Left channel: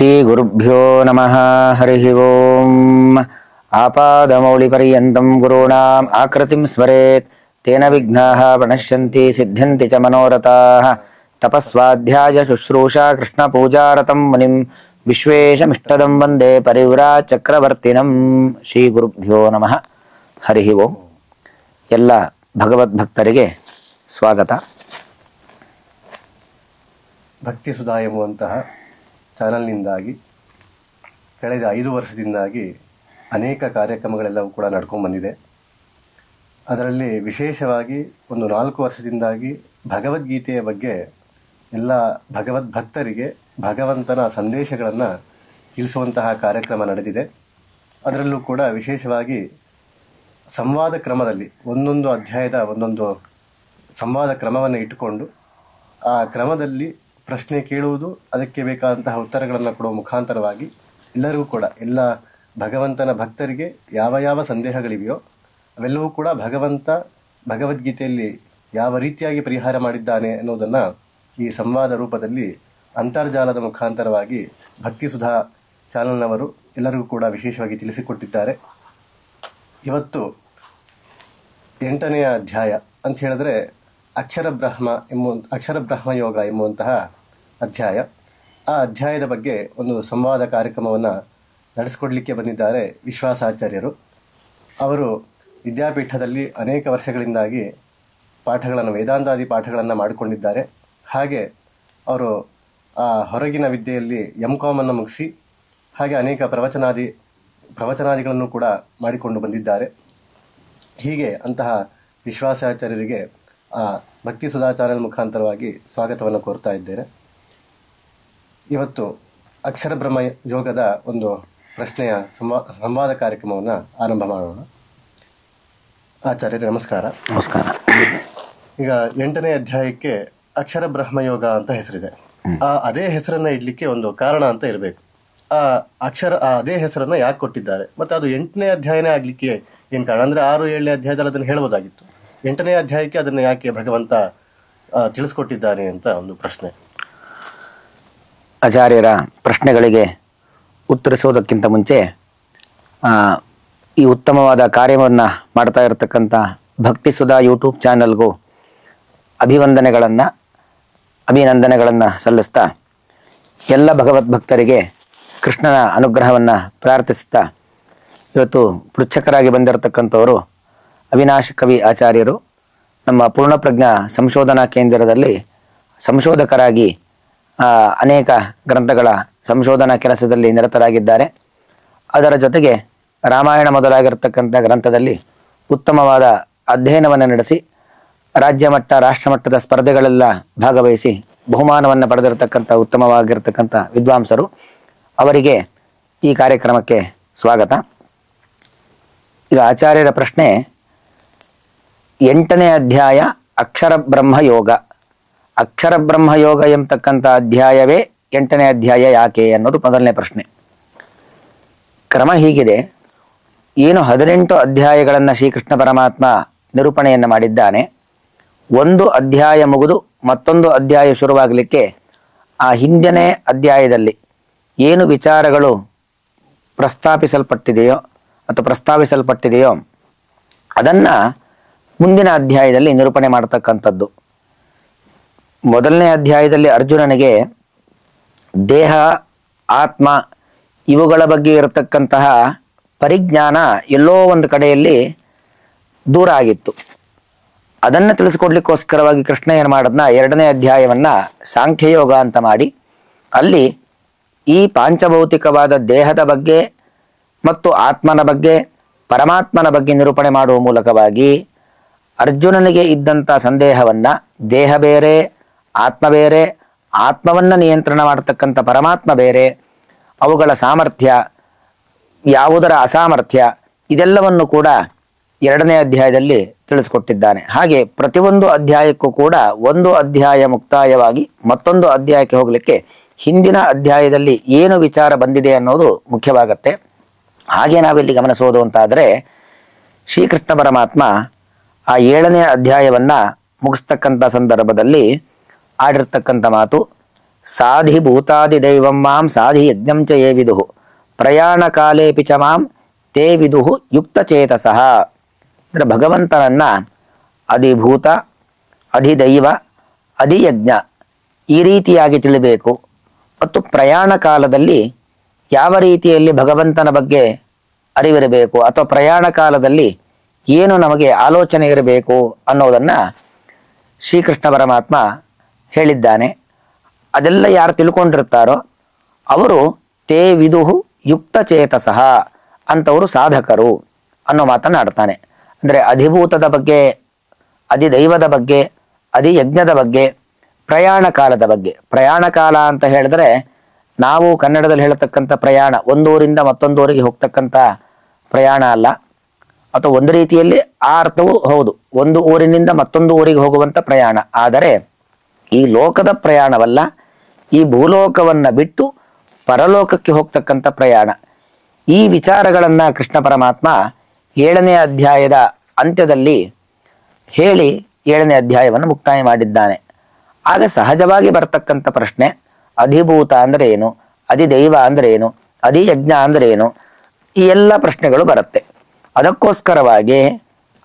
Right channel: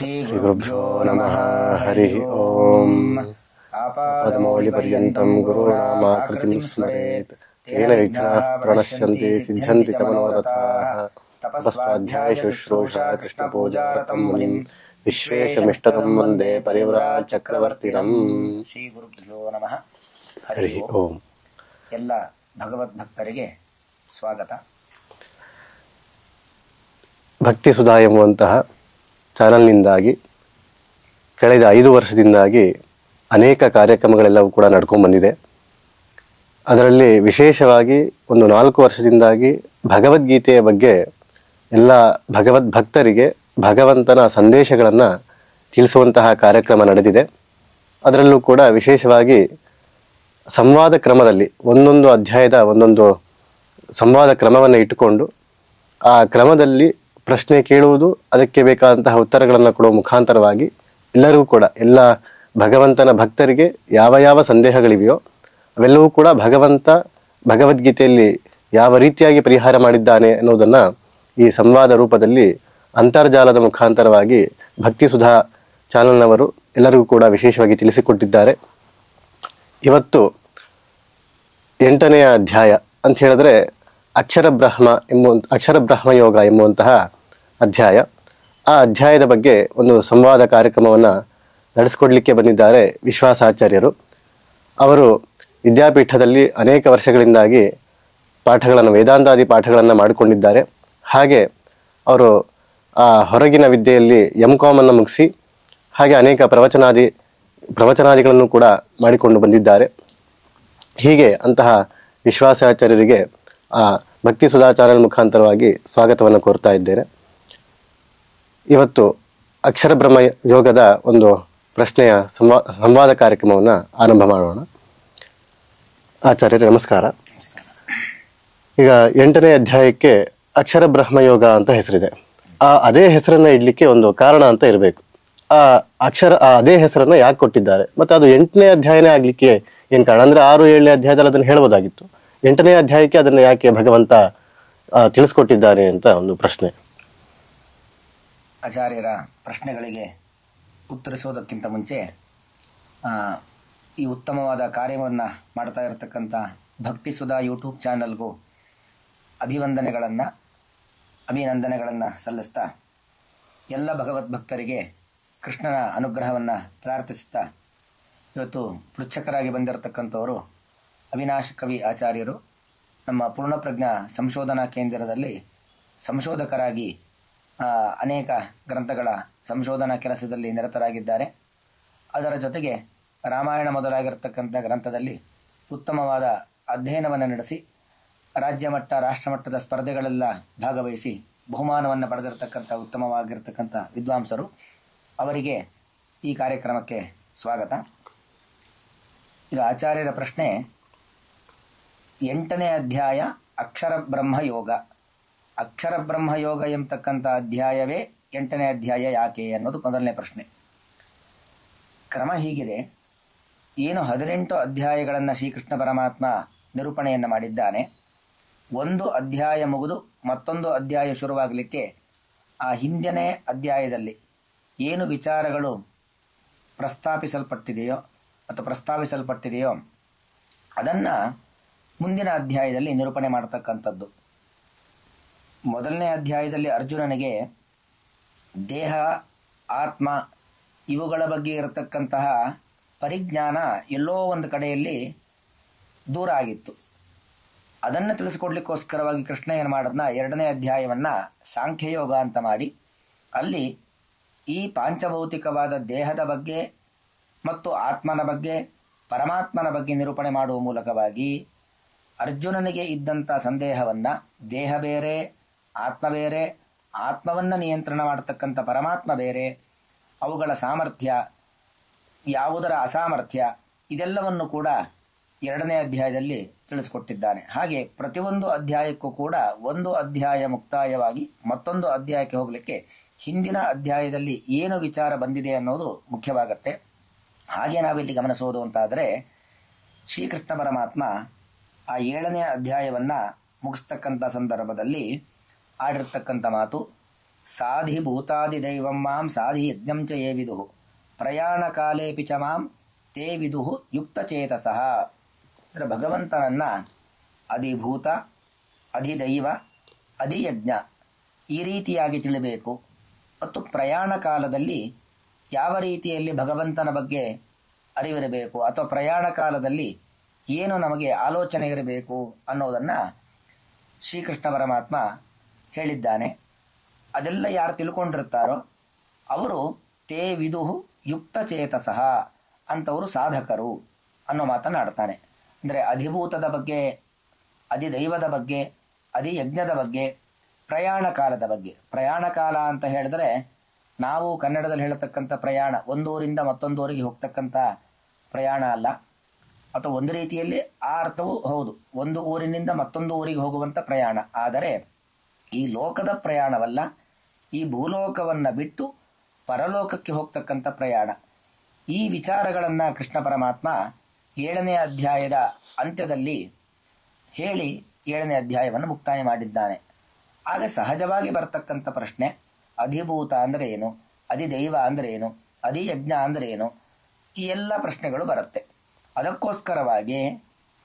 ಶ್ರೀ ಗುರುಭ್ಯೋ ನಮಃ. ಹರಿ ಓಂ. ಆಪಾದಮೌಳಿಪರ್ಯಂತಂ ಗುರುಣಾಂ ಆಕೃತಿಂ ಸ್ಮರೇತ್ ತೇನ ವಿಘ್ನಾಃ ಪ್ರಣಶ್ಯಂತಿ ಸಿದ್ಧ್ಯಂತಿ ಚ ಮನೋರಥಾಃ. ತಪಸ್ವಾಧ್ಯಾಯ ಶುಶ್ರೂಷಾ ಕೃಷ್ಣ ಪೂಜಾರತಂ ಮುನಿಂ ವಿಶ್ವೇಶಮಿಷ್ಟದಂ ವಂದೇ ಪರಿವ್ರಾಟ್ ಚಕ್ರವರ್ತಿನಂ. ಶ್ರೀ ಗುರುಭ್ಯೋ ನಮಃ. ಹರಿ ಓಂ. ಎಲ್ಲ ಭಗವದ್ಭಕ್ತರಿಗೆ ಸ್ವಾಗತ. ಭಕ್ತಿ ಸುಧಾ ಎಂಬುವಂತಹ ಚಾನಲ್ನಿಂದಾಗಿ ಕಳೆದ 5 ವರ್ಷದಿಂದಾಗಿ ಅನೇಕ ಕಾರ್ಯಕ್ರಮಗಳೆಲ್ಲವೂ ಕೂಡ ನಡ್ಕೊಂಡು ಬಂದಿದೆ. ಅದರಲ್ಲಿ ವಿಶೇಷವಾಗಿ ಒಂದು 4 ವರ್ಷದಿಂದಾಗಿ ಭಗವದ್ಗೀತೆಯ ಬಗ್ಗೆ ಎಲ್ಲ ಭಗವದ್ಭಕ್ತರಿಗೆ ಭಗವಂತನ ಸಂದೇಶಗಳನ್ನು ತಿಳಿಸುವಂತಹ ಕಾರ್ಯಕ್ರಮ ನಡೆದಿದೆ. ಅದರಲ್ಲೂ ಕೂಡ ವಿಶೇಷವಾಗಿ ಸಂವಾದ ಕ್ರಮದಲ್ಲಿ ಒಂದೊಂದು ಅಧ್ಯಾಯದ ಒಂದೊಂದು ಸಂವಾದ ಕ್ರಮವನ್ನು ಇಟ್ಟುಕೊಂಡು ಆ ಕ್ರಮದಲ್ಲಿ ಪ್ರಶ್ನೆ ಕೇಳುವುದು, ಅದಕ್ಕೆ ಬೇಕಾದಂತಹ ಉತ್ತರಗಳನ್ನು ಕೊಡುವ ಮುಖಾಂತರವಾಗಿ ಎಲ್ಲರಿಗೂ ಕೂಡ ಎಲ್ಲ ಭಗವಂತನ ಭಕ್ತರಿಗೆ ಯಾವ ಯಾವ ಸಂದೇಹಗಳಿವೆಯೋ ಅವೆಲ್ಲವೂ ಕೂಡ ಭಗವಂತ ಭಗವದ್ಗೀತೆಯಲ್ಲಿ ಯಾವ ರೀತಿಯಾಗಿ ಪರಿಹಾರ ಮಾಡಿದ್ದಾನೆ ಅನ್ನೋದನ್ನು ಈ ಸಂವಾದ ರೂಪದಲ್ಲಿ ಅಂತರ್ಜಾಲದ ಮುಖಾಂತರವಾಗಿ ಭಕ್ತಿ ಸುಧಾ ಚಾನಲ್ನವರು ಎಲ್ಲರಿಗೂ ಕೂಡ ವಿಶೇಷವಾಗಿ ತಿಳಿಸಿಕೊಟ್ಟಿದ್ದಾರೆ. ಇವತ್ತು 8ನೇ ಅಧ್ಯಾಯ ಅಂತ ಹೇಳಿದ್ರೆ ಅಕ್ಷರ ಬ್ರಹ್ಮ ಯೋಗ ಎಂಬುವಂತಹ ಅಧ್ಯಾಯ. ಆ ಅಧ್ಯಾಯದ ಬಗ್ಗೆ ಒಂದು ಸಂವಾದ ಕಾರ್ಯಕ್ರಮವನ್ನು ನಡೆಸಿಕೊಡ್ಲಿಕ್ಕೆ ಬಂದಿದ್ದಾರೆ ವಿಶ್ವಾಸಾಚಾರ್ಯರು. ಅವರು ವಿದ್ಯಾಪೀಠದಲ್ಲಿ ಅನೇಕ ವರ್ಷಗಳಿಂದಾಗಿ ಪಾಠಗಳನ್ನು, ವೇದಾಂತಾದಿ ಪಾಠಗಳನ್ನು ಮಾಡಿಕೊಂಡಿದ್ದಾರೆ. ಹಾಗೆ ಅವರು ಆ ಹೊರಗಿನ ವಿದ್ಯೆಯಲ್ಲಿ MCOM ಅನ್ನು ಮುಗಿಸಿ ಹಾಗೆ ಅನೇಕ ಪ್ರವಚನಾದಿಗಳನ್ನು ಕೂಡ ಮಾಡಿಕೊಂಡು ಬಂದಿದ್ದಾರೆ. ಹೀಗೆ ಅಂತಹ ವಿಶ್ವಾಸಾಚಾರ್ಯರಿಗೆ ಆ ಭಕ್ತಿ ಸುಧಾ ಚಾನೆಲ್ ಮುಖಾಂತರವಾಗಿ ಸ್ವಾಗತವನ್ನು ಕೋರ್ತಾ ಇದ್ದೇನೆ. ಇವತ್ತು ಅಕ್ಷರ ಬ್ರಹ್ಮ ಯೋಗದ ಒಂದು ಪ್ರಶ್ನೆಯ ಸಂವಾದ ಕಾರ್ಯಕ್ರಮವನ್ನು ಆರಂಭ ಮಾಡೋಣ. ಆಚಾರ್ಯರೇ ನಮಸ್ಕಾರ. ನಮಸ್ಕಾರ. ಈಗ 8ನೇ ಅಧ್ಯಾಯಕ್ಕೆ ಅಕ್ಷರ ಬ್ರಹ್ಮ ಯೋಗ ಅಂತ ಹೆಸರಿದೆ. ಅದೇ ಹೆಸರನ್ನ ಇಡ್ಲಿಕ್ಕೆ ಒಂದು ಕಾರಣ ಅಂತ ಇರಬೇಕು. ಅದೇ ಹೆಸರನ್ನ ಯಾಕೆ ಕೊಟ್ಟಿದ್ದಾರೆ, ಮತ್ತೆ ಅದು 8ನೇ ಅಧ್ಯಾಯನೇ ಆಗ್ಲಿಕ್ಕೆ ಏನ್ ಕಾರಣ? ಅಂದ್ರೆ 6, 7ನೇ ಅಧ್ಯಾಯದಲ್ಲಿ ಅದನ್ನು ಹೇಳ್ಬೋದಾಗಿತ್ತು. 8ನೇ ಅಧ್ಯಾಯಕ್ಕೆ ಅದನ್ನ ಯಾಕೆ ಭಗವಂತ ತಿಳಿಸ್ಕೊಟ್ಟಿದ್ದಾನೆ ಅಂತ ಒಂದು ಪ್ರಶ್ನೆ. ಆಚಾರ್ಯರ ಪ್ರಶ್ನೆಗಳಿಗೆ ಉತ್ತರಿಸೋದಕ್ಕಿಂತ ಮುಂಚೆ ಈ ಉತ್ತಮವಾದ ಕಾರ್ಯವನ್ನು ಮಾಡ್ತಾ ಇರತಕ್ಕಂಥ ಭಕ್ತಿ ಸುಧಾ ಯೂಟ್ಯೂಬ್ ಚಾನಲ್ಗೂ ಅಭಿನಂದನೆಗಳನ್ನು ಸಲ್ಲಿಸ್ತಾ ಎಲ್ಲ ಭಗವದ್ಭಕ್ತರಿಗೆ ಕೃಷ್ಣನ ಅನುಗ್ರಹವನ್ನು ಪ್ರಾರ್ಥಿಸ್ತಾ ಇವತ್ತು ಪೃಚ್ಛಕರಾಗಿ ಬಂದಿರತಕ್ಕಂಥವರು ಅವಿನಾಶ್ ಕವಿ ಆಚಾರ್ಯರು ನಮ್ಮ ಪೂರ್ಣಪ್ರಜ್ಞಾ ಸಂಶೋಧನಾ ಕೇಂದ್ರದಲ್ಲಿ ಸಂಶೋಧಕರಾಗಿ ಅನೇಕ ಗ್ರಂಥಗಳ ಸಂಶೋಧನಾ ಕೆಲಸದಲ್ಲಿ ನಿರತರಾಗಿದ್ದಾರೆ. ಅದರ ಜೊತೆಗೆ ರಾಮಾಯಣ ಮೊದಲಾಗಿರ್ತಕ್ಕಂಥ ಗ್ರಂಥದಲ್ಲಿ ಉತ್ತಮವಾದ ಅಧ್ಯಯನವನ್ನು ನಡೆಸಿ ರಾಜ್ಯ ಮಟ್ಟ ರಾಷ್ಟ್ರಮಟ್ಟದ ಸ್ಪರ್ಧೆಗಳೆಲ್ಲ ಭಾಗವಹಿಸಿ ಬಹುಮಾನವನ್ನು ಪಡೆದಿರತಕ್ಕಂಥ ಉತ್ತಮವಾಗಿರ್ತಕ್ಕಂಥ ವಿದ್ವಾಂಸರು. ಅವರಿಗೆ ಈ ಕಾರ್ಯಕ್ರಮಕ್ಕೆ ಸ್ವಾಗತ. ಈಗ ಆಚಾರ್ಯರ ಪ್ರಶ್ನೆ, 8ನೇ ಅಧ್ಯಾಯ ಅಕ್ಷರ ಬ್ರಹ್ಮ ಯೋಗ. ಅಕ್ಷರ ಬ್ರಹ್ಮ ಯೋಗ ಎಂಬತಕ್ಕಂಥ ಅಧ್ಯಾಯವೇ 8ನೇ ಅಧ್ಯಾಯ ಯಾಕೆ ಅನ್ನೋದು ಮೊದಲನೇ ಪ್ರಶ್ನೆ. ಕ್ರಮ ಹೀಗಿದೆ. ಏನು 18 ಅಧ್ಯಾಯಗಳನ್ನು ಶ್ರೀಕೃಷ್ಣ ಪರಮಾತ್ಮ ನಿರೂಪಣೆಯನ್ನು ಮಾಡಿದ್ದಾನೆ. ಒಂದು ಅಧ್ಯಾಯ ಮುಗಿದು ಮತ್ತೊಂದು ಅಧ್ಯಾಯ ಶುರುವಾಗಲಿಕ್ಕೆ ಆ ಹಿಂದಿನ ಅಧ್ಯಾಯದಲ್ಲಿ ಏನು ವಿಚಾರಗಳು ಪ್ರಸ್ತಾವಿಸಲ್ಪಟ್ಟಿದೆಯೋ ಅದನ್ನು ಮುಂದಿನ ಅಧ್ಯಾಯದಲ್ಲಿ ನಿರೂಪಣೆ ಮಾಡತಕ್ಕಂಥದ್ದು. ಮೊದಲನೇ ಅಧ್ಯಾಯದಲ್ಲಿ ಅರ್ಜುನನಿಗೆ ದೇಹ, ಆತ್ಮ ಇವುಗಳ ಬಗ್ಗೆ ಇರತಕ್ಕಂತಹ ಪರಿಜ್ಞಾನ ಎಲ್ಲೋ ಒಂದು ಕಡೆಯಲ್ಲಿ ದೂರ ಆಗಿತ್ತು. ಅದನ್ನು ತಿಳಿಸ್ಕೊಡ್ಲಿಕ್ಕೋಸ್ಕರವಾಗಿ ಕೃಷ್ಣ ಏನು ಮಾಡೋದನ್ನ 2ನೇ ಅಧ್ಯಾಯವನ್ನು ಸಾಂಖ್ಯಯೋಗ ಅಂತ ಮಾಡಿ ಅಲ್ಲಿ ಈ ಪಾಂಚಭೌತಿಕವಾದ ದೇಹದ ಬಗ್ಗೆ ಮತ್ತು ಆತ್ಮನ ಬಗ್ಗೆ, ಪರಮಾತ್ಮನ ಬಗ್ಗೆ ನಿರೂಪಣೆ ಮಾಡುವ ಮೂಲಕವಾಗಿ ಅರ್ಜುನನಿಗೆ ಇದ್ದಂಥ ಸಂದೇಹವನ್ನು ದೇಹ ಬೇರೆ, ಆತ್ಮ ಬೇರೆ, ಆತ್ಮವನ್ನು ನಿಯಂತ್ರಣ ಮಾಡತಕ್ಕಂಥ ಪರಮಾತ್ಮ ಬೇರೆ, ಅವುಗಳ ಸಾಮರ್ಥ್ಯ, ಯಾವುದರ ಅಸಾಮರ್ಥ್ಯ, ಇದೆಲ್ಲವನ್ನು ಕೂಡ 2ನೇ ಅಧ್ಯಾಯದಲ್ಲಿ ತಿಳಿಸ್ಕೊಟ್ಟಿದ್ದಾನೆ. ಹಾಗೆ ಪ್ರತಿಯೊಂದು ಅಧ್ಯಾಯಕ್ಕೂ ಕೂಡ ಒಂದು ಅಧ್ಯಾಯ ಮುಕ್ತಾಯವಾಗಿ ಮತ್ತೊಂದು ಅಧ್ಯಾಯಕ್ಕೆ ಹೋಗಲಿಕ್ಕೆ ಹಿಂದಿನ ಅಧ್ಯಾಯದಲ್ಲಿ ಏನು ವಿಚಾರ ಬಂದಿದೆ ಅನ್ನೋದು ಮುಖ್ಯವಾಗತ್ತೆ. ಹಾಗೆ ನಾವಿಲ್ಲಿ ಗಮನಿಸೋದು ಅಂತಾದರೆ ಶ್ರೀಕೃಷ್ಣ ಪರಮಾತ್ಮ ಆ 7ನೇ ಅಧ್ಯಾಯವನ್ನು ಮುಗಿಸ್ತಕ್ಕಂಥ ಸಂದರ್ಭದಲ್ಲಿ ಆಡಿರ್ತಕ್ಕಂಥ ಮಾತು, ಸಾಧಿ ಭೂತಾದಿ ದೈವಂ ಮಾಂ ಸಾಧಿ ಯಜ್ಞಂ ಚ ಯೇ ವಿದುಹು ಪ್ರಯಾಣ ಕಾಲೇಪಿ ಚ ಮಾಂ ತೇ ವಿದುಹು ಯುಕ್ತ ಚೇತಸಃ. ಅಂದರೆ ಭಗವಂತನನ್ನ ಅಧಿಭೂತ, ಅಧಿದೈವ, ಅಧಿಯಜ್ಞ ಈ ರೀತಿಯಾಗಿ ತಿಳಿಬೇಕು. ಮತ್ತು ಪ್ರಯಾಣ ಕಾಲದಲ್ಲಿ ಯಾವ ರೀತಿಯಲ್ಲಿ ಭಗವಂತನ ಬಗ್ಗೆ ಅರಿವಿರಬೇಕು ಅಥವಾ ಪ್ರಯಾಣ ಕಾಲದಲ್ಲಿ ಏನು ನಮಗೆ ಆಲೋಚನೆ ಇರಬೇಕು ಅನ್ನೋದನ್ನು ಶ್ರೀಕೃಷ್ಣ ಪರಮಾತ್ಮ ಹೇಳಿದ್ದಾನೆ. ಅದೆಲ್ಲ ಯಾರು ತಿಳ್ಕೊಂಡಿರ್ತಾರೋ ಅವರು ತೇ ವಿದುಹು ಯುಕ್ತ ಚೇತಸಃ ಅಂಥವರು ಸಾಧಕರು ಅನ್ನೋ ಮಾತನ್ನು ಆಡ್ತಾನೆ. ಅಂದರೆ ಅಧಿಭೂತದ ಬಗ್ಗೆ, ಅಧಿದೈವದ ಬಗ್ಗೆ, ಅಧಿಯಜ್ಞದ ಬಗ್ಗೆ, ಪ್ರಯಾಣ ಕಾಲದ ಬಗ್ಗೆ. ಪ್ರಯಾಣ ಕಾಲ ಅಂತ ಹೇಳಿದ್ರೆ ನಾವು ಕನ್ನಡದಲ್ಲಿ ಹೇಳತಕ್ಕಂಥ ಪ್ರಯಾಣ ಒಂದೂರಿಂದ ಮತ್ತೊಂದೂರಿಗೆ ಹೋಗ್ತಕ್ಕಂಥ ಪ್ರಯಾಣ ಅಲ್ಲ, ಅಥವಾ ಒಂದು ರೀತಿಯಲ್ಲಿ ಆ ಅರ್ಥವೂ ಹೌದು, ಒಂದು ಊರಿನಿಂದ ಮತ್ತೊಂದು ಊರಿಗೆ ಹೋಗುವಂಥ ಪ್ರಯಾಣ. ಆದರೆ ಈ ಲೋಕದ ಪ್ರಯಾಣವಲ್ಲ, ಈ ಭೂಲೋಕವನ್ನ ಬಿಟ್ಟು ಪರಲೋಕಕ್ಕೆ ಹೋಗ್ತಕ್ಕಂಥ ಪ್ರಯಾಣ. ಈ ವಿಚಾರಗಳನ್ನು ಕೃಷ್ಣ ಪರಮಾತ್ಮ 7ನೇ ಅಧ್ಯಾಯದ ಅಂತ್ಯದಲ್ಲಿ ಹೇಳಿ 7ನೇ ಅಧ್ಯಾಯವನ್ನು ಮುಕ್ತಾಯ ಮಾಡಿದ್ದಾನೆ. ಆಗ ಸಹಜವಾಗಿ ಬರ್ತಕ್ಕಂಥ ಪ್ರಶ್ನೆ, ಅಧಿಭೂತ ಅಂದ್ರೆ ಏನು, ಅಧಿದೈವ ಅಂದ್ರೆ ಏನು, ಅಧಿಯಜ್ಞ ಅಂದ್ರೆ ಏನು, ಈ ಎಲ್ಲ ಪ್ರಶ್ನೆಗಳು ಬರುತ್ತೆ. ಅದಕ್ಕೋಸ್ಕರವಾಗಿ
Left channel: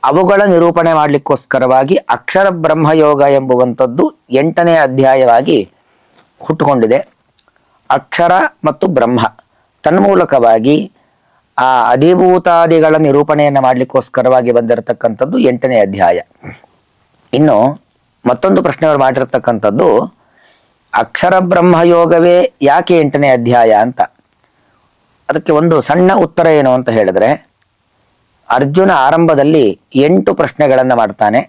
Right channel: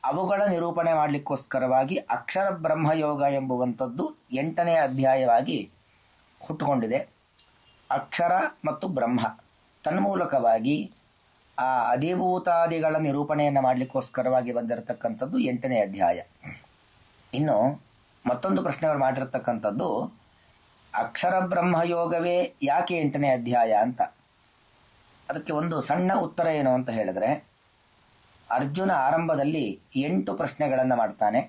ಅವುಗಳ ನಿರೂಪಣೆ ಮಾಡಲಿಕ್ಕೋಸ್ಕರವಾಗಿ ಅಕ್ಷರ ಬ್ರಹ್ಮಯೋಗ ಎಂಬುವಂಥದ್ದು 8ನೇ ಅಧ್ಯಾಯವಾಗಿ ಹುಟ್ಟುಕೊಂಡಿದೆ. ಅಕ್ಷರ ಮತ್ತು ಬ್ರಹ್ಮ ತನ್ಮೂಲಕವಾಗಿ ಆ ಅಧಿಭೂತಾದಿಗಳ ನಿರೂಪಣೆಯನ್ನು ಮಾಡಲಿಕ್ಕೋಸ್ಕರವಾಗಿ ಬಂದಿರತಕ್ಕಂಥದ್ದು 8ನೇ ಅಧ್ಯಾಯ. ಇನ್ನು ಮತ್ತೊಂದು ಪ್ರಶ್ನೆಗಳು ಮಾಡಿರ್ತಕ್ಕಂಥದ್ದು, ಅಕ್ಷರ ಬ್ರಹ್ಮಯೋಗವೇ ಯಾಕೆ 8ನೇ ಅಧ್ಯಾಯ ಅಂತ. ಅದಕ್ಕೆ ಒಂದು ಸಣ್ಣ ಉತ್ತರ ಏನು ಅಂತ ಹೇಳಿದ್ರೆ, ಅರ್ಜುನ ಆರಂಭದಲ್ಲಿ 8 ಪ್ರಶ್ನೆಗಳನ್ನು ಮಾಡ್ತಾನೆ.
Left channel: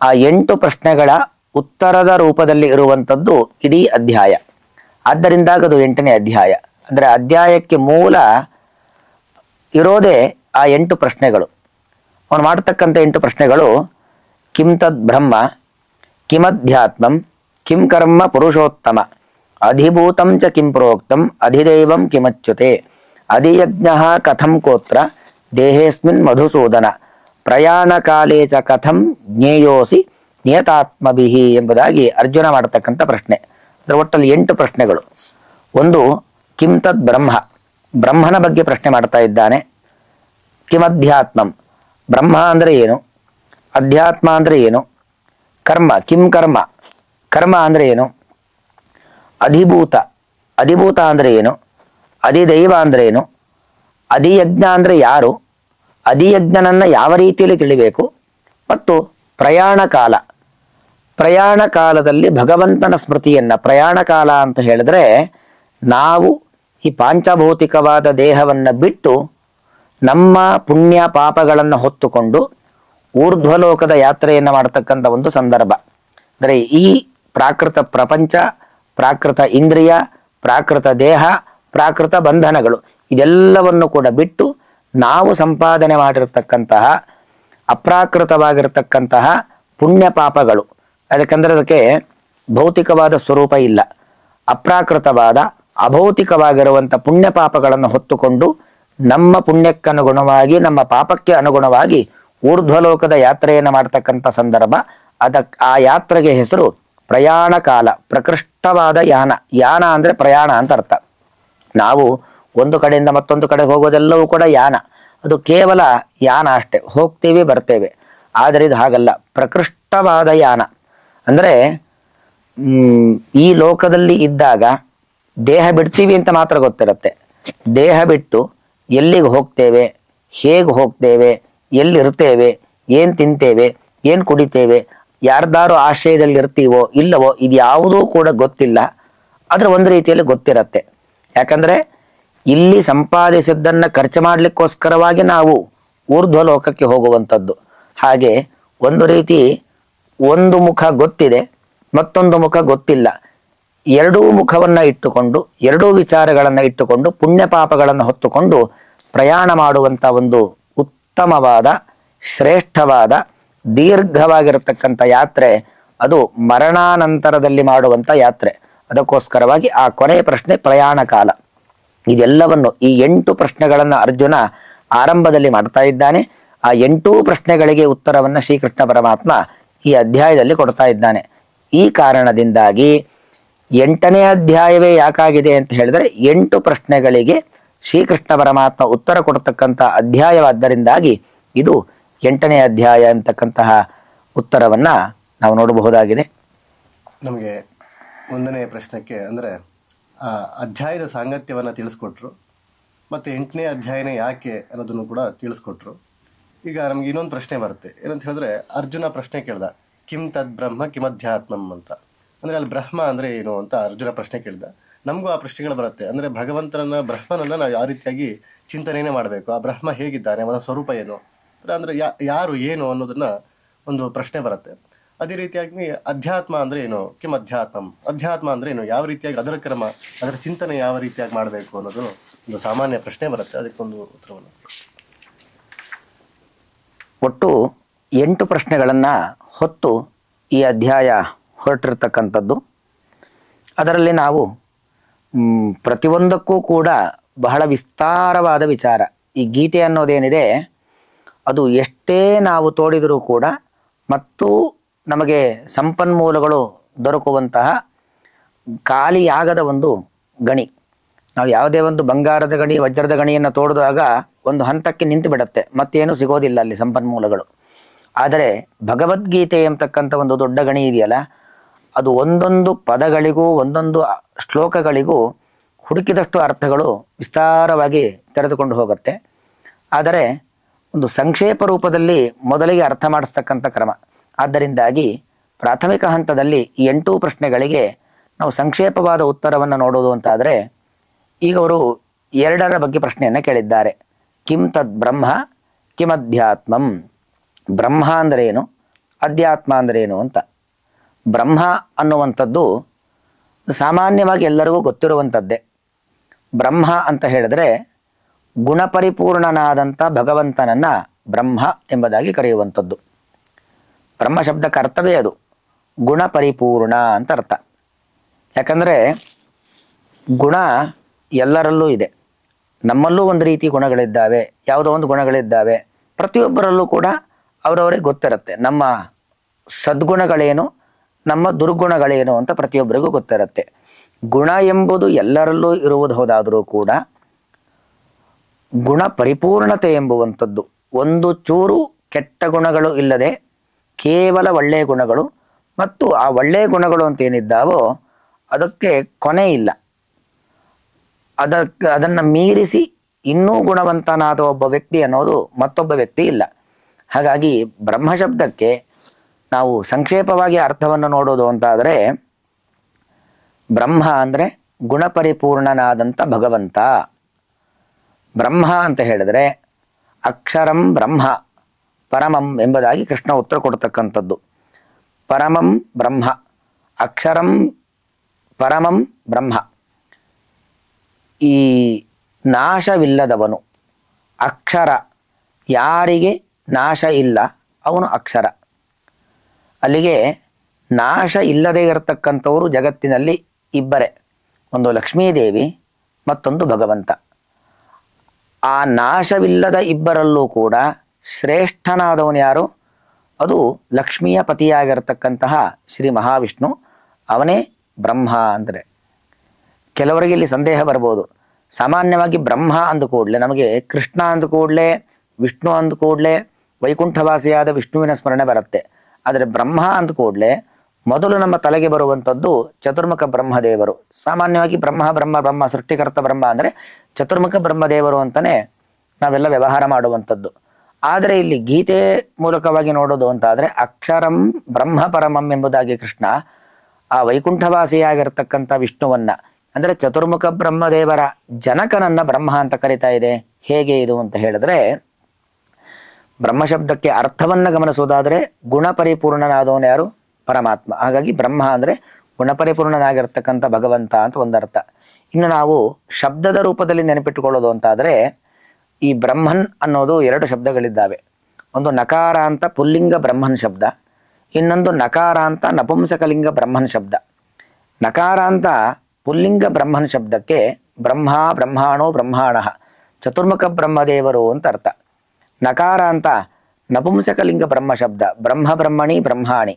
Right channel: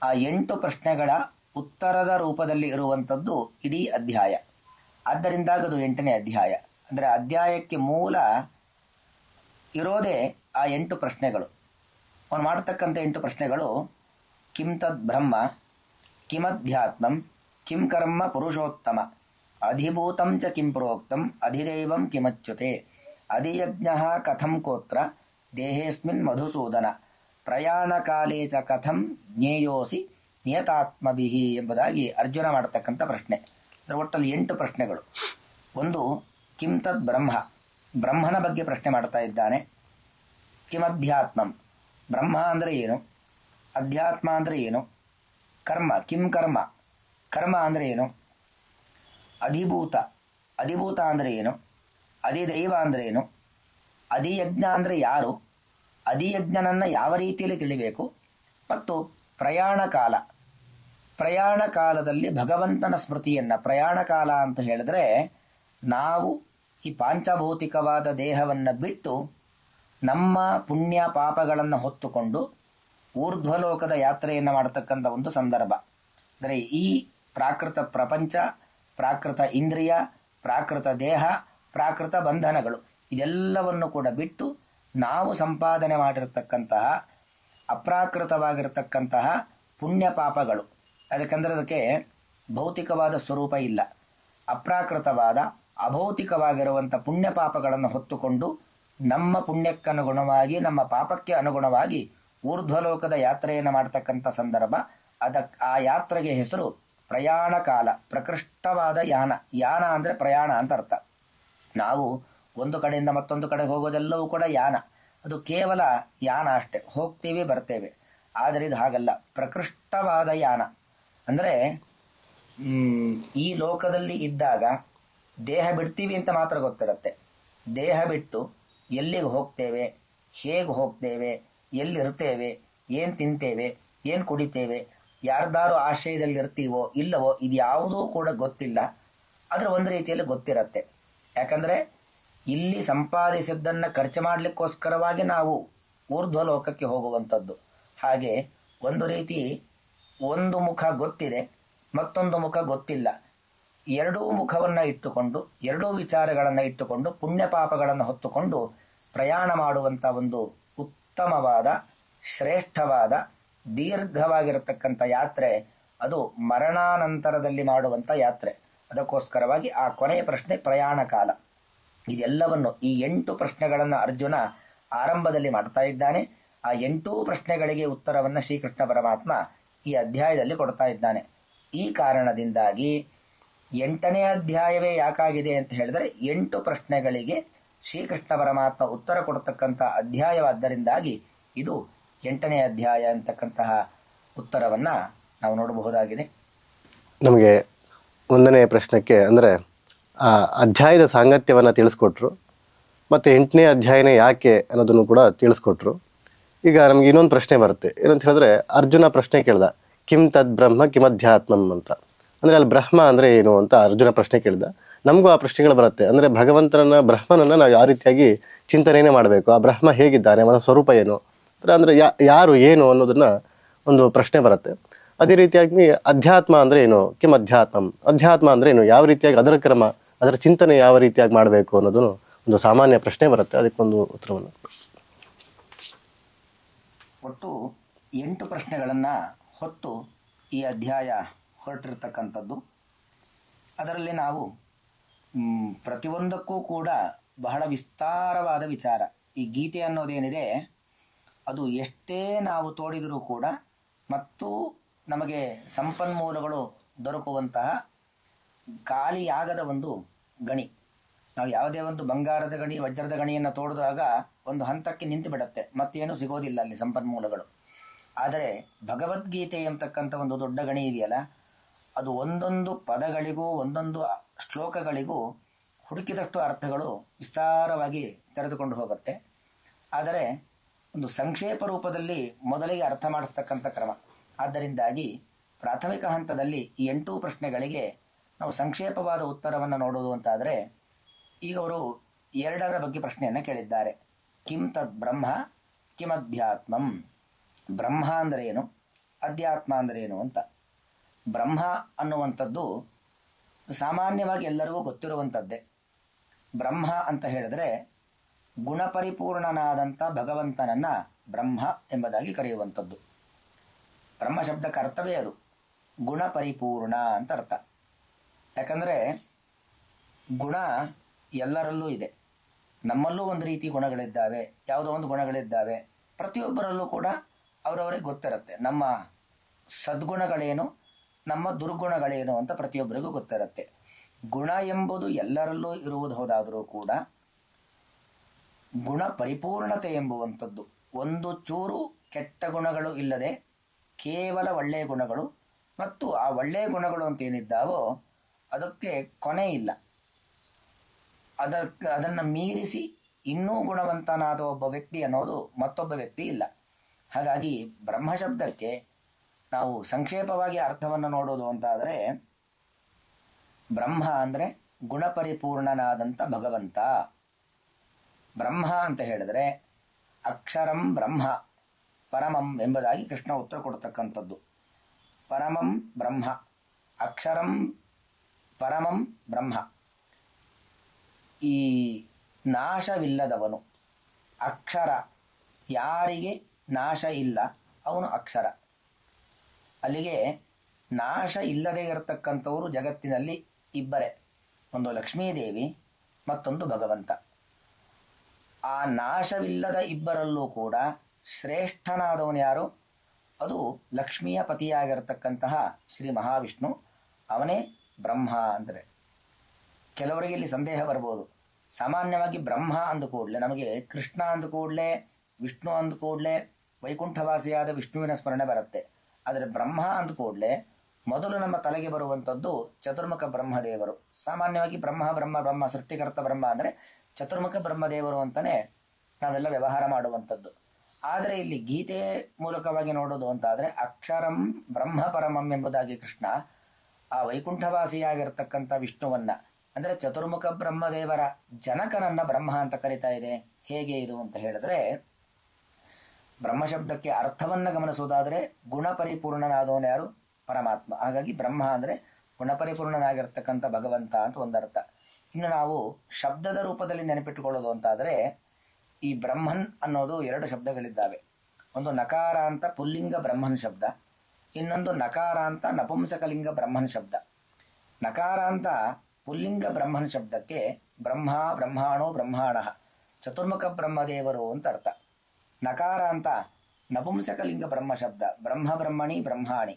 ಆ 8 ಪ್ರಶ್ನೆಗಳ ಉತ್ತರದ ರೂಪದಲ್ಲಿ ಇರುವಂಥದ್ದು ಇಡೀ ಅಧ್ಯಾಯ. ಆದ್ದರಿಂದಾಗ ಅದು 8ನೇ ಅಧ್ಯಾಯ. ಅಂದರೆ ಅಧ್ಯಾಯಕ್ಕೆ ಮೂಲ ಇರೋದೇ ಆ 8 ಪ್ರಶ್ನೆಗಳು. ಅವನು ಮಾಡ್ತಕ್ಕಂಥ 8 ಪ್ರಶ್ನೆಗಳು, ಕಿಂ ತದ್ ಬ್ರಹ್ಮ, ಕಿಮಧ್ಯಾತ್ಮಂ, ಕಿಂ ಕರ್ಮ ಪುರುಷೋತ್ತಮ, ಅಧಿಭೂತಂ ಚ ಕಿಂ ಪ್ರೋಕ್ತಂ, ಅಧಿದೈವಂ ಕಿಮಚ್ಯುತೆ, ಅಧಿಯಜ್ಞ ಕಥಂ ಕೋತ್ರ ದೇಹೇಸ್ಮಿನ್ ಮಧುಸೂದನ, ಪ್ರಯಾಣ ಕಾಲೇ ಚ ಕಥಂ ಜ್ಞೇಯೋಸಿ ನಿಯತಾತ್ಮಭಿಹಿ ಎಂಬುದಾಗಿ ಅರ್ಜುನ ಮಾಡತಕ್ಕಂಥ ಪ್ರಶ್ನೆ. ಅದರ ಒಟ್ಟಲ್ಲಿ 8 ಪ್ರಶ್ನೆಗಳು. ಒಂದು, ಕಿಂ ತದ್ ಬ್ರಹ್ಮ, ಬ್ರಹ್ಮನ ಬಗ್ಗೆ ಪ್ರಶ್ನೆ ಮಾಡ್ತಾ ಇದ್ದಾನೆ. ಕಿಮಧ್ಯಾತ್ಮಂ, ಬ್ರಹ್ಮ ಅಂದರೆ ಏನು, ಅಧ್ಯಾತ್ಮ ಅಂದರೆ ಏನು, ಕರ್ಮ, ಕಿಂ ಕರ್ಮ, ಕರ್ಮ ಅಂದರೆ ಏನು, ಅಧಿಭೂತ, ಅಧಿಭೂತ ಅಂದರೆ ಏನು, ಅಧಿದೈವ ಅಂದರೆ ಏನು, ಅಧಿಯಜ್ಞ ಅಂದರೆ ಯಾರು, ಅಧಿಯಜ್ಞನನ್ನು ಯಾವ ರೀತಿಯಲ್ಲಿ ತಿಳಿಬೇಕು, ಮತ್ತು ಪ್ರಯಾಣ ಕಾಲ, ಪ್ರಯಾಣ ಕಾಲದಲ್ಲಿ ಭಗವಂತನ ಸ್ಮೃತಿಯನ್ನು. ಪ್ರಯಾಣ ಕಾಲ ಅಂತ ಹೇಳಿದ್ರೆ ನಾವು ಈ ಪಾಂಚಭೌತಿಕವಾದ ದೇಹವನ್ನು ಬಿಟ್ಟು ನಮ್ಮ ಪುಣ್ಯ ಪಾಪಗಳನ್ನು ಹೊತ್ತುಕೊಂಡು ಊರ್ಧ್ವಲೋಕದ ಯಾತ್ರೆಯನ್ನು ಮಾಡತಕ್ಕಂಥ ಒಂದು ಸಂದರ್ಭ. ಅಂದರೆ ಈ ಪ್ರಾಕೃತ ಪ್ರಪಂಚ, ಪ್ರಾಕೃತ ಇಂದ್ರಿಯ, ಪ್ರಾಕೃತ ದೇಹ, ಪ್ರಾಕೃತ ಬಂಧನಗಳು ಇದೆಲ್ಲವನ್ನು ಕೂಡ ಬಿಟ್ಟು ನಾವು ಸಂಪಾದನೆ ಮಾಡಿರತಕ್ಕಂತಹ ಅಪ್ರಾಕೃತವಾಗಿರತಕ್ಕಂತಹ ಪುಣ್ಯ ಪಾಪಗಳು, ಅದಕ್ಕೆಂದರೆ ಅದಕ್ಕೆ ಭೌತಿಕವಾದ ಸ್ವರೂಪ ಇಲ್ಲ, ಅಪ್ರಾಕೃತವಾದ ಅಭೌತಿಕವಾಗಿರುವಂಥ ಪುಣ್ಯ ಪಾಪಗಳನ್ನು ಹೊತ್ತುಕೊಂಡು ನಮ್ಮ ಪುಣ್ಯಕ್ಕನುಗುಣವಾಗಿ ನಮ್ಮ ಪಾಪಕ್ಕೆ ಅನುಗುಣವಾಗಿ ಊರ್ಧ್ವಲೋಕದ ಯಾತ್ರೆಯನ್ನು ಮಾಡ್ತಕ್ಕಂಥ ಸಂದರ್ಭ. ಆ ಯಾತ್ರೆಗೆ ಹೆಸರು ಪ್ರಯಾಣ ಕಾಲ, ಪ್ರಕೃಷ್ಟವಾದ ಯಾನ. ಯಾನ ಅಂದರೆ ಪ್ರಯಾಣ ಅಂತ ಅರ್ಥ. ನಾವು ಒಂದು ಕಡೆಯಿಂದ ಮತ್ತೊಂದು ಕಡೆ ಹೋಗೋದೆಲ್ಲವೂ ಕೂಡ ಯಾನ, ಅದು ಕೇವಲ ಯಾನ ಅಷ್ಟೇ, ಹೋಗ್ತೇವೆ ಬರ್ತೇವೆ. ಆದರೆ ಇದು ಹಾಗಲ್ಲ, ಪ್ರಕೃಷ್ಟವಾದ ಯಾನ. ಅಂದರೆ ಈ ಲೋಕದಲ್ಲಿ ಇದ್ದಾಗ ದೇಹ ಬಿಡ್ತೀವಿ ಅಂತ ಮಾತ್ರ ಗೊತ್ತಿರುತ್ತೆ. ದೇಹ ಬಿಟ್ಟು ಎಲ್ಲಿಗೆ ಹೋಗ್ತೇವೆ, ಹೇಗೆ ಹೋಗ್ತೇವೆ, ಎಲ್ಲಿರ್ತೇವೆ, ಏನು ತಿಂತೇವೆ, ಏನು ಕುಡಿತೇವೆ, ಯಾರ್ದಾರು ಆಶ್ರಯದಲ್ಲಿ ಇರ್ತೀವೋ ಇಲ್ಲವೋ ಇದು ಯಾವುದೂ ಕೂಡ ಗೊತ್ತಿಲ್ಲ. ಆದರೆ ಒಂದು ರೀತಿಯಲ್ಲಿ ಗೊತ್ತಿರತ್ತೆ. ಯಾಕಂದರೆ ಇಲ್ಲಿ ಸಂಪಾದಿಸಿದ್ದನ್ನು ಖರ್ಚು ಮಾಡಲಿಕ್ಕೋಸ್ಕರವಾಗಿ ನಾವು ಊರ್ಧ್ವ ಲೋಕಕ್ಕೆ ಹೋಗುವಂಥದ್ದು. ಹಾಗೆ ಒಂದು ರೀತಿ ಒಂದು ಮುಖ ಗೊತ್ತಿದೆ, ಮತ್ತೊಂದು ಮುಖ ಗೊತ್ತಿಲ್ಲ. ಎರಡೂ ಮುಖವನ್ನು ಇಟ್ಟುಕೊಂಡು, ಎರಡೂ ವಿಚಾರಗಳನ್ನು ಇಟ್ಟುಕೊಂಡು ಪುಣ್ಯ ಪಾಪಗಳನ್ನು ಹೊತ್ತುಕೊಂಡು ಪ್ರಯಾಣ ಮಾಡುವಂಥ ಒಂದು ಉತ್ತಮವಾದ, ಶ್ರೇಷ್ಠವಾದ, ದೀರ್ಘವಾಗಿರತಕ್ಕಂಥ ಯಾತ್ರೆ ಅದು ಮರಣಾನಂತರದಲ್ಲಿ ಮಾಡುವಂಥ ಯಾತ್ರೆ. ಅದಕ್ಕೋಸ್ಕರವಾಗಿ ಆ ಕೊನೆಯ ಪ್ರಶ್ನೆ ಪ್ರಯಾಣ ಕಾಲ. ಇದೆಲ್ಲವನ್ನು ಈ 8 ಪ್ರಶ್ನೆಗಳನ್ನು ಅರ್ಜುನ ಆರಂಭದಲ್ಲಿ ಮಾಡ್ತಾ ಇದ್ದಾನೆ. ಆ 8 ಪ್ರಶ್ನೆಗಳಿಗೆ ಉತ್ತರವನ್ನು ಶ್ರೀಕೃಷ್ಣ ಪರಮಾತ್ಮ ಈ ಅಧ್ಯಾಯದಲ್ಲಿ ಕೊಡ್ತಾ ಇದ್ದಾನೆ. ಈ ಕಾರಣದಿಂದಾಗಿ 8ನೇ ಅಧ್ಯಾಯವೇ ಯಾಕಾಗಿದೆ ಅಂತ ಹೇಳಿದ್ರೆ 8 ಪ್ರಶ್ನೆಗಳಿಗೆ ಶ್ರೀಕೃಷ್ಣ ಪರಮಾತ್ಮ ಉತ್ತರ ಕೊಡ್ತಕ್ಕಂಥ ಅಧ್ಯಾಯವಾದ್ದರಿಂದಾಗಿ ಇದು 8ನೇ ಅಧ್ಯಾಯ ಅಂತಕ್ಕಂತಹ ಉತ್ತರವನ್ನ ನಾವು ನೋಡಬಹುದಾಗಿದೆ. ನಮಗೆ 1ನೇ ಪ್ರಶ್ನೆಗೆ ಅಂದರೆ ಆ ಅಧ್ಯಾಯದ ಸಾಂಗತ್ಯವನ್ನು ತಿಳಿಸ್ಕೊಟ್ರು, ಮತ್ತು 8ನೇ ಅಧ್ಯಾಯನೇ ಯಾಕೆ ಅನ್ನೋದನ್ನು ಕೂಡ ತಿಳಿಸ್ಕೊಟ್ರು. ಈಗ ನಮ್ಗೆ ಇನ್ನೊಂದು ಪ್ರಶ್ನೆ ಬರುತ್ತೆ, ಏನಂತ ಹೇಳಿದ್ರೆ ಅರ್ಜುನ ಪ್ರಶ್ನೆ ಕೇಳ್ದ, ಕಿಂ ತದ್ ಬ್ರಹ್ಮ ಕಿಮಧ್ಯಾತ್ಮಂ ಅಂತ. ಅಂದರೆ ಅಲ್ಲಿ ಬ್ರಹ್ಮ ಅಂದರೆ ಏನು ಅಂತ ಅರ್ಜುನ ಪ್ರಶ್ನೆ ಕೇಳ್ದ. ನಮಗೂ ಆ ಪ್ರಶ್ನೆಗಳು ಬರುತ್ತೆ. ಅಂದರೆ ಬ್ರಹ್ಮನನ್ನು ನಾವು ಯಾವ ರೀತಿಯಾಗಿ ಚಿಂತನೆಯೇ ಮಾಡಬೇಕು, ಆ ಬ್ರಹ್ಮ ಹೇಗಿದ್ದಾನೆ, ಅವನ ಸ್ವರೂಪ ಏನು, ಅಂದರೆ ಯಾರು ಏನು ಅನ್ನೋದನ್ನ ಒಂದು ಪ್ರಶ್ನೆ ಬರುತ್ತೆ. ಅದೇ ರೀತಿಯಾಗಿ ಅಧ್ಯಾತ್ಮ ಅಂದರೆ ಏನು, ಕಿಂ ಅಧ್ಯಾತ್ಮಂ, ಅಧ್ಯಾತ್ಮ ಅಂದರೆ ಏನು, ಯಾವ ರೀತಿಯಾಗಿ ಅದರ ಕ್ರಮ, ಅದರ ಚಿಂತನೆ ಯಾವ ರೀತಿಯಾಗಿ ಮಾಡಬೇಕು ಅನ್ನೋದು ಒಂದು ಸಾಮಾನ್ಯ ಪ್ರಶ್ನೆ ಬರುತ್ತೆ. ಅದಕ್ಕೊಂದು ಉತ್ತರವನ್ನು ಒಟ್ಟು 8 ಪ್ರಶ್ನೆಗಳನ್ನು ಹೊತ್ತು ಈ ಅಧ್ಯಾಯ ಹೊರಟಿರ್ತಕ್ಕಂಥದ್ದು. ಅದರಲ್ಲಿ ನಾವು ಪ್ರತಿಯೊಂದಕ್ಕೂ ಕೂಡ ಬಹಳ ವಿಸ್ತಾರವಾದ ವಿಚಾರ. ಈ ಗೀತೆ ಅನ್ನೋದೇನಿದೆ ಅದು ಎಷ್ಟೇ ನಾವು ತೋಡಿದರೂ ಕೂಡ ಮತ್ತು ನಮಗೆ ಸಂಪನ್ಮೂಲಗಳು ದೊರಕುವಂತಹ ಖಾಲಿಯಾಗದ ಒಂದು ಗಣಿ. ನಾವು ಯಾವುದೇ ಒಂದು ಬಂಗಾರದ ಗಣಿ, ವಜ್ರದ ಗಣಿಯನ್ನು ತೋಡಿದಾಗ ಒಂದು ಹಂತಕ್ಕೆ ನಿಂತು ಬಿಡುತ್ತೆ, ಮತ್ತೇನು ಸಿಗೋದಿಲ್ಲ ಅಲ್ಲಿ ಸಂಪನ್ಮೂಲಗಳು. ಆದರೆ ಭಗವದ್ಗೀತೆ ಎಂಬತಕ್ಕಂಥ ಒಂದು ದೊಡ್ಡ ಗಣಿ ಇದೆಯಲ್ಲ, ಅದು ಒಂದೊಂದು ಪದಗಳಿಗೂ ಒಂದೊಂದು ಶ್ಲೋಕಗಳಿಗೂ ಹುಡುಕಿದಷ್ಟು ಅರ್ಥಗಳು ವಿಸ್ತಾರವಾಗಿ ತೆರೆದುಕೊಂಡು ಹೋಗುತ್ತೆ. ಆದರೆ ಒಂದು ಸಂಕ್ಷೇಪ ರೂಪದಲ್ಲಿ ಮೊದಲಿಗೆ ಅರ್ಥ ಮಾಡಿಸ್ತಕ್ಕಂಥ ಕ್ರಮ. ಆದ್ದರಿಂದಾಗಿ ಪ್ರಾಥಮಿಕ ಹಂತದಲ್ಲಿ ಈ 8 ಪ್ರಶ್ನೆಗಳಿಗೆ ನಾವು ಸಂಕ್ಷೇಪವಾದ ಉತ್ತರವನ್ನು ನೋಡೋದು ಅಂತಾದರೆ, ಈಗ ಅವರು 2ರ ಬಗ್ಗೆ ಪ್ರಶ್ನೆಯನ್ನು ಕೇಳಿದ್ದಾರೆ. ಕಿಂ ತದ್ ಬ್ರಹ್ಮ ಕಿಮಧ್ಯಾತ್ಮಂ. ಬ್ರಹ್ಮ ಅಂದರೆ ಏನು, ಅಧ್ಯಾತ್ಮ ಅಂದರೆ ಏನು ಅಂತ. ಬ್ರಹ್ಮ ಅನ್ನುವಂಥದ್ದು ಸಾಮಾನ್ಯವಾಗಿ ಎಲ್ಲರಿಗೂ ಗೊತ್ತಿರುವಂಥದ್ದೇ. ಬ್ರಹ್ಮ ಅಂತ ಹೇಳಿದ್ರೆ ಗುಣಪರಿಪೂರ್ಣನಾದಂಥ ಭಗವಂತನನ್ನು ಬ್ರಹ್ಮ ಎಂಬುದಾಗಿ ಕರೆಯುವಂಥದ್ದು. ಬ್ರಹ್ಮ ಶಬ್ದಕ್ಕೆ ಅರ್ಥವೇ ಅದು, ಗುಣಪರಿಪೂರ್ಣ ಅಂತ ಅರ್ಥ. ಯಾಕಂದರೆ ಗುಣ ಎಲ್ಲರಲ್ಲೂ ಇದೆ. ನಮ್ಮಲ್ಲೂ ಒಂದು ರೀತಿ ಗುಣಗಳಿದ್ದಾವೆ, ಯಾವುದೋ ಒಂದು ಗುಣಗಳಿದ್ದಾವೆ. ಪ್ರತಿಯೊಬ್ಬರಲ್ಲೂ ಕೂಡ ಅವರವರಿಗೆ ಗೊತ್ತಿರುತ್ತೆ ನಮ್ಮ ಸದ್ಗುಣಗಳೇನು, ನಮ್ಮ ದುರ್ಗುಣಗಳೇನು ಅಂತ ಪ್ರತಿಯೊಬ್ಬರಿಗೂ ಗೊತ್ತಿರುತ್ತೆ. ಗುಣ ಎಂಬುದು ಎಲ್ಲರಲ್ಲೂ ಇರುವುದು ಹೋದಾದರೂ ಕೂಡ ಗುಣ ಪರಿಪೂರ್ಣತೆ ಎಂಬುವಂಥದ್ದು, ಒಂದು ಚೂರು ಕೆಟ್ಟ ಗುಣಗಳು ಇಲ್ಲದೆ ಕೇವಲ ಒಳ್ಳೆಯ ಗುಣಗಳು, ಮತ್ತು ಆ ಒಳ್ಳೆಯ ಗುಣಗಳು ಅಂತ ಏನಿದ್ದಾವೋ ಅದಕ್ಕೆ ಕೊನೆ ಇಲ್ಲ. ಅದನ್ನು ಮೀರಿಸಿ ಇನ್ನೂ ಗುಣವಂತನಾದ ಒಬ್ಬ ವ್ಯಕ್ತಿ ಅನ್ನೋದು ಮತ್ತೊಬ್ಬ ವ್ಯಕ್ತಿ ಇಲ್ಲ. ಹಾಗಾಗಿ ಬ್ರಹ್ಮ ಶಬ್ದಕ್ಕೆ ನಾವು ಸಂಕ್ಷೇಪವಾಗಿ ಅರ್ಥವನ್ನು ನೋಡೋದು ಅಂತಾದರೆ, ಬ್ರಹ್ಮ ಅಂದರೆ ಗುಣಪರಿಪೂರ್ಣನಾದಂಥ ಭಗವಂತ. ಬ್ರಹ್ಮ ಅಂತ ಹೇಳಿದ್ರೆ ಅಕ್ಷರಂ ಬ್ರಹ್ಮ ಪರಮಂ ಎಂಬುದಾಗಿ ಕೃಷ್ಣ ಉತ್ತರ ಕೊಡ್ತಕ್ಕಂಥದ್ದು. ಪರಮಂ ಬ್ರಹ್ಮ, ಅಕ್ಷರಂ ಪರಮಂ ಬ್ರಹ್ಮ. ಈ ನಾಶವಿಲ್ಲದವನು ಅಕ್ಷರ, ಯಾರಿಗೆ ನಾಶ ಇಲ್ಲ ಅವನು ಅಕ್ಷರ. ಅಲ್ಲಿಗೆ ನಾಶ ಇಲ್ಲದೆ ಇರತಕ್ಕಂಥವರು ಜಗತ್ತಿನಲ್ಲಿ ಇಬ್ಬರೇ, ಒಂದು ಲಕ್ಷ್ಮೀದೇವಿ, ಮತ್ತೊಂದು ಭಗವಂತ. ಆ ನಾಶವಿಲ್ಲದ ಇಬ್ಬರಲ್ಲೂ ಕೂಡ ಶ್ರೇಷ್ಠನಾದವನು ಯಾರು? ಅದು ಲಕ್ಷ್ಮಿಯ ಪತಿಯಾಗಿರತಕ್ಕಂತಹ ಶ್ರೀ ಮಹಾವಿಷ್ಣು, ಅವನೇ ಬ್ರಹ್ಮ ಅಂದರೆ. ಕೆಲವರಿಗೆ ಇಲ್ಲಿ ಸಂದೇಹ ಬರ್ಬೋದು. ಸಾಮಾನ್ಯವಾಗಿ ಬ್ರಹ್ಮ ಅಂದ ಕೂಡಲೇ ನಮಗೆ ಕೃಷ್ಣ ಅಂದ ಕೂಡಲೇ, ವಿಷ್ಣು ಅಂದ ಕೂಡಲೇ ವೈಕುಂಠವಾಸಿಯಾದ ವಿಷ್ಣುವಿನ ಸ್ಮರಣೆ ಬರುತ್ತೆ. ಆದರೆ ಬ್ರಹ್ಮ ಅಂದ ಕೂಡಲೇ ಮೊದಲು ನಮ್ಮ ತಲೆಗೆ ಬರುವಂಥದ್ದು ಚತುರ್ಮುಖ ಬ್ರಹ್ಮದೇವರು. ಸಾಮಾನ್ಯವಾಗಿ ಬ್ರಹ್ಮ ಸೃಷ್ಟಿಕರ್ತ ಬ್ರಹ್ಮ ಅಂದರೆ ಚತುರ್ಮುಖ ಬ್ರಹ್ಮದೇವರು ಅಂತಲೇ ನಾವೆಲ್ಲ ವ್ಯವಹಾರ ಮಾಡುವಂಥದ್ದು. ಆದರೆ ಇಲ್ಲಿ ಗೀತೆ ಮೂಲಕವಾಗಿ ನೋಡೋದು ಅಂತಾದರೆ ಅಕ್ಷರಂ ಬ್ರಹ್ಮ ಪರಮಂ ಎಂಬುದಾಗಿ ಕೃಷ್ಣ ಆ ವೈಕುಂಠವಾಸಿಯಾಗಿರ್ತಕ್ಕಂಥ ವಿಷ್ಣುವನ್ನ, ಅಂದರೆ ಚತುರ್ಮುಖ ಬ್ರಹ್ಮದೇವರ ಜನಕನನ್ನ ಬ್ರಹ್ಮ ಅಂತ ಕರಿತಾ ಇದೆ. ಹೇಗೆ ಇದು ಅಂತ ಹೇಳಿದ್ರೆ, ಬ್ರಹ್ಮಶಬ್ದಕ್ಕೆ ಅರ್ಥವನ್ನ ಗಮನಿಸೋದಾದರೆ ಗುಣಪರಿಪೂರ್ಣನಾದವನು ಯಾರು? ಪರಮಾತ್ಮ. ಹಾಗಾಗಿ ಬ್ರಹ್ಮ ಅಂದರೆ ಗುಣಪರಿಪೂರ್ಣನಾಗಿರ್ತಕ್ಕಂಥ ಭಗವಂತ ಅಂತ ಒಂದರ್ಥ. ಇನ್ನು ನಾವು ಶಬ್ದದ ರೂಪದಲ್ಲಿ ನೆನಪಿಟ್ಟುಕೊಳ್ಳೋದು ಅಂತಾದರೆ, ಈ ಬ್ರಹ್ಮನ್ ಅನ್ನೋದು 2 ಶಬ್ದಗಳಿದ್ದಾವೆ. ಒಂದು ನಕಾರ ಅಂತ ಪುಲ್ಲಿಂಗ ಬ್ರಹ್ಮನ್ ಶಬ್ದ, ಇನ್ನೊಂದು ನಕಾರ ಅಂತ ನಪುಂಸಕಲಿಂಗ ಬ್ರಹ್ಮನ್ ಶಬ್ದ. ನಕಾರ ಅಂತ ಪುಲ್ಲಿಂಗ ಬ್ರಹ್ಮನ್ ಶಬ್ದಕ್ಕೆ ಬ್ರಹ್ಮ, ಬ್ರಹ್ಮಾಣೋ, ಬ್ರಹ್ಮಾಣ, ಚತುರ್ಮುಖ ಬ್ರಹ್ಮದೇವರು ಅಂತ ಅರ್ಥ. ನಕಾರ ಅಂತ ನಪುಂಸಕಲಿಂಗ ಬ್ರಹ್ಮ ಶಬ್ದ, ಬ್ರಹ್ಮ ಬ್ರಹ್ಮಣಿ ಬ್ರಹ್ಮಾಣಿ,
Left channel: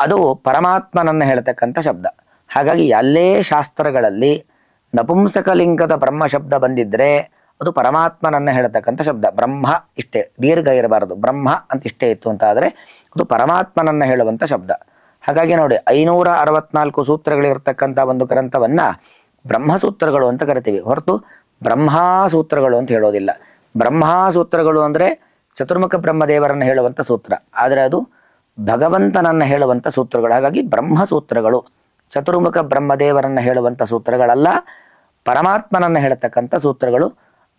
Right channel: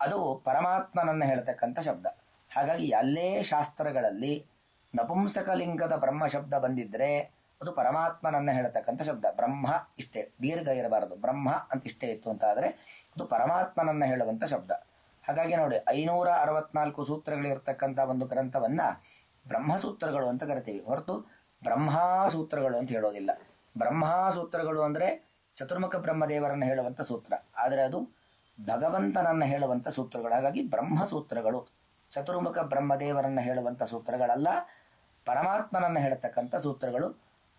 ಅದು ಪರಮಾತ್ಮನನ್ನು ಹೇಳ್ತಕ್ಕಂಥ ಶಬ್ದ. ಹಾಗಾಗಿ ಎಲ್ಲೇ ಶಾಸ್ತ್ರಗಳಲ್ಲಿ ನಪುಂಸಕಲಿಂಗದ ಬ್ರಹ್ಮ ಶಬ್ದ ಬಂದಿದ್ರೆ ಅದು ಪರಮಾತ್ಮನನ್ನ ಹೇಳ್ತಕ್ಕಂಥ ಶಬ್ದ. ಬ್ರಹ್ಮ ಇಷ್ಟೇ, ದೀರ್ಘ ಇರಬಾರದು. ಬ್ರಹ್ಮ ಅಂತ ಇಷ್ಟೇ ಇತ್ತು ಅಂತ ಆದರೆ ಅದು ಪರಮಾತ್ಮನನ್ನ ಹೇಳುವಂಥ ಶಬ್ದ. ಹಾಗಾಗಿ ನೋಡಿ 564 ಸೂತ್ರಗಳಿರ್ತಕ್ಕಂಥ ಒಂದು ಗ್ರಂಥವನ್ನ ಬ್ರಹ್ಮಸೂತ್ರಗಳು ಅಂತ ಕರಿತೀವಿ, ಹೊರತು ಬ್ರಹ್ಮಸೂತ್ರಗಳು ಅಂತ ಹೇಳೋದಿಲ್ಲ. ಬ್ರಹ್ಮಸೂತ್ರಗಳು ಅಂದರೆ ಚತುರ್ಮುಖ ಬ್ರಹ್ಮದೇವರನ್ನು ಹೇಳುವಂಥ ಸೂತ್ರ, ಆದರೆ ಅದು ಭಗವಂತನನ್ನ ಹೇಳುವಂಥ ಸೂತ್ರಗಳು. ಹಾಗಾಗಿ ಬ್ರಹ್ಮಸೂತ್ರಗಳು ಚತುರ್ಮುಖ ಬ್ರಹ್ಮದೇವರನ್ನ ಹೇಳುವಂಥ ಸೂತ್ರಗಳಲ್ಲ, ಪರಮಾತ್ಮನನ್ನ ಹೇಳತಕ್ಕಂಥ ಸೂತ್ರಗಳು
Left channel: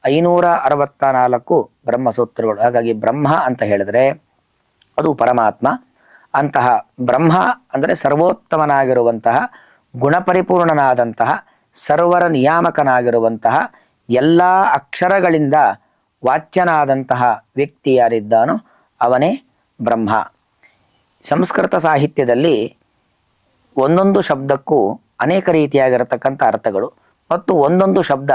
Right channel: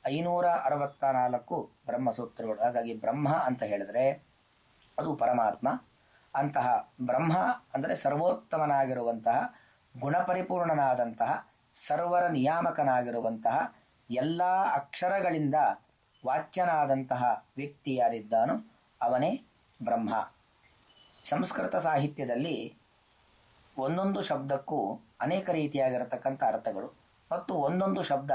564 ಬ್ರಹ್ಮಸೂತ್ರಗಳು. ಹಾಗಾಗಿ ಬ್ರಹ್ಮ ಅಂತ ಹೇಳಿದ್ರೆ ಅದು ಪರಮಾತ್ಮ. ಅಂತಹ ಬ್ರಹ್ಮ ಅಂದರೆ ಸರ್ವೋತ್ತಮನಾಗಿರುವಂತಹ, ಗುಣಪರಿಪೂರ್ಣನಾದಂತಹ, ಸರ್ವರ ನಿಯಾಮಕನಾಗಿರುವಂತಹ, ಎಲ್ಲ ಅಕ್ಷರಗಳಿಂದ ವಾಚ್ಯನಾದಂತಹ ವ್ಯಕ್ತಿ ಯಾರಿದ್ದಾನೋ ಅವನೇ ಬ್ರಹ್ಮ. ಸಂಸ್ಕೃತ ಸಾಹಿತ್ಯದಲ್ಲಿ ಒಂದೊಂದು ಶಬ್ದಕ್ಕೂ ಅನೇಕ ರೀತಿಯಾಗಿರತಕ್ಕಂಥ ಅರ್ಥಗಳು, ಮತ್ತು ಒಂದೊಂದು ಶಬ್ದ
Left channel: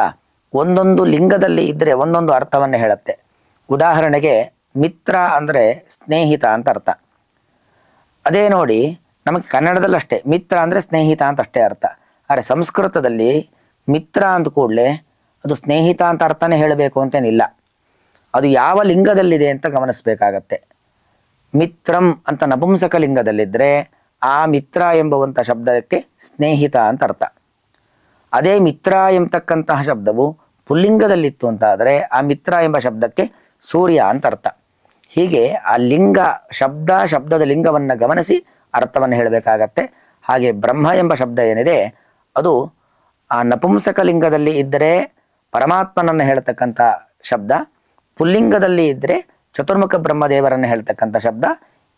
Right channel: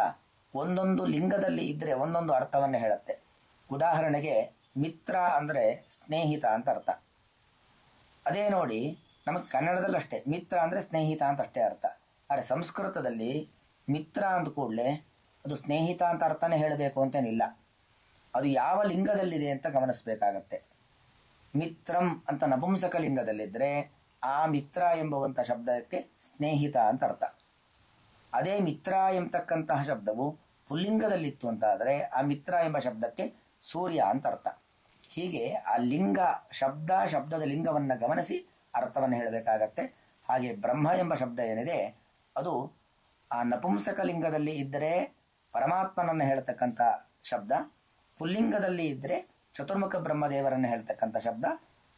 ಒಂದೊಂದು ಲಿಂಗದಲ್ಲಿ ಇದ್ದರೆ ಒಂದೊಂದು ಅರ್ಥವನ್ನು ಹೇಳುತ್ತೆ. ಉದಾಹರಣೆಗೆ ಮಿತ್ರ ಅಂದರೆ ಸ್ನೇಹಿತ ಅಂತ ಅರ್ಥ. ಅದೇ ನೋಡಿ ನಮಗೆ ಕನ್ನಡದಲ್ಲಿ ಅಷ್ಟೇ ಮಿತ್ರ ಅಂದರೆ ಸ್ನೇಹಿತ ಅಂತ ಅಷ್ಟೇ ಅರ್ಥ. ಆದರೆ ಸಂಸ್ಕೃತದಲ್ಲಿ ಮಿತ್ರ ಅಂದ ಕೂಡಲೇ ಅದು ಸ್ನೇಹಿತ ಅಂತ ಅರ್ಥನೇ ಹೇಳಬೇಕು ಅಂತೇನಿಲ್ಲ, ಅದು ಯಾವ ಲಿಂಗದಲ್ಲಿದೆ ಅಂತ ಗಮನಿಸಬೇಕಾಗತ್ತೆ. ಮಿತ್ರಂ ಅಂತ ನಪುಂಸಕ ಲಿಂಗದಲ್ಲಿದ್ದರೆ ಆ ಮಿತ್ರ ಎಂಬುವಂಥ ಶಬ್ದಕ್ಕೆ ಸ್ನೇಹಿತ ಅಂತ ಅರ್ಥ. ಅದೇ ಮಿತ್ರ ಎಂಬತಕ್ಕಂತಹ ಶಬ್ದವು ಪುಲ್ಲಿಂಗದಲ್ಲಿತ್ತು ಅಂತ ಆದರೆ ಆ ಮಿತ್ರ ಎಂಬ ಶಬ್ದಕ್ಕೆ ಸೂರ್ಯ ಅಂತ ಅರ್ಥ. ಹೀಗೆ ಆ ಲಿಂಗ ಶಬ್ದದ ಲಿಂಗವನ್ನು ಗಮನಿಸಿ ಅರ್ಥವನ್ನು ಹೇಳಬೇಕಾಗತ್ತೆ. ಹಾಗೆ ಬ್ರಹ್ಮ ಎಂಬ ಶಬ್ದ ಏನಿದೆ ಅದು ಆ ನಪುಂಸಕ ಲಿಂಗದಲ್ಲಿ ಇದ್ದರೆ ಪರಮಾತ್ಮನನ್ನು ಹೇಳ್ತಕ್ಕಂಥ ಶಬ್ದ, ಪುಲ್ಲಿಂಗದಲ್ಲಿ ಇದ್ದರೆ ಚತುರ್ಮುಖ ಬ್ರಹ್ಮದೇವರನ್ನು ಹೇಳ್ತಕ್ಕಂಥ ಶಬ್ದ.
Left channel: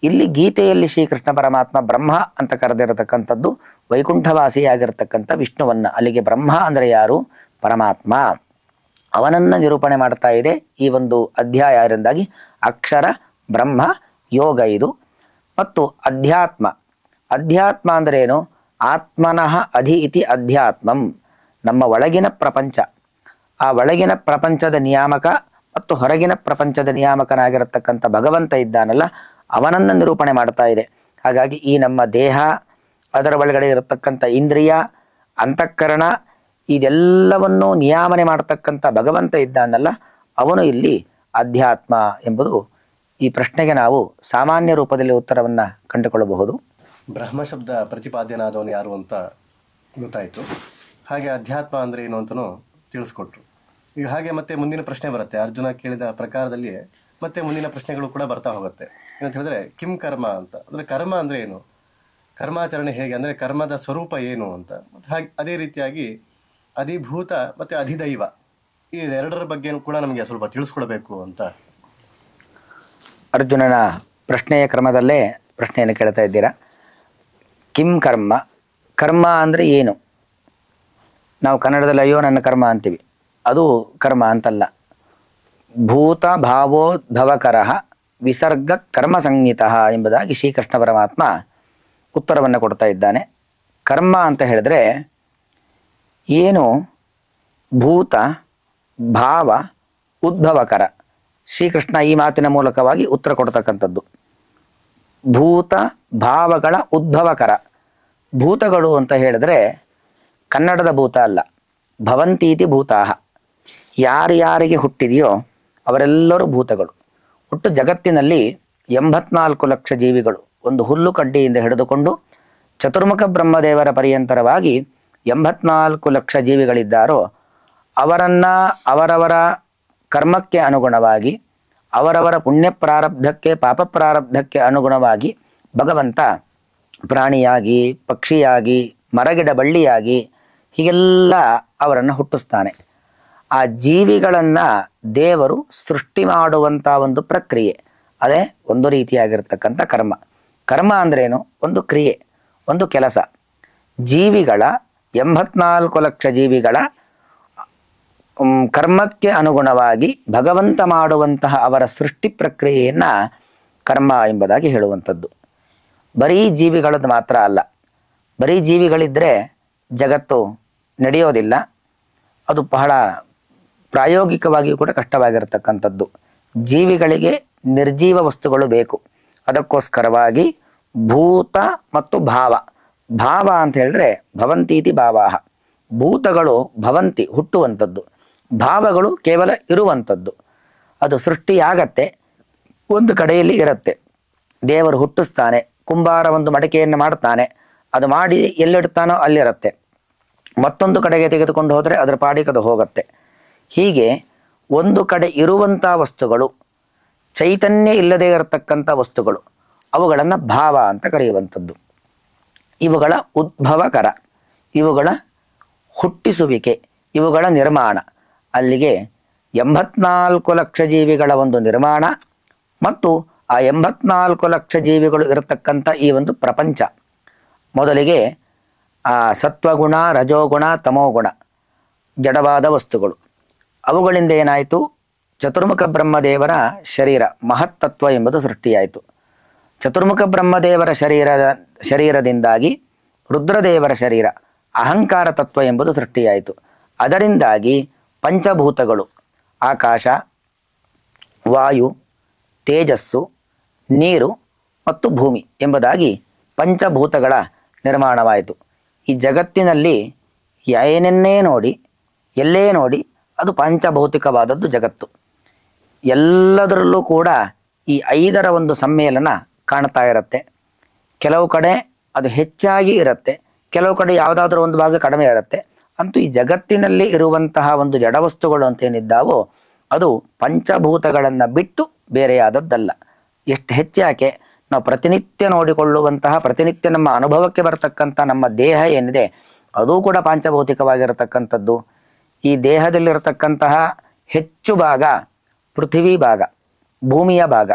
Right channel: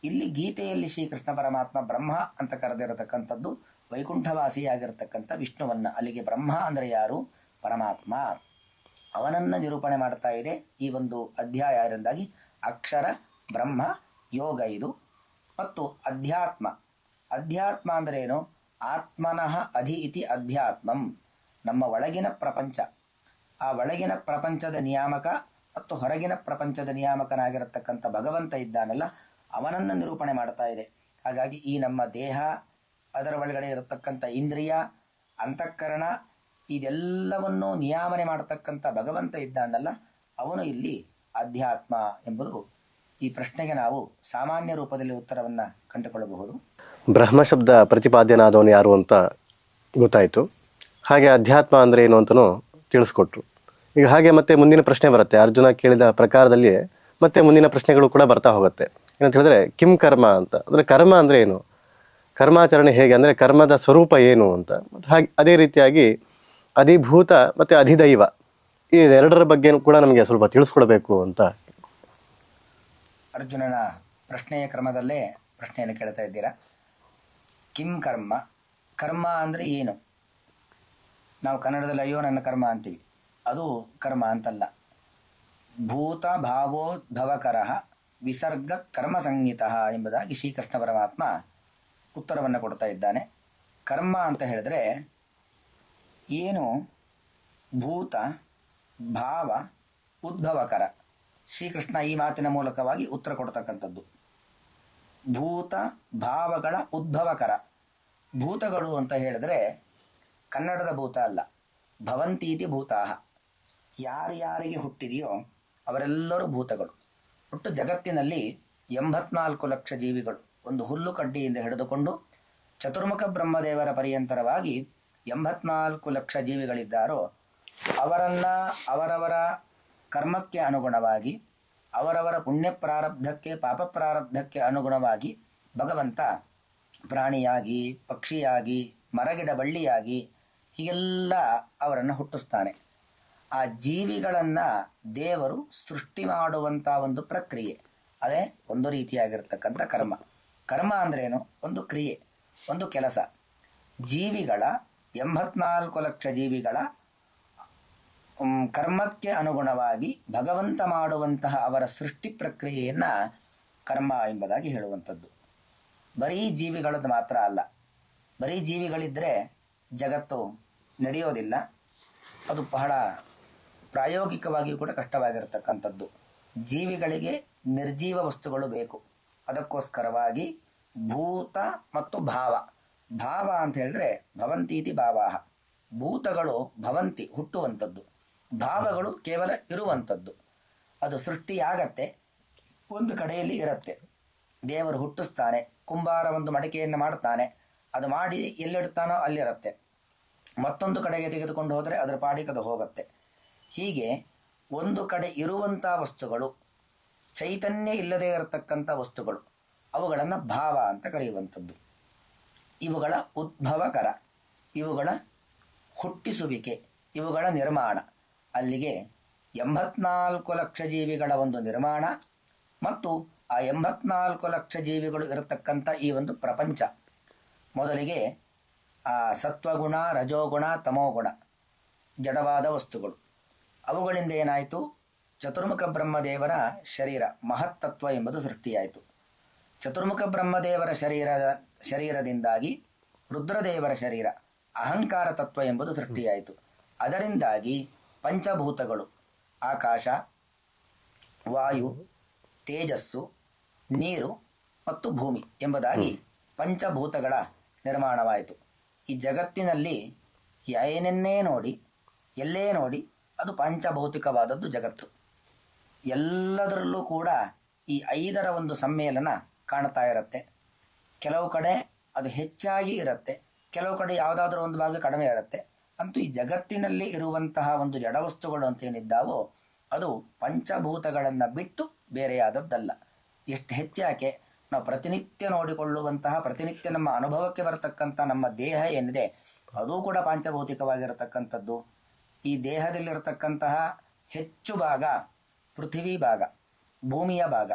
ಇಲ್ಲಿ ಗೀತೆಯಲ್ಲಿ ಶ್ರೀಕೃಷ್ಣ ಪರಮಾತ್ಮ ಬ್ರಹ್ಮ ಅಂತ ಕರೆದಿರತಕ್ಕಂಥದ್ದು ವೈಕುಂಠವಾಸಿಯಾಗಿರ್ತಕ್ಕಂಥ ವಿಷ್ಣುವನ್ನ. ಅಲ್ಲಿಗೆ ಬ್ರಹ್ಮ ಅಂದರೆ ಯಾರು? ಪರಮಾತ್ಮ. ಅವನನ್ನು ನಿರೂಪಣೆ ಮಾಡ್ತಾ ಇದೆ ಈ ಒಂದು ಅಧ್ಯಾಯ. ಅದರಿಂದಾಗಿ ಅಕ್ಷರ ಬ್ರಹ್ಮ ಯೋಗ ಇದು. ಮತ್ತು ಅಧ್ಯಾತ್ಮ. ಅಧ್ಯಾತ್ಮ ಅಂದರೆ ಏನು? ಆತ್ಮನಃ ಅಧಿ ಇತಿ ಅಧ್ಯಾತ್ಮಂ. ನಮ್ಮ ಒಳಗಿನ ಪ್ರಪಂಚ, ಆ ಒಳಗಿನ ಪ್ರಪಂಚದ ನಿಯಾಮಕ ಮತ್ತು ಹೊರಗಿನ ಪ್ರಪಂಚದ ನಿಯಾಮಕನಾಗಿರತಕ್ಕಂಥ ಭಗವಂತ ಇದ್ದಾನಲ್ಲ, ಅವನನ್ನು ನಿರೂಪಣೆ ಮಾಡ್ತಾ ಇದೆ. ಹಾಗಾಗಿ ಈ ನಮ್ಮ ದೇಹ, ಅದರ ಒಳಗಡೆ ಇರತಕ್ಕಂಥ ಇಂದ್ರಿಯ, ಅಂತಃಕರಣ, ಇದೆಲ್ಲವನ್ನೂ ನಿಯಾಮನೆ ಮಾಡತಕ್ಕಂಥ ಭಗವಂತ ಇದ್ದಾನಲ್ಲ, ಅವನು ಇಲ್ಲಿ ಅಧ್ಯಾತ್ಮ ಎಂಬುದು ಈ ಪ್ರಶ್ನೆಗೆ ನಾವು ಸಾಮಾನ್ಯ ರೂಪದಲ್ಲಿ ಉತ್ತರವನ್ನು ಕಂಡುಕೊಳ್ಳಬಹುದು. ಬ್ರಹ್ಮ ಶಬ್ದ ಪ್ರತಿಪಾದ್ಯನಾದವನು ಯಾರು ಅಂತ ಗೊತ್ತಾಯಿತು. ಹಾಗೆ ಅಧ್ಯಾತ್ಮ ಅಂದರೆ ಏನು ಅಂತಲೂ ತಿಳಿಸ್ಕೊಟ್ರು. ಈಗ ಹಾಗೆ ಮತ್ತೆ ಮುಂದಿನ ಪ್ರಶ್ನೆ ಬರುತ್ತೆ. ಅರ್ಜುನ ಕೇಳಿದ ಪ್ರಕಾರದಲ್ಲಿ ಮತ್ತೆ ಮುಂದಿನ ಪ್ರಶ್ನೆಗಳು ಕೂಡ ಬರ್ತಾ ಹೋಗುತ್ತೆ. ಏನಂತ ಹೇಳಿದ್ರೆ ಕಿಂ ಕರ್ಮ ಅಂತ. ಅಂದರೆ ಕರ್ಮ ಅಂದರೆ ಏನು, ಕರ್ಮಾಚರಣೆ ಹೇಗೆ, ಅಂದರೆ ಕರ್ಮದ ಸ್ವರೂಪ ಏನು ಅಂತ. ಮತ್ತು ಹಾಗೆ ಅದೇ ರೀತಿಯಾಗಿ ಅಧಿಭೂತ ಮತ್ತು ಅಧಿದೈವ, ಈ ಎರಡರ ಬಗ್ಗೆ ಕೂಡ ನಮಗೆ ಸ್ವಲ್ಪ ತಿಳಿಸ್ಕೊಡ್ಬೇಕು ಅಂತ. ಅರ್ಜುನನ ಪ್ರಶ್ನೆಯ ಕ್ರಮದಲ್ಲೇ ಪ್ರಶ್ನೆಯನ್ನು ಕೇಳ್ತಾ ಇದ್ದೀರಾ. ಕಿಂ ಕರ್ಮ, ಕರ್ಮ ಅಂದರೆ ಏನು? ನಾವು ಕನ್ನಡದಲ್ಲಿ ಅಯ್ಯೋ ನನ್ನ ಕರ್ಮ ಅಂತೀವಿ, ಅದು ಕರ್ಮ ಅಂತಲ್ಲ. ಭೂತ ಭಾವೋದ್ಭವಕರ ವಿಸರ್ಗ ಕರ್ಮ ಸಂಹಿತ ಎಂಬುದಾಗಿ ಶ್ರೀಕೃಷ್ಣ ಪರಮಾತ್ಮ ಉತ್ತರವನ್ನು ಕೊಡ್ತಾ ಇದ್ದಾನೆ. ಕರ್ಮ ಅಂತ ಹೇಳಿದ್ರೆ ಏನು? ಭೂತ ಭಾವ ಉದ್ಭವಕರ. ಶ್ರೀಕೃಷ್ಣ ಈ ಮಾತಿನ ಮೂಲಕವಾಗಿ ಉತ್ತರ ಕೊಡ್ತಕ್ಕಂಥದ್ದು. ಭೂತ ಭಾವಗಳ ಉದ್ಭವಕರ. ಭೂತಗಳು ಅಂತ ಹೇಳಿದ್ರೆ ಕನ್ನಡದ ಭೂತ ಅಲ್ಲ, ಭವಂತೀತಿ ಭೂತಾಹ. ಯಾರ್ಯಾರಿಗೆ ಹುಟ್ಟಿದೆಯೋ ಅವರೆಲ್ಲರೂ ಭೂತಗಳು. ಒಟ್ಟು ಜಗತ್ತಿನಲ್ಲಿ 84 ಲಕ್ಷ ಜೀವಿಗಳು, ಒಂದು ಹುಲ್ಲು ಕಡ್ಡಿಯಿಂದ ಹಿಡಿದುಕೊಂಡು ಚತುರ್ಮುಖ ಬ್ರಹ್ಮದೇವರ ಪರ್ಯಂತರವಾಗಿ 84 ಲಕ್ಷ ಜೀವಿಗಳಿದ್ದಾರೋ ಅವರನ್ನು ಅವರವರ ಕರ್ಮಕ್ಕೆ ಅನುಗುಣವಾಗಿ, ಅವರವರ ಪುಣ್ಯ ಪ್ರಾರಬ್ಧಕ್ಕೆ ಪಾಪ ಪ್ರಾರಬ್ಧಕ್ಕೆ ಅನುಗುಣವಾಗಿ ಭಗವಂತ ಪ್ರಾಣಿಯಾಗಿ, ಪಕ್ಷಿಯಾಗಿ, ಮರಗಿಡ ಬಳ್ಳಿಯಾಗಿ ಹೀಗೆಲ್ಲ ಅವರನ್ನು ಹುಟ್ಟಿಸ್ತಾನೆ. ಆ ಜೀವಿಗಳನ್ನು ದೇವರು ಸೃಷ್ಟಿ ಮಾಡುವಂಥ ಒಂದು ಪ್ರಕ್ರಿಯೆ, ಅದೇ ಒಂದು ರೀತಿಯಾಗಿರ್ತಕ್ಕಂಥ ಕರ್ಮ. ಕರ್ಮ ಅಂದ್ರೇನು? ಒಂದು ಕ್ರಿಯೆ, ಒಂದು ಕೆಲಸ. ಜೀವಿಗಳ 84 ಲಕ್ಷ ಜೀವಿಗಳ ಕರ್ಮಕ್ಕೆ ಅನುಗುಣವಾಗಿ ಭಗವಂತ ಮಾಡುವಂತಹ ಅವರ ಸೃಷ್ಟಿ ಪ್ರಕ್ರಿಯೆಯನ್ನು ಕರ್ಮ ಎಂಬುದಾಗಿ ಹೇಳುವಂಥದ್ದು. ಬರೀ ಜೀವಿಗಳದ್ದು ಮಾತ್ರ ಅಲ್ಲ. ಬರೀ ಜೀವಿಗಳಿದ್ದರೆ ಜಗತ್ತು ನಡೆಯೋದಿಲ್ಲ, ಅದು ಬಹಳ ಪ್ರಾಯೋಗಿಕವಾಗಿಯೂ ಕೂಡ ಕಷ್ಟವಾಗಿರತಕ್ಕಂಥದ್ದು. ಜೀವಿಗಳಿಗೆ ನಿರ್ಜೀವ ವಸ್ತುಗಳು ಬೇಕು. ಅದಕ್ಕೋಸ್ಕರವಾಗಿ ಭೂತ ಮತ್ತು ಭಾವ, ಭಾವ ಅಂತ ಹೇಳಿದ್ರೆ ಭವಂತೀತಿ ಭಾವಾಹ, ಭೂತಗಳು ಭವಂತಿ ಹುಟ್ಟುವಂಥದ್ದು, ಭಾವಗಳು ಕೇವಲ ಇರುವಂಥದ್ದು. ಅದು ಸೃಷ್ಟಿಯಾಗತ್ತೆ, ಒಂದು ಕಡೆಯಲ್ಲಿ ಇರುತ್ತೆ. ದೇವರು ಹುಟ್ಟಿಸ್ತಾನೆ, ಕುಂಬಾರ ಒಂದು ಮಡಿಕೆಯನ್ನು ಮಾಡ್ತಾನೆ, ಅದು ಮಾಡಿ ಎಲ್ಲಿಡ್ತಾನೋ ಅಲ್ಲಿರುತ್ತೆ. ಮತ್ತೊಂದು ಕಡೆಗೆ ತೆಗೆದುಕೊಂಡು ಹೋದರೆ ಅದರ ಪಾಡಿಗೆ ಅದು ಹೋಗುತ್ತೆ. ಹೀಗೆ ಒಂದು ಕಡೆ ಇರುವಂಥ ವಸ್ತುಗಳು, ಚೈತನ್ಯ ಇಲ್ಲದೆ ಇರತಕ್ಕಂಥ ವಸ್ತುಗಳು, ಅವುಗಳನ್ನು ಭಾವ ಅಂತ ಕರೆಯುವಂಥದ್ದು. ಇವುಗಳ ಉದ್ಭವಕರ, ಇವುಗಳ ಹುಟ್ಟಿಸುವಿಕೆ, ಇವುಗಳ ನಿರ್ಮಾಣ. ಅಲ್ಲಿಗೆ 84 ಲಕ್ಷ ಜೀವಿಗಳ ಒಂದು ನಿರ್ಮಾಣ ಮತ್ತು ಆ 84 ಲಕ್ಷ ಜೀವಿಗಳು ಇರತಕ್ಕಂಥ ಈ ಒಂದು ಪ್ರಪಂಚ. ಮೊದಲಿಗೆ ಆ ಸತ್ವಗುಣ, ರಜೋಗುಣ, ತಮೋಗುಣ ಜಡವಾದ ವಸ್ತುಗಳು. ಅವುಗಳಿಂದ ಏನಾಯಿತು? ಚತುರ್ಮುಖ ಬ್ರಹ್ಮದೇವರ ಶರೀರ ಮಹತ್ತತ್ವ ಎಂಬುದು ಸೃಷ್ಟಿಯಾಯಿತು. ಚತುರ್ಮುಖ ಬ್ರಹ್ಮದೇವರ ಶರೀರದಿಂದಾಗಿ ರುದ್ರದೇವರ ಶರೀರ ಅಹಂಕಾರ ತತ್ವ ಎಂಬುದು ಸೃಷ್ಟಿಯಾಯಿತು. ಅದರಿಂದಾಗಿ ಪಂಚಭೂತಗಳು ಆಕಾಶ, ವಾಯು, ತೇಜಸ್ಸು, ನೀರು ಮತ್ತು ಭೂಮಿ ಎಂಬುದಾಗಿ ಪಂಚಭೂತಗಳ ನಿರ್ಮಾಣವಾಯಿತು. ಈ ಜಗತ್ತಿನಲ್ಲಿ ಏನೆನ್ನೇ ನೋಡಿ, ಎಲ್ಲೇ ನೋಡಿ, ಅದು ಪಂಚಭೌತಿಕವಾದದ್ದು ಜಗತ್ತು. ಎಲ್ಲದರಲ್ಲೂ ಕೂಡ ಈ 5ರ ಒಂದು ಸಮ್ಮೇಳನ ಕಾಣ್ತಾ ಇರುತ್ತೆ. ಕೆಲವು ಕಡೆ ಅದು ಹೆಚ್ಚಾಗಿ ಇರುತ್ತೆ, ಕೆಲವು ಕಡೆ ಯಾವುದಾದ್ರೂ ಒಂದು ಭಾಗ ಕಡಿಮೆ ಇರುತ್ತೆ. ಅಂತೂ ಈ ಜಗತ್ತಿನಲ್ಲಿ ಇರುವಂತಹ ಒಂದು ಜಡವಸ್ತುಗಳು ಅಂತೇನಿದ್ದಾವೋ ಅದು ಪಂಚಭೂತಗಳನ್ನು ಬಿಟ್ಟು ಬೇರೆಯಾದದ್ದಲ್ಲ. ಎಷ್ಟು ಹೆಚ್ಚಾಕೆ ನಾವು ಪ್ರತಿನಿತ್ಯ ನೋಡಿಕೊಳ್ಳುವಂತಹ, ಪ್ರತಿನಿತ್ಯ ನಮ್ಮ ಅನುಭವಕ್ಕೆ ಬರತಕ್ಕಂಥ ನಮ್ಮ ದೇಹ ಏನಿದೆ ಅದೂ ಕೂಡ ಪಾಂಚಭೌತಿಕವಾಗಿರತಕ್ಕಂಥದ್ದು. ಈ ದೇಹದಲ್ಲಿರತಕ್ಕಂತಹ ಹೆಚ್ಚು ಭಾಗ ಪೃಥ್ವಿ ಭಾಗ, ಭೂಮಿಯ ಭಾಗ.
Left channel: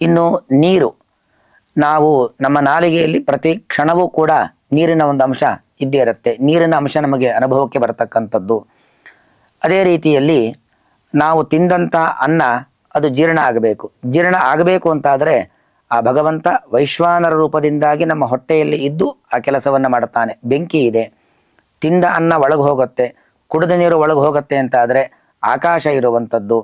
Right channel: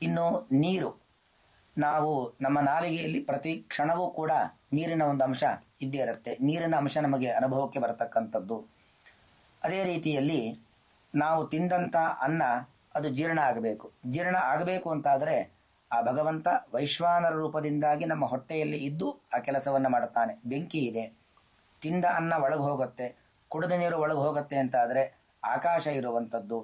ಇನ್ನು ನೀರು, ನಾವು ನಮ್ಮ ನಾಲಿಗೆಯಲ್ಲಿ ಪ್ರತಿ ಕ್ಷಣವೂ ಕೂಡ ನೀರಿನ ಒಂದು ಅಂಶ ಇದ್ದೇ ಇರುತ್ತೆ. ನೀರಿನ ಅಂಶ ನಮಗೆ ಅನುಭವಕ್ಕೆ ಬರತಕ್ಕಂಥದ್ದು. ಅದೇ ರೀತಿಯಲ್ಲಿ ನಾವು ತಿಂದಂಥ ಅನ್ನ ಅದು ಜೀರ್ಣ ಆಗಬೇಕು. ಜೀರ್ಣ ಆಗಬೇಕು ಅಂತಾದರೆ ಆ ಭಗವಂತ ವೈಶ್ವಾನರ ರೂಪದಿಂದಾಗಿ ನಮ್ಮ ಹೊಟ್ಟೆಯಲ್ಲಿ ಇದ್ದು ಆ ಕೆಲಸವನ್ನು ಮಾಡುತ್ತಾನೆ. ಬೆಂಕಿ ಇದೆ, ತಿಂದ ಅನ್ನ ಒಳಗೆ ಹೋಗುತ್ತೆ, ಕುಡಿದ ನೀರು ಒಳಗೆ ಹೋಗುತ್ತೆ ಅಂತಾದರೆ ಆಕಾಶ ಇರುವಂಥದ್ದು.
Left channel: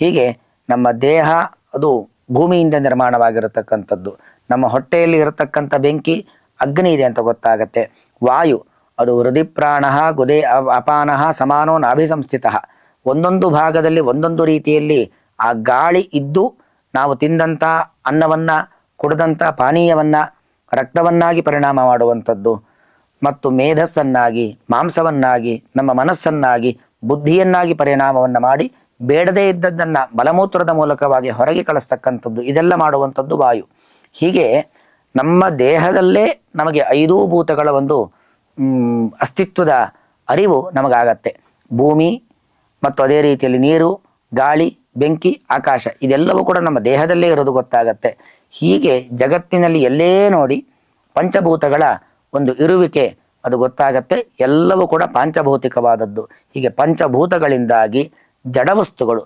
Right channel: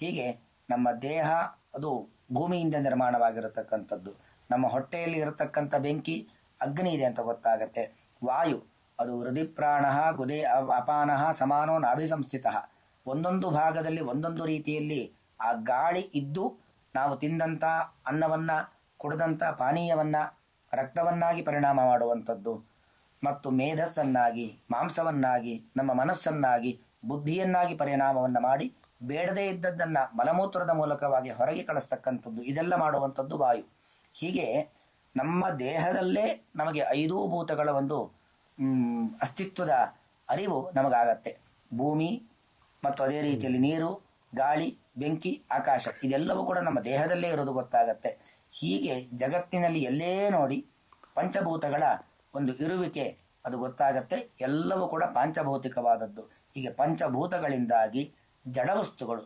ಹೀಗೆ ನಮ್ಮ ದೇಹ ಅದು ಭೂಮಿಯಿಂದ ನಿರ್ಮಾಣವಾಗಿರತಕ್ಕಂಥದ್ದು. ನಮ್ಮ ಹೊಟ್ಟೆಯಲ್ಲಿ ಇರತಕ್ಕಂಥ ಬೆಂಕಿ ಅಗ್ನಿ ಇದೆ ಅಂತ ಗೊತ್ತಾಗತ್ತೆ. ವಾಯು ಅದು ಹೃದಯ ಪ್ರಾಣ ಗುದೇ ಅಪಾನ ಸಮಾನೋ ನಾಭಿಸಂಸ್ಥಿತ. ಒಂದೊಂದು ಭಾಗದಲ್ಲಿ ಒಂದೊಂದು ರೀತಿಯಲ್ಲಿ ಆ ಗಾಳಿ ಇದ್ದು ನಾವು ತಿಂದಂಥ ಅನ್ನವನ್ನು, ಕುಡಿದಂಥ ಪಾನೀಯವನ್ನು ರಕ್ತವನ್ನಾಗಿ ಪರಿಣಾಮ ಮಾಡುವಂಥದ್ದು. ಮತ್ತು ಮೇಧಸ್ಸನ್ನಾಗಿ, ಮಾಂಸವನ್ನಾಗಿ, ನಮ್ಮ ಮನಸ್ಸನ್ನಾಗಿ, ಬುದ್ಧಿಯನ್ನಾಗಿ ಪರಿಣಾಮವನ್ನು ಮಾಡಿ ಬೇಡದೇ ಇದ್ದದ್ದನ್ನು ಮಲಮೂತ್ರದ ಮೂಲಕವಾಗಿ ಹೊರಗೆ ಕಳಿಸ್ತಕ್ಕಂಥದ್ದು. ಇದೆಲ್ಲ ಮಾಡುವಂಥದ್ದು ವಾಯು. ಹೀಗೆ ನಮ್ಮ ದೇಹದಲ್ಲೇ ನಮಗೆ 5 ಭೂತಗಳ ಒಂದು ಅಸ್ತಿತ್ವದ ಅರಿವು ನಮಗಾಗತ್ತೆ. ಭೂಮಿ ಮತ್ತು ಅದೇ ರೀತಿಯಲ್ಲಿ ನೀರು, ಗಾಳಿ, ಬೆಂಕಿ, ಆಕಾಶ ಇದೆಲ್ಲವೂ ಕೂಡ ನಮ್ಮ ದೇಹದಲ್ಲೇ ಇರೋದು ಗೊತ್ತಾಗತ್ತೆ. ಹೀಗೆ ಜಗತ್ತಿನಲ್ಲಿ ಎಲ್ಲೇ ನೋಡಿ ಪಂಚಭೂತಗಳ ಒಂದು ಇರುವಿಕೆ ಅದು ಗೊತ್ತಾಗತ್ತೆ. ಎಲ್ಲವೂ ಕೂಡ ಪಾಂಚಭೌತಿಕವಾದದ್ದು. ಹೀಗೆ ಪಂಚಭೂತಗಳಿಂದಾಗಿ ಜಡವಸ್ತುಗಳು,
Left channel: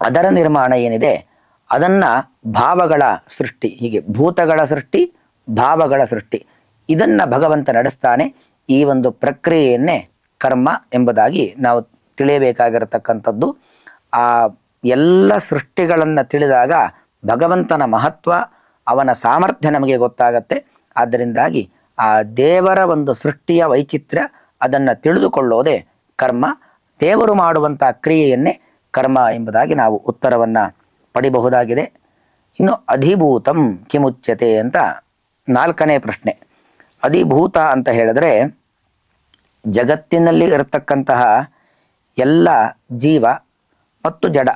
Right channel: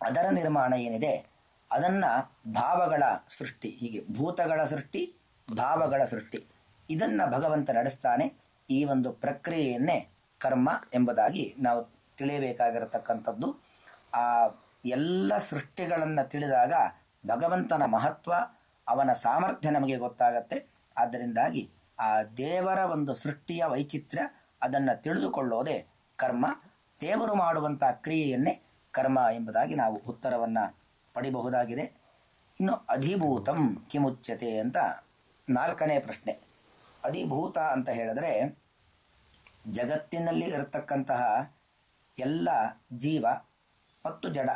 ಅದರ ನಿರ್ಮಾಣ ಏನಿದೆ ಅದನ್ನು ಭಾವಗಳ ಸೃಷ್ಟಿ, ಹೀಗೆ ಭೂತಗಳ ಸೃಷ್ಟಿ, ಭಾವಗಳ ಸೃಷ್ಟಿ, ಇದನ್ನು ಭಗವಂತ ನಡೆಸ್ತಾನೆ. ಈ ಒಂದು ಪ್ರಕ್ರಿಯೆಯನ್ನೇ ಕರ್ಮ ಎಂಬುದಾಗಿ ನಾವು ತಿಳಿಯಬೇಕಾಗಿರತಕ್ಕಂಥದ್ದು. ಆ ಎಲ್ಲ ಸೃಷ್ಟಿಗಳನ್ನು ತಿಳಿದಾಗ ಭಗವಂತನ ಮಹತ್ವ, ಅವನ ಸಾಮರ್ಥ್ಯ ನಮಗೆ ಗೊತ್ತಾಗತ್ತೆ. ಆದ್ದರಿಂದಾಗಿ ಆ ದೇವರ ಒಂದು ಸೃಷ್ಟಿಯ ವೈಚಿತ್ರ್ಯ ಅದನ್ನು ತಿಳಿದುಕೊಳ್ಳೋದೇ ಕರ್ಮ. ದೇವರು ಮಾಡುವಂಥ ಕ್ರಿಯೆಯನ್ನೇ ಕರ್ಮ ಎಂಬುದಾಗಿ ನಾವು ಉತ್ತರವನ್ನು ಪಡಿಬಹುದಾಗಿದೆ. ಇನ್ನು ಅಧಿಭೂತಂ ಕಿಮುಚ್ಯತೆ ಅಂತ 4ನೇ ಪ್ರಶ್ನೆ. ಅಧಿಭೂತ ಅಂತ ಹೇಳಿದ್ರೆ ಜಗತ್ತಿನಲ್ಲಿ ಇರತಕ್ಕಂತಹ ಎಲ್ಲ ಜೀವ ಮತ್ತು ಜಡ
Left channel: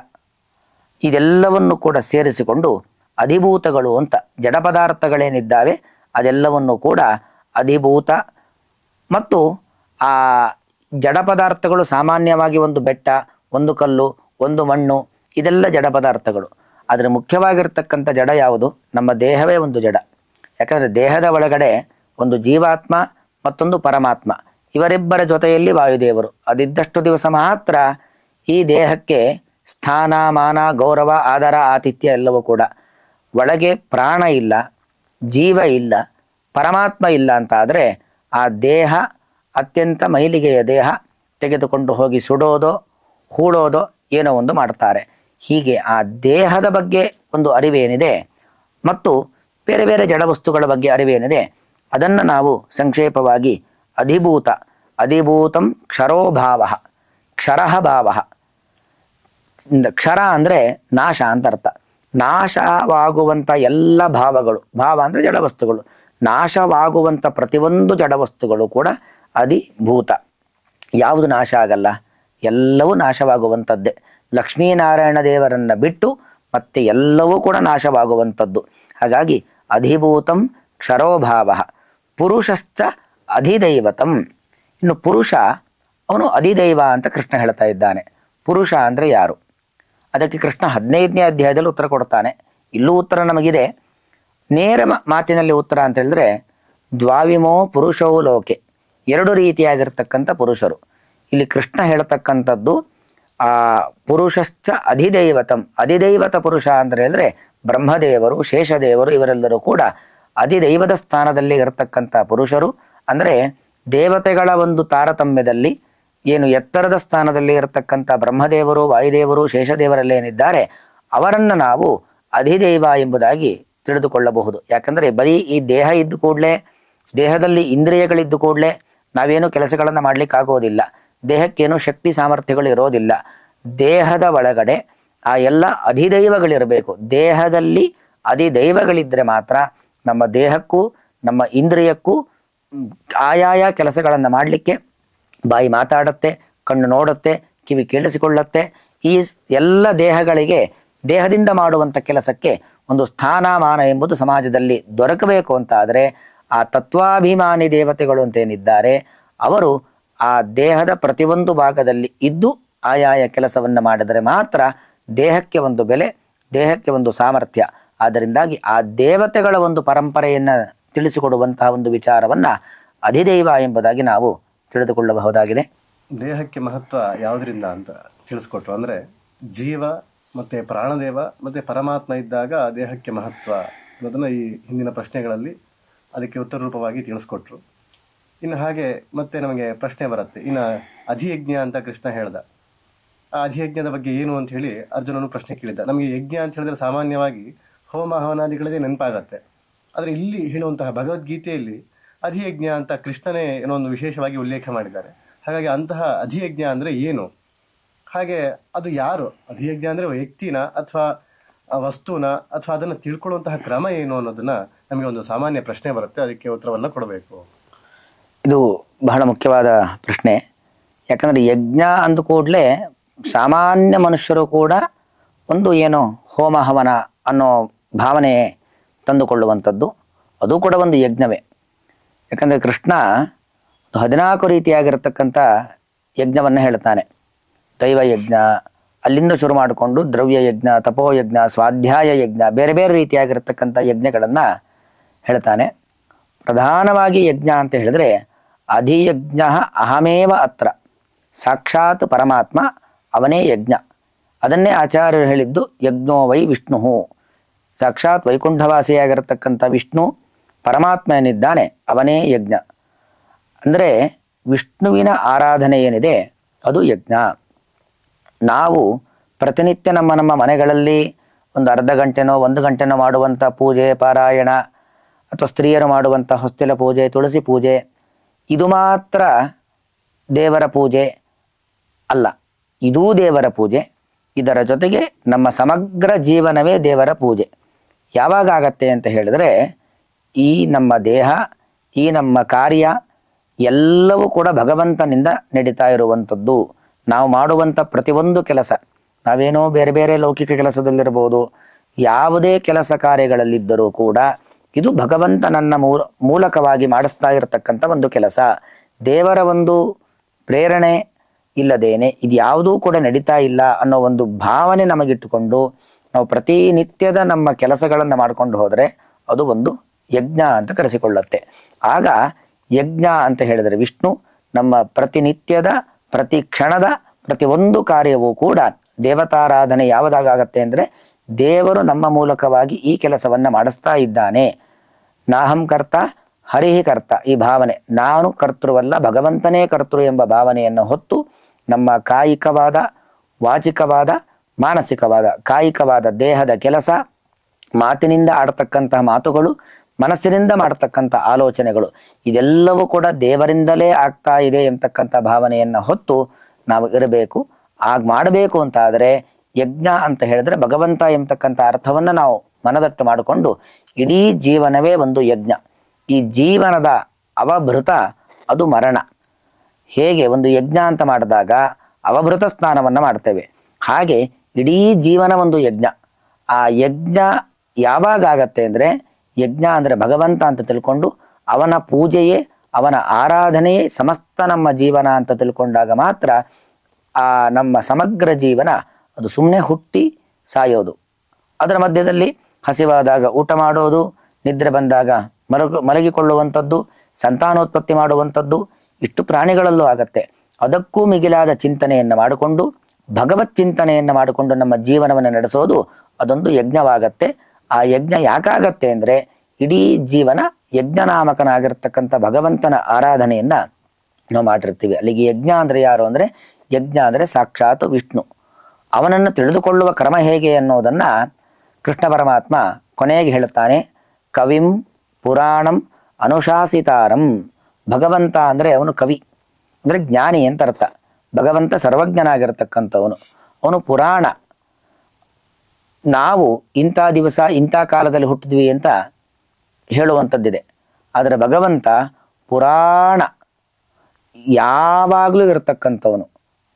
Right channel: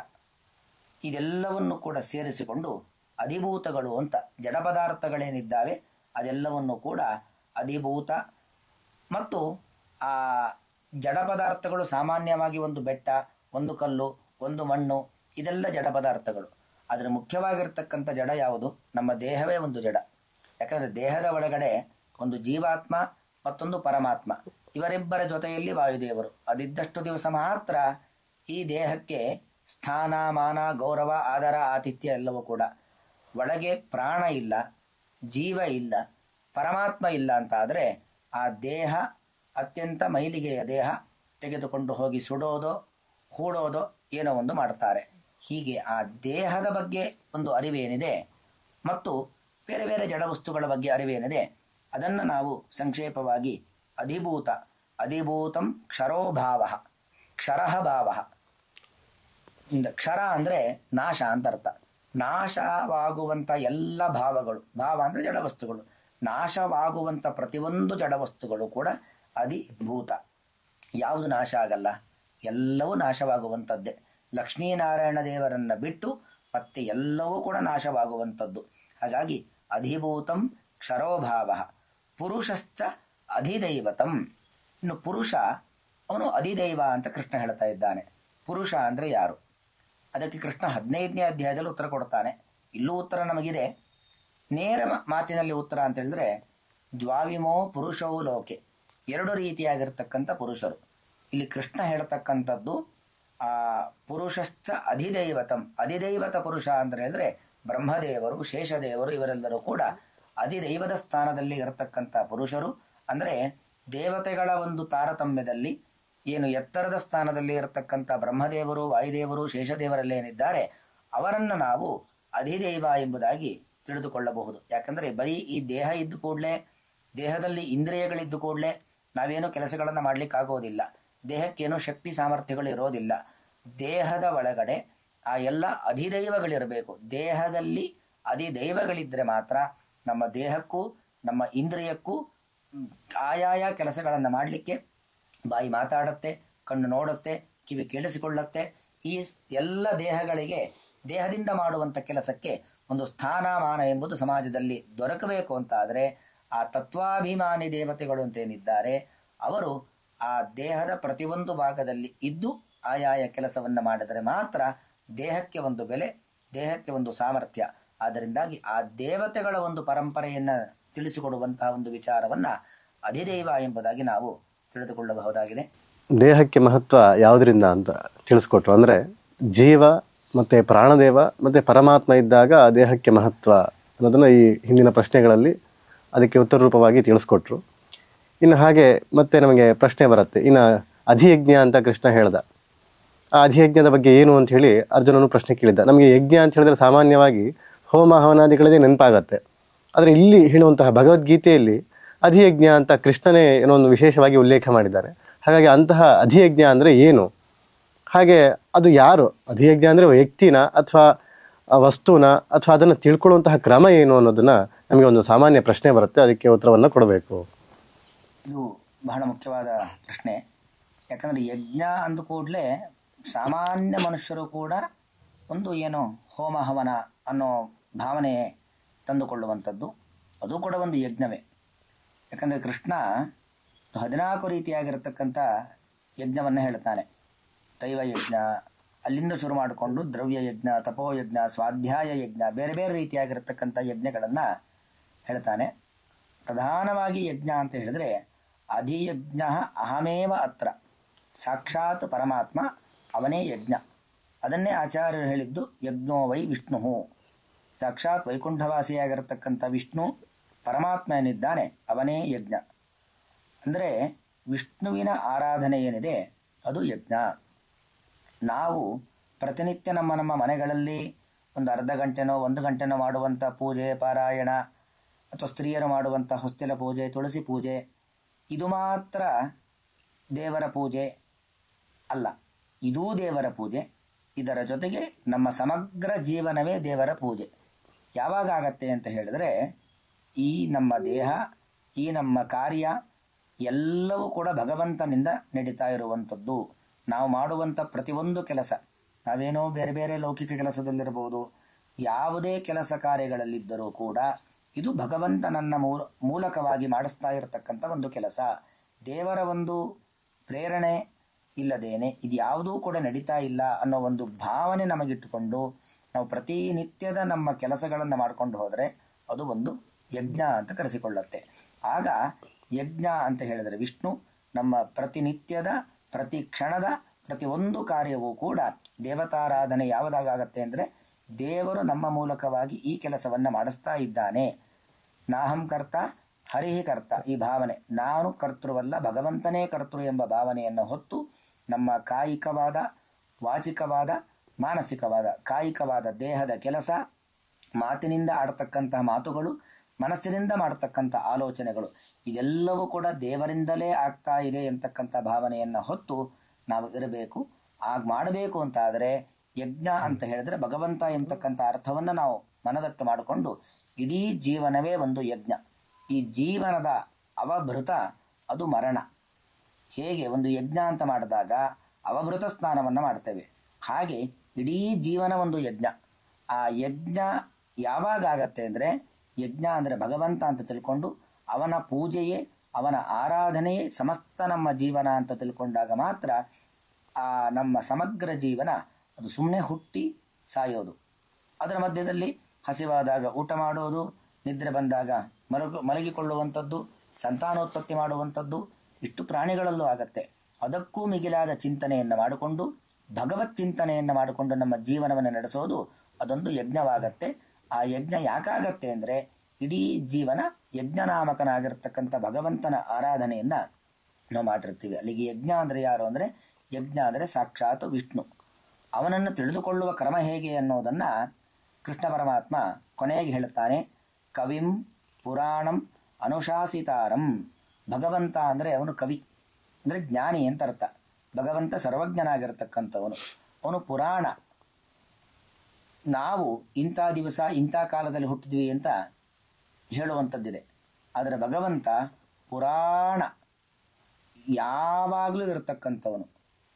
ಇದೆಲ್ಲವನ್ನು ಕೂಡ ಸೇರಿಸಿಕೊಂಡು ಅಧಿಭೂತಗಳು ಅಂತ, ಜಡ ಪದಾರ್ಥಗಳೇನಿದ್ದಾವೆ ಅದೆಲ್ಲವನ್ನು ಕೂಡ ಅಧಿಭೂತ. ಮತ್ತು ಆ ಜಡ ಪದಾರ್ಥಗಳು ಸಾಮಾನ್ಯವಾಗಿ ಒಂದು ಬೆಟ್ಟ, ಒಂದು ಕಲ್ಲು, ಒಂದು ಮಣ್ಣು, ಇದೆಲ್ಲ ಜಡ ಪದಾರ್ಥಗಳು. ಆದರೆ ಮುಖ್ಯವಾಗಿರ್ತಕ್ಕಂಥ ಜಡ ಯಾವುದು? ನಮ್ಮ ದೇಹವೇ ಒಂದು ಜಡ. ಯಾಕಂದರೆ ದೇಹದ ಒಳಗಡೆ ಒಂದು ಜೀವಾತ್ಮ ಮತ್ತೊಂದು ಪರಮಾತ್ಮ, ಇವರಿಬ್ಬರ ಜೊತೆಯಲ್ಲಿ ವಾಯುದೇವರು. ಅದಿದ್ದಷ್ಟು ದಿವಸ ಮಾತ್ರ ಈ ದೇಹಕ್ಕೆ ಸ್ಥಾನ, ಮಾನ, ಗೌರವ, ಆದರ, ಆತಿಥ್ಯ ಎಲ್ಲವೂ ಕೂಡ. ಒಳಗೆ ಪ್ರಾಣ ಇಲ್ಲ, ಜೀವ ಇಲ್ಲ, ಪರಮಾತ್ಮ ಇಲ್ಲ ಅಂತ ಆದರೆ ಆ ದೇಹ ಅತ್ಯಂತ ಮೈಲಿಗೆಯ ದೇಹ, ತೆಗೆದುಕೊಂಡು ಹೋಗಿ ಸುಡೋದೋ ಹೂಳೋದೋ ಏನೋ ಒಂದು ಮಾಡ್ತಾರೆ. ಹೀಗೆ ಆ ದೇಹದ ಬಗ್ಗೆ ಒಂದು ಅರಿವೇನಿದೆ ಮತ್ತು ಬೇರೆ ಬೇರೆ ಜಡವಸ್ತುಗಳ ಬಗ್ಗೆ ಅರಿವೇನಿದೆ ಅದನ್ನು ನಾವು ಸಂಕ್ಷೇಪವಾಗಿ ಅಧಿಭೂತ, ಅಧಿಭೂತಂ ಕ್ಷರೋಭಾವ, ಕ್ಷರಃ ಭಾವ. ಕ್ಷರ ಅಂದರೆ ನಾಶ ಅಂತ ಅರ್ಥ. ನಾಶವಾಗುವಂಥ ಎಲ್ಲ ಭಾವಗಳು, ಭಾವ ಅಂದರೆ ಜಡವಸ್ತುಗಳು, ನಾಶವಾಗುವಂಥ ಪ್ರತಿಯೊಂದು ಜಡವಸ್ತುಗಳು ಕೂಡ ಅಧಿಭೂತ. ಯಾವುದು ನಾಶ ಆಗಲ್ಲ? ಎಲ್ಲವೂ ನಾಶವಾಗುವಂಥದ್ದೇ. ಲಕ್ಷ್ಮೀನಾರಾಯಣ ದೇವರನ್ನ ಬಿಟ್ಟು ಮತ್ತೆ ಎಲ್ಲವೂ ಕೂಡ ನಾಶವಾಗುವಂಥದ್ದು. ಹಾಗಾಗಿ ಅಧಿಭೂತಂ ಕ್ಷರೋಭಾವ, ಪುರುಷಶ್ಚ ಅಧಿದೈವತಂ. ಇನ್ನು ಪುರುಷ ಅವನು ಅಧಿದೈವ ಅಂತ ಕೃಷ್ಣ ಹೇಳ್ತಾ ಇದ್ದಾನೆ. ಪುರುಷ ಅಂದರೆ ಯಾರು? ಅದಕ್ಕೆ ಕೃಷ್ಣ 15ನೇ ಅಧ್ಯಾಯದಲ್ಲಿ ಉತ್ತರ ಕೊಡ್ತಾನೆ. ಇಲ್ಲೂ ಉತ್ತರ ನಮಗಿದೆ. ನೇರ ಮಾತಿನಲ್ಲಿ ಉತ್ತರ ಅಂತ ಹೇಳಿದ್ರೆ, ದ್ವಾವಿಮೋ ಪುರುಷವು ಲೋಕೆ, ಎರಡು ರೀತಿಯಾಗಿರ್ತಕ್ಕಂಥ ಪುರುಷರು. ಇಲ್ಲಿ ಕೃಷ್ಣ ಹೇಳ್ತಕ್ಕಂಥದ್ದು ಆ ಪುರುಷಶ್ಚ ಅಧಿದೈವತಂ. ಅಧಿದೈವತ ಪುರುಷ ಅಂತ ಹೇಳಿದ್ರೆ ಬ್ರಹ್ಮದೇವರು, ಶೇಷದೇವರು ಇವರೆಲ್ಲರೂ ಕೂಡ ಅಧಿದೈವದ ಸ್ಥಾನದಲ್ಲಿ ಇರತಕ್ಕಂಥ ಪುರುಷರು. ಅಂದರೆ ದೇವತೆಗಳ ಒಂದು ತಾರತಮ್ಯದಲ್ಲಿ ಏನು ಎತ್ತರದ ಸ್ಥಾನದಲ್ಲಿ ಇರತಕ್ಕಂಥ ಬ್ರಹ್ಮದೇವರು, ವಾಯುದೇವರು, ಶೇಷದೇವರಲ್ಲೇನಿದ್ದಾರೆ ಅವರನ್ನು ನಾವು ಅಧಿದೈವ ಎಂಬುದಾಗಿ ತಿಳಿದುಕೊಳ್ಳಬಹುದು. ಯಾಕಂದರೆ ಬರೀ ಈ ದೇಹ ಇದ್ದು ಕೂಡಲೇ, ದೇಹದಲ್ಲಿ ಇಂದ್ರಿಯಗಳಿದ್ದು ಕೂಡಲೇ ನಾವೇನು ಕೆಲಸಗಳನ್ನು ಮಾಡಲಿಕ್ಕಾಗೋದಿಲ್ಲ. ದೇಹಕ್ಕೇನು ಶಕ್ತಿ ಸಾಮರ್ಥ್ಯಗಳು ಇರೋದಿಲ್ಲ. ದೇಹದ ಒಳಗಡೆ ಆ ಎಲ್ಲ ಅಧಿದೈವಗಳಿರಬೇಕು. ದೇಹದಲ್ಲಿ ಅಧಿದೈವಗಳಿದ್ದರೆ ಮಾತ್ರ ನಮ್ಮ ದೇಹಕ್ಕೂ ನಮ್ಮ ಇಂದ್ರಿಯಕ್ಕೂ ಆಯಾಯ ಕೆಲಸಗಳನ್ನು ಮಾಡಲಿಕ್ಕೆ ಬಾಯಿ ಮಾತಾಡುತ್ತೆ, ಕಣ್ಣು ನೋಡುತ್ತೆ, ಕಿವಿ ಕೇಳಿಸಿಕೊಳ್ಳುತ್ತೆ. ಈ ಎಲ್ಲ ದೇಹಗಳಿಗೆ, ದೇಹದಿಂದ ಮಾಡುವಂಥ ಕೆಲಸಕ್ಕೆ ಒಂದು ಸ್ಥಾನಮಾನ ಎಂಬುದು ಸಮಾಜದಲ್ಲಿ ದೊರಕಬೇಕು ಅಂತ ಆದರೆ ಆ ತತ್ವಾಭಿಮಾನಿ ದೇವತೆಗಳು ಅಂತೇನಿದ್ದಾರೆ ಅವರು ಆ ದೇಹದ ಪ್ರತಿಯೊಂದು ಭಾಗದಲ್ಲಿ ಇದ್ದು ಆಯಾಯ ಕೆಲಸವನ್ನು ಮಾಡಿದರೆ ಮಾತ್ರ ದೇಹಕ್ಕೆ ಒಂದು ಬೆಲೆ, ದೇಹಕ್ಕೆ ಒಂದು ಸಾಮರ್ಥ್ಯ. ಆದ್ದರಿಂದಾಗಿ ಆ ದೇವತೆಗಳ ಒಂದು ಪರಂಪರೆಯನ್ನು ತಿಳಿಸಿಕೊಡುವಂತಹ ಒಂದು ವಿಚಾರವನ್ನು ಅಧಿದೈವ ಎಂಬುದಾಗಿ ನಾವು ತಿಳಿದುಕೊಳ್ಳಬಹುದಾಗಿದೆ. ದೇಹಕ್ಕೆ ಮಹತ್ವ ಯಾವುದರಿಂದ ಅಂತ ತಿಳಿಸ್ಕೊಟ್ರು. ಅಂದರೆ ಜೀವ ಮತ್ತು ಪ್ರಾಣದೇವ ಮತ್ತು ಪರಮಾತ್ಮ ಇದ್ದಾಗ ದೇಹಕ್ಕೆ ಮಹತ್ವ ಅನ್ನೋದನ್ನು ಈ ಹಿಂದಿನ ಪ್ರಶ್ನೆಗಳಲ್ಲಿ ಅದಕ್ಕೆ ಉತ್ತರ ರೂಪವಾಗಿ ತಿಳಿಸ್ಕೊಟ್ರು. ಇನ್ನು ಹಾಗೆ ಮತ್ತೆ ನಮಗೆ ಪ್ರಶ್ನೆ ಬರುತ್ತೆ, ಇನ್ನು ಅಧಿಯಜ್ಞ ಅಂತ ಕೃಷ್ಣ ಹೇಳ್ದ. ಆ ಅಧಿಯಜ್ಞದ ಬಗ್ಗೆ ಏನು ಅಂತ ಹೇಳಿ ಅರ್ಜುನನು ಪ್ರಶ್ನೆ ಕೇಳಿದ್ದ. ನಮಗೆ ಯಜ್ಞ ಅಂತ ಹೇಳಿದ್ರೆ ಸಾಮಾನ್ಯವಾಗಿ ಹೋಮ ಹವನಾದಿಗಳದೇ ನೆನಪಾಗತ್ತೆ. ಆದರೆ ಇಲ್ಲಿ ಹೇಳುವಂತಹ ಭಗವದ್ಗೀತೆಯಲ್ಲಿ ಅಧಿಯಜ್ಞ ಅಂತ ಕೃಷ್ಣನೇ ಏನೋ ಒಂದು ವಿಶೇಷವಾಗಿ ಉಲ್ಲೇಖ ಮಾಡಿದ್ದಾರೆ. ಹಾಗಾಗಿ ಅಂತಹ ಅಧಿಯಜ್ಞ ಅಂದರೆ ಏನು? ಹಾಗೆ ಅದು ಯಾರು? ಅಧಿಯಜ್ಞ ಅಂದರೆ ವ್ಯಕ್ತಿನ ಅಥವಾ ವಸ್ತುನ ಅಥವಾ ಅದನ್ನು ತಿಳ್ಕೊಳ್ಳುವಂತಹ ಕ್ರಮ ಏನು ಅನ್ನೋದನ್ನು ನಮಗೆ ಒಂದು ಸಾಮಾನ್ಯ ಪ್ರಶ್ನೆ ಬರುತ್ತೆ. ಅದಕ್ಕೆ ಉತ್ತರವನ್ನು ಕೊಡಬೇಕು. ಇದು ಬಹಳ ಮುಖ್ಯವಾದ ಪ್ರಶ್ನೆ. ಯಾಕಂದರೆ ಯಜ್ಞ ಅಂದ ಕೂಡಲೇ ಸಾಮಾನ್ಯ ಮನುಷ್ಯರು ಕೂಡ ಒಂದು ಏನು ಹೋಮ ಹವನ ಅನ್ನೋ ಭಾವನೆ ತಂದುಕೊಳ್ಳುವಂಥದ್ದು, ಅದು ಕೂಡ ಒಂದು ಯಜ್ಞವೇ. ಯಾಕಂದರೆ ಕೃಷ್ಣ 14 ರೀತಿಯಾಗಿರತಕ್ಕಂಥ ಯಜ್ಞವನ್ನು ಹೇಳ್ತಾನೆ. ದೈವಯಜ್ಞ, ಅಲ್ಲಿಂದ ಶುರು ಮಾಡಿಕೊಂಡು ದ್ರವ್ಯಯಜ್ಞ, ತಪೋಯಜ್ಞ, ಸ್ವಾಧ್ಯಾಯ ಯಜ್ಞ, ಬೇರೆ ಬೇರೆ ರೀತಿಯಾಗಿರ್ತಕ್ಕಂಥ ಯಜ್ಞಗಳನ್ನು ಹೇಳ್ತಾನೆ. ಪ್ರಧಾನವಾಗಿ ಯಜ್ಞ ಅಂತ ಹೇಳಿದ್ರೆ ಅಧಿಯಜ್ಞ ಅಹಮೇವ ಅತ್ರ, ಸಾಕ್ಷಾತ್ ಪರಮಾತ್ಮ ಅವನೇ ಯಜ್ಞ. ಅದನ್ನೇ ಆಚಾರ್ಯರು ಹೇಳಿದ್ದು ಯಜ್ಞೋ ವೈ ವಿಷ್ಣು, ಸಾಕ್ಷಾತ್ ವೈಕುಂಠವಾಸಿಯಾಗಿರತಕ್ಕಂಥ ವಿಷ್ಣು ಪರಮಾತ್ಮ ಏನಿದ್ದಾನೆ ಅವನೇ ಯಜ್ಞ. ಅಂದರೆ ವಿಷ್ಣುವಿನ ಆರಾಧನೆ ಏನಿದೆ ಅದು ಯಜ್ಞ. ನಾವು ಪ್ರತಿನಿತ್ಯ ನಮ್ಮ ಮನೆಗಳಲ್ಲಿ ಒಂದು ಅರ್ಧ ಗಂಟೆನೋ 1 ಗಂಟೆನೋ ಮಾಡುವಂಥ ಪೂಜೆ, ಪಾರಾಯಣ ಅಥವಾ ಸ್ತ್ರೀಯರು ಮಾಡುವಂಥ ಹೊಸ್ತಿಲ ಪೂಜೆ, ತುಳಸಿ ಪೂಜೆ, ಇದು ಮಾತ್ರ ದೇವರ ಪೂಜೆ ಅಲ್ಲ. ಇದೂ ದೇವರ ಪೂಜೆ. ಇದರ ಜೊತೆಗೆ ನಮ್ಮ ಸಮಗ್ರ ಜೀವನವೇ ದೇವರ ಪೂಜೆ. ಯಾವಾಗ ಆಗತ್ತೆ ಅಂತ ಹೇಳಿದ್ರೆ ಈ ನಮ್ಮ ದೇಹ, ಈ ನಮ್ಮ ಕಾರ್ಯ ಎಲ್ಲವೂ ಕೂಡ ಭಗವಂತನಿಂದ ನಡೀತಾ ಇರುವಂಥದ್ದು. ನಾವು ಮಾಡುವಂಥ ಪ್ರತಿಯೊಂದು ಕೆಲಸ, ನಾವೇನೋ ಬೇರೆ ಬೇರೆ ಲೌಕಿಕ ಕೆಲಸದಲ್ಲಿರ್ಬೋದು, ಯಾವುದೇ ಕೆಲಸ ಕಾರ್ಯಗಳಲ್ಲಿದ್ದರೂ ಕೂಡ ಇದು ಭಗವಂತನನ್ನ ಮೂಲಕವಾಗಿ ಮಾಡಿಸ್ತಾ ಇರತಕ್ಕಂಥ ಒಂದು ಕೆಲಸ. ದೇವರ ಒಂದು ಪ್ರೇರಣೆ ಇಲ್ಲದೇನೆ ಇದು ಯಾವುದೂ ಕೂಡ ನಡೀತಾ ಇಲ್ಲ ಅನ್ನೋ ಒಂದು ಭಾವನೆ ನಮಗಿಟ್ಟುಕೊಂಡು ನಾವು ಪ್ರತಿನಿತ್ಯದ ನಮ್ಮ ಕೆಲಸಗಳನ್ನು ಮಾಡ್ಕೊಂಡು ಹೋದರೆ ಅದು ಒಂದು ಯಜ್ಞ ಅಂತ ಕರೆಸಿಕೊಳ್ಳುತ್ತೆ. ಆಗ ಯಜ್ಞ ಅಂತ ಹೇಳಿದರೆ ವಿಷ್ಣು ನಮ್ಮ ಪ್ರತಿನಿತ್ಯದ, ಪ್ರತಿ ಕ್ಷಣದ, ಪ್ರತಿಯೊಂದು ಕಾರ್ಯವೂ ಕೂಡ ದೇವತಾರಾಧನೆ ಯಾವುದಾಗತ್ತೆ ಅಂದರೆ ದೇವರು ನಮ್ಮ ಮೂಲಕವಾಗಿ ಈ ಕೆಲಸವನ್ನು ಮಾಡಿಸ್ತಾ ಇದ್ದಾನೆ. ನಾಹಂ ಕರ್ತ ಹರಿಹಿ ಕರ್ತ, ಈ ಭಾವನೆ, ನಾನು ಕರ್ತೃವಲ್ಲ ಭಗವಂತನೇ ಕರ್ತೃ ಎಂಬ ಭಾವನೆಯನ್ನು ಹೊತ್ತು ನಮ್ಮ ಕಾಯಿಕವಾದ, ವಾಚಿಕವಾದ, ಮಾನಸಿಕವಾದ, ಕಾಯಿಕವಾದ ದೇಹದ ಕೆಲಸ, ಮಾತಿನಿಂದ ಆಡ್ತಕ್ಕಂತಹ ಮಾತುಗಳು, ಮನಸ್ಸಿನಿಂದ ಮಾಡ್ತಕ್ಕಂಥ ಆಲೋಚನೆಗಳು ಇದೆಲ್ಲವೂ ಕೂಡ ದೇವರಿಂದಲೇ ಆಗ್ತಾ ಇದೆ ಎಂತಕ್ಕಂಥ ಭಾವನೆಯನ್ನು ಹೊತ್ತು ನಾವು ಇರಬೇಕು. ಆಗ ಮಾಡಬೇಕು ಅಂತ ಆದರೆ ಯಜ್ಞ ಅಂತ ಹೇಳಿದ್ರೆ ಭಗವಂತ ಎಂಬತಕ್ಕಂಥ ಅರ್ಥವನ್ನು ನಾವು ಮನದಟ್ಟು ಮಾಡಿಕೊಂಡು ಇಡೀ ಜೀವನವೇ ಒಂದು ಯಜ್ಞ. ಈ ಜೀವನದ ಅವಭೃತ ಅದು ಮರಣ. ಹೇಗೆ ಒಂದು ಯಜ್ಞ ಅಂತ ಮಾಡಿದಾಗ ಅವಭೃತ ಸ್ನಾನವನ್ನು ಮಾಡ್ತೇವೆ, ಹಾಗೆ ಇಡೀ ಜೀವನ ಒಂದು ಯಜ್ಞ. ಆ ಯಜ್ಞ ಯಾವಾಗ ಆಗತ್ತೆ ಅಂದರೆ ಯಜ್ಞ ಅಂದರೆ ಭಗವಂತ ಅಂತ ತಿಳ್ಕೊಂಡು ಅವನ ಪೂಜೆಯೇ ಅವನ ಆರಾಧನೆಯೇ ಸಮಸ್ತ ನಮ್ಮ ಜೀವನ ಅಂತ ತಿಳ್ಕೊಂಡಾಗ ಮಾತ್ರ ಆ ನಮ್ಮ ಸಮಗ್ರ ಜೀವನ ಅದು ಸುಮ್ಮನೆ ಹುಟ್ಟಿ ಸಾಯೋದು. ಅದರ ಮಧ್ಯದಲ್ಲಿ ಹಸಿವಾದಾಗ ಊಟ ಮಾಡೋದು, ನಿದ್ರೆ ಬಂದಾಗ ಮಲಗಿಕೊಳ್ಳುವಂಥದ್ದು, ಸಂತಾನೋತ್ಪತ್ತಿ ಮಾಡುವಂಥದ್ದು ಇಷ್ಟು ಪ್ರಾಣಿಗಳಲ್ಲೂ ಆಗತ್ತೆ. ಅದಕ್ಕೂ ಮಿಗಿಲಾದ ಚಿಂತನೆಯನ್ನು ಮಾಡಿಕೊಂಡು ಭಗವತ್ ಚಿಂತನೆಯನ್ನು ಮಾಡಿಕೊಂಡು ನಮ್ಮ ಜೀವನವನ್ನು ನಡೆಸೋದು ಅದೊಂದು ಯಜ್ಞವಾಗತ್ತೆ. ಆ ಯಜ್ಞ ಯಾಕಾಗತ್ತೆ ಅಂದರೆ ಇಡೀ ಜೀವನ ಯಜ್ಞನಾಮಕನಾಗಿರ್ತಕ್ಕಂಥ ಭಗವಂತನ ಆರಾಧನೆಯನ್ನು ನಾವು ಮಾಡಿರ್ತೀವಿ. ಅಲ್ಲಿಗೆ ಯಜ್ಞ ಅಂದರೆ ಯಾರು ಅಂದರೆ ಯಜ್ಞ ಅಂದರೆ ಸಾಕ್ಷಾತ್ ವಿಷ್ಣು. ಅವನನ್ನು ತಿಳಿದುಕೊಳ್ಳುವ ಕ್ರಮ ಹೇಗೆ ಅನ್ನೋದನ್ನು ಕೃಷ್ಣ ಪರಮಾತ್ಮ ಕೊನೆಗೆ ಹೇಳುತ್ತಾನೆ. ಕವಿಂ ಪುರಾಣಂ ಅನುಶಾಸಿತಾರಂ. ಭಗವಂತ ಅಂದರೆ ಅವನು ಕವಿ ಅಂದರೆ ಜ್ಞಾನಿ ಅಂತ ಅರ್ಥ. ಭಗವಂತ ಸರ್ವಜ್ಞನಾಗಿರ್ತಕ್ಕಂಥವನು, ಅವನು ಪುರಾಣ. ನಾವು ಇಂಥ ದಿವಸ ಇಂಥ ಕಾಲದಲ್ಲಿ ಹುಟ್ಟಿದ್ವಿ ಅಂತ ಹೇಳುವಂಥದ್ದಿದೆ, ಆದರೆ ಭಗವಂತ ಪುರಾಣ ಯಾವಾಗಲೂ ಇರತಕ್ಕಂಥವನು.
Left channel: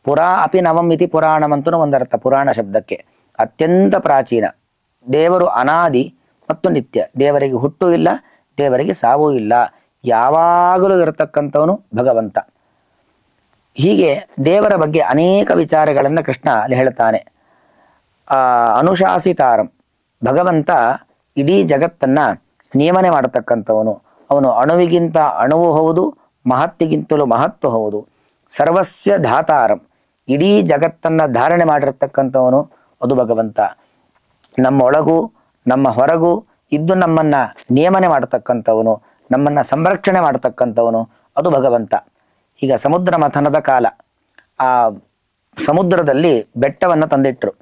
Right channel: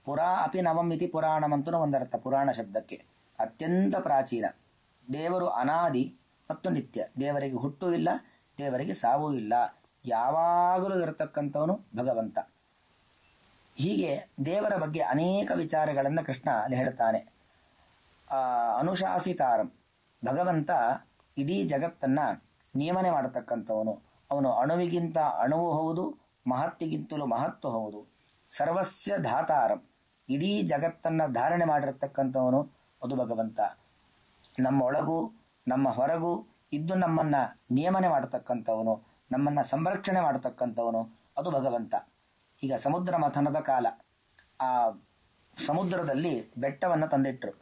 ಪುರಾ ಅಪಿ ನವಂ ಇತಿ ಪುರಾಣಂ ಅಂತೂ ಒಂದರ್ಥ ಪುರಾಣ ಶಬ್ದಕ್ಕೆ. ಅತ್ಯಂತ ಪ್ರಾಚೀನ, ದೇವರು ಅನಾದಿ ಮತ್ತು ನಿತ್ಯ, ದೇವರಿಗೆ ಹುಟ್ಟು ಇಲ್ಲ, ದೇವರಿಗೆ ಸಾವೂ ಇಲ್ಲ, ಯಾವಾಗಲೂ ಇರತಕ್ಕಂಥವನು ಭಗವಂತ. ಹೀಗೆ ದೇವರ ಬಗ್ಗೆ ಅನೇಕ ವಿಚಾರಗಳನ್ನು ಕೃಷ್ಣ ಅಲ್ಲಿ ಹೇಳ್ತಾನೆ. ಅನುಶಾಸಿತಾರಂ, ಭಗವಂತ ಇಡೀ ಜಗತ್ತನ್ನು ನಿಯಮನೆ ಮಾಡತಕ್ಕಂಥವನು. ಅವನು ಅಣುವಿಗಿಂತ ಅಣುವು ಹೌದು, ಮಹತ್ತಿಗಿಂತಲೂ ಮಹತ್ವ ಹೌದು. ಸರ್ವಸ್ಯ ಧಾತಾರಂ, ಇಡೀ ಜಗತ್ತನ್ನು ಧಾರಣೆ ಮಾಡಿರ್ತಕ್ಕಂಥವನು ಅದು ಭಗವಂತ. ನಮ್ಮೊಳಗೂ ನಮ್ಮ ಹೊರಗೂ ಇದ್ದು ನಮ್ಮನ್ನು ನಿಯಮನೆ ಮಾಡತಕ್ಕಂಥವನು, ನಮ್ಮನ್ನು ಸಂರಕ್ಷಣೆ ಮಾಡತಕ್ಕಂಥವನು ಅದು ಭಗವಂತ. ಈಗ ಸಮುದ್ರ ಮಥನದ ಕಾಲ, ಆ ಸಮುದ್ರದಲ್ಲಿ ಬೆಟ್ಟವನ್ನು ತಂದಿಟ್ಟರು.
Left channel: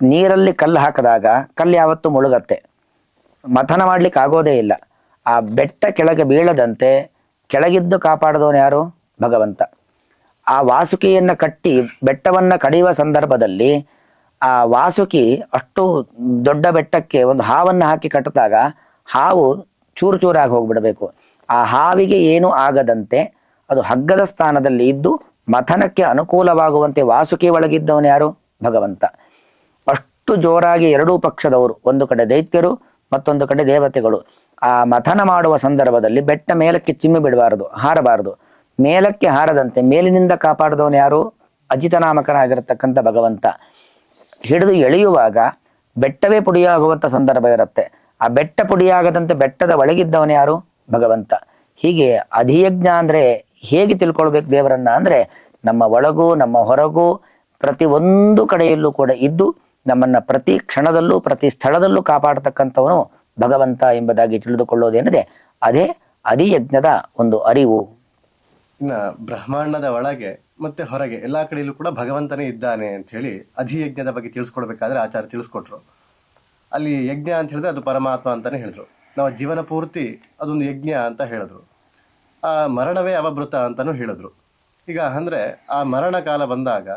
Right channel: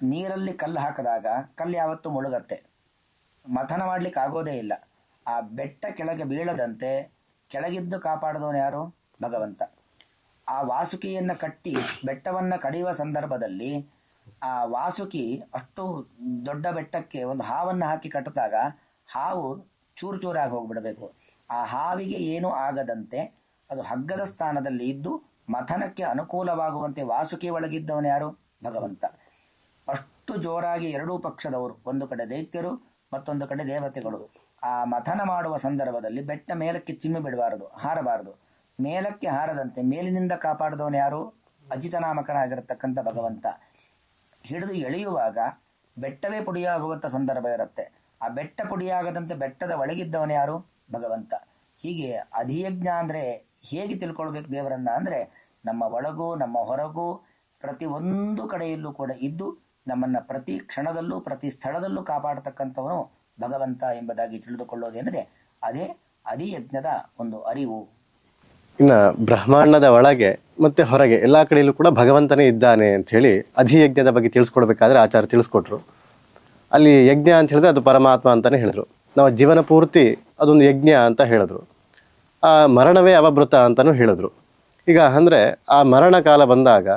ನೀರಲ್ಲಿ ಕಲ್ಲು ಹಾಕಿದಾಗ ಕಲ್ಲು ಯಾವತ್ತೂ ಮುಳುಗತ್ತೆ, ಮಥನ ಮಾಡ್ಲಿಕ್ಕೆ ಆಗೋದೇ ಇಲ್ಲ. ಆ ಬೆಟ್ಟ ಕೆಳಗೆ ಬೀಳದಂತೆ ಕೆಳಗಿದ್ದು ಕಾಪಾಡಿದವನು ಯಾರು? ಭಗವಂತ. ಆ ವಾಸುಕಿಯನ್ನು ಕಟ್ಟಿ ಬೆಟ್ಟವನ್ನು ಕಡಿಯುವ ಸಂದರ್ಭದಲ್ಲಿ ಆ ವಾಸುಕಿ ಅಷ್ಟು ದೊಡ್ಡ ಬೆಟ್ಟಕ್ಕೆ ಒಂದು ಹಾವನ್ನು ಹಾಕಿ ಕಟ್ಟಿದಾಗ ಹಾವು ಚೂರು ಚೂರಾಗಿ ಹೋಗ್ಬಿಡಬೇಕು. ಆ ಹಾವಿಗೆ ಏನೂ ಆಗದಂತೆ ಅದು ಹಗ್ಗದ ಸ್ಥಾನದಲ್ಲಿ ಇದ್ದು ಮಥನಕ್ಕೆ ಅನುಕೂಲವಾಗುವಂತೆ ವಾಸುಕಿ ಒಳಗಿದ್ದವನು ಯಾರು? ಭಗವಂತ. ಅಷ್ಟು ಜೋರಾಗಿ ಎರಡೂ ಪಕ್ಷದವರು, ಒಂದು ಕಡೆ ದೈತ್ಯರು ಮತ್ತೊಂದು ಕಡೆ ದೇವತೆಗಳು, ಆ ಮಥನ ಮಾಡುವ ಸಂದರ್ಭದಲ್ಲಿ ಬೆಟ್ಟ ಮೇಲಕ್ಕೆ ಚಿಮ್ಮಿ ಬಿಡಬಾರದು, ಹಾರಬಾರದು. ಮೇಲಕ್ಕೆ ಹಾರದಂತೆ ಮೇಲಿನಿಂದ ಕಾಪಾಡಿದವನು ಯಾರು? ಅಜಿತನಾಮಕನಾಗಿರತಕ್ಕಂಥ ಭಗವಂತ. ಹಿಡಿದು ಎಳೆಯುವಾಗ ಬೆಟ್ಟವೇ ಪುಡಿಯಾಗುವಂಥ ಸಂದರ್ಭ ಇರುತ್ತೆ. ಆ ಬೆಟ್ಟ ಪುಡಿಯಾಗದಂತೆ ಬೆಟ್ಟದ ಒಳಗಿದ್ದವನು ಯಾರು? ಭಗವಂತ. ಹೀಗೆ ಅಧಿಯಜ್ಞ ಅಂದರೆ ಹೇಗೆ ತಿಳ್ಕೊಳ್ಬೇಕು ದೇವರನ್ನ ಅಂದರೆ ನಮ್ಮ ಒಳಗೂ ನಮ್ಮ ಹೊರಗೂ ಪ್ರತಿ ಒಂದು ಕಡೆಯಲ್ಲೂ ಕೂಡ ಇದ್ದು ನಮ್ಮನ್ನು ಪ್ರತಿ ಕ್ಷಣದಲ್ಲೂ ಪ್ರತಿ ಸ್ಥಳದಲ್ಲೂ ಕಾಪಾಡತಕ್ಕಂಥವನು ಭಗವಂತ ಎಂಬುದಾಗಿ ತಿಳಿದುಕೊಳ್ಳೋದೇನಿದೆ ಅದೇ ಅಧಿಯಜ್ಞದ ಒಂದು ಅರಿವು. ಇನ್ನು ಬ್ರಹ್ಮಾಂಡದ ಒಳಗೆ ಮತ್ತೆ ಹೊರಗೆ ಎಲ್ಲ ಕಡೆಯಲ್ಲೂ ಕೂಡ ಭಗವಂತನೇ ಇದ್ದಾನೆ ಅಂತ ಹೇಳಿ ಅಧಿಯಜ್ಞದ ಬಗ್ಗೆ ತಿಳಿಸ್ಕೊಡ್ಬೇಕಾದ್ರೆ ಆಚಾರ್ಯ ತಿಳಿಸ್ಕೊಟ್ರು. ಅಲ್ಲಿ ಯಜ್ಞ ಅಂತ ಹೇಳಿದ್ರೆ ಅದು ಪರಮಾತ್ಮ ಅಂತಾನೆ ಹೇಳಿದ್ರು. ನಾವು ಜೀವನ ಪೂರ್ತಿ ಅದೊಂದು ಯಜ್ಞ ಅಂತ ಹೇಳಿದ್ರು. ಆ ಮರಣವೇ ಅವಭೃತ ಅಂತಲೂ ಹೇಳಿದ್ರು. ಈಗ ಅಂದರೆ ಆ ಮರಣ ಕಾಲ ಬಂದಾಗ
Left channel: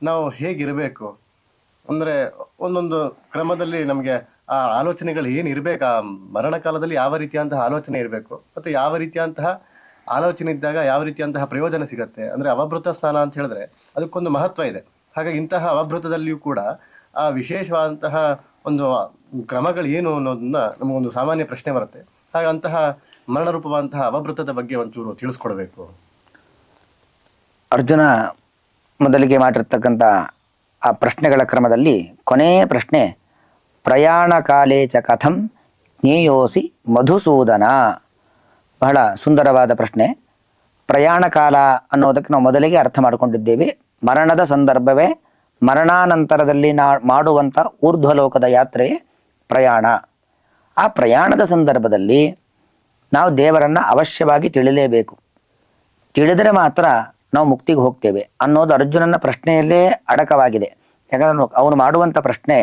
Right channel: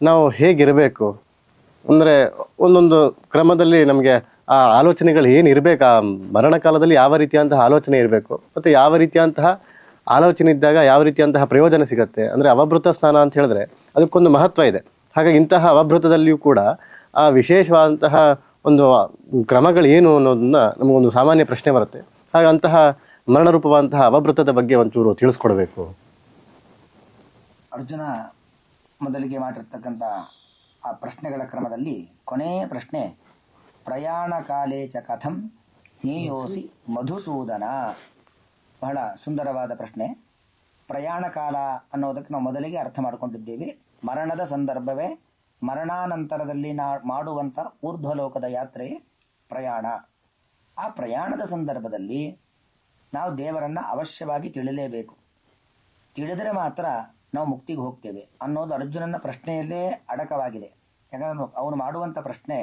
ನಾವು ಹೇಗಿರಬೇಕು ಅಂದರೆ ಒಂದೊಂದು ಕ್ರಮದಲ್ಲಿ ನಮಗೆ ಆ ಆಲೋಚನೆಗಳು ಏನಿರಬೇಕು, ಆ ಮರಣ ಕಾಲದಲ್ಲಿ ಯಾವ ರೀತಿಯಂತಹ ಆಲೋಚನೆ ಇರಬೇಕು ಮತ್ತು ಯಾವ ರೀತಿಯಂತಹ ಆಲೋಚನೆ ಇದ್ದಾಗ ಯಾವ ರೀತಿಯಂತಹ ಪ್ರಯೋಜನ ಸಿಗತ್ತೆ. ಅಂದರೆ ಅವಭೃತ ಸ್ನಾನ ಅಂತ ಹೇಳಿದ್ರೆ ಅದಕ್ಕೊಂದು ಮಹತ್ವ ಇದೆ. ಹಾಗಾಗಿ ಇಂತಹ ಅವಭೃತದಲ್ಲಿಯೂ ಕೂಡ ಆ ವಿಶೇಷವಾದಂತಹ ಒಂದು ಕ್ರಮಗಳು ಏನು ಅನ್ನೋದನ್ನ ನಮಗೊಂದು ಸಾಮಾನ್ಯ ಪ್ರಶ್ನೆ ಬರುತ್ತೆ. ಹಾಗಂತಹ ಮರಣರೂಪವಾದಂತಹ ಅವಭೃತದ ಬಗ್ಗೆ ಒಂಚೂರು ತಿಳಿಸ್ಕೊಡ್ಬೇಕು. ಅರ್ಜುನ ಮೊದಲಿಗೆ ಮಾಡಿರ್ತಕ್ಕಂಥ ಆ ಪ್ರಶ್ನೆಗಳ ಕ್ರಮದಲ್ಲಿ ಕೊನೆಯ ಪ್ರಶ್ನೆ ಪ್ರಯಾಣ ಕಾಲೇ ಚ ಕಥಂ ಜ್ಞೇಯೋಸಿ ಮಧುಸೂದನ. ಬಹಳ ಸುಂದರವಾದ ಪ್ರಶ್ನೆ. ಪ್ರಯಾಣ ಕಾಲ ಅನ್ನೋದಕ್ಕೆ ನಾವು ಮೊದಲಿಗೆ ಅರ್ಥ ಮಾಡಿಕೊಂಡಿದ್ದೇವೆ. ಮರಣದ ಸಂದರ್ಭವೇ ಮರಣಾನಂತರದಲ್ಲಿ ಮಾಡುವಂಥ ಊರ್ಧ್ವಲೋಕದ ಯಾತ್ರೆ ಪ್ರಯಾಣ. ಆ ಪ್ರಯಾಣದ ಸಂದರ್ಭದಲ್ಲಿ ನಾವು ದೇವರನ್ನು ಅವಶ್ಯವಾಗಿ ತಿಳಿಲೇಬೇಕು. ತಿಳಿದರೆ ಮಾತ್ರ ನಾವು ಮುಕ್ತಿಗೆ ಹೋಗ್ತೇವೆ ಅನ್ನೋದು ಅರ್ಜುನನ ಪ್ರಶ್ನೆಯಲ್ಲೇ ಅಡಕವಾಗಿದೆ. ಯಾಕಂದ್ರೆ ಅವನು ಮಾಡುವಂಥ ಪ್ರಶ್ನೆ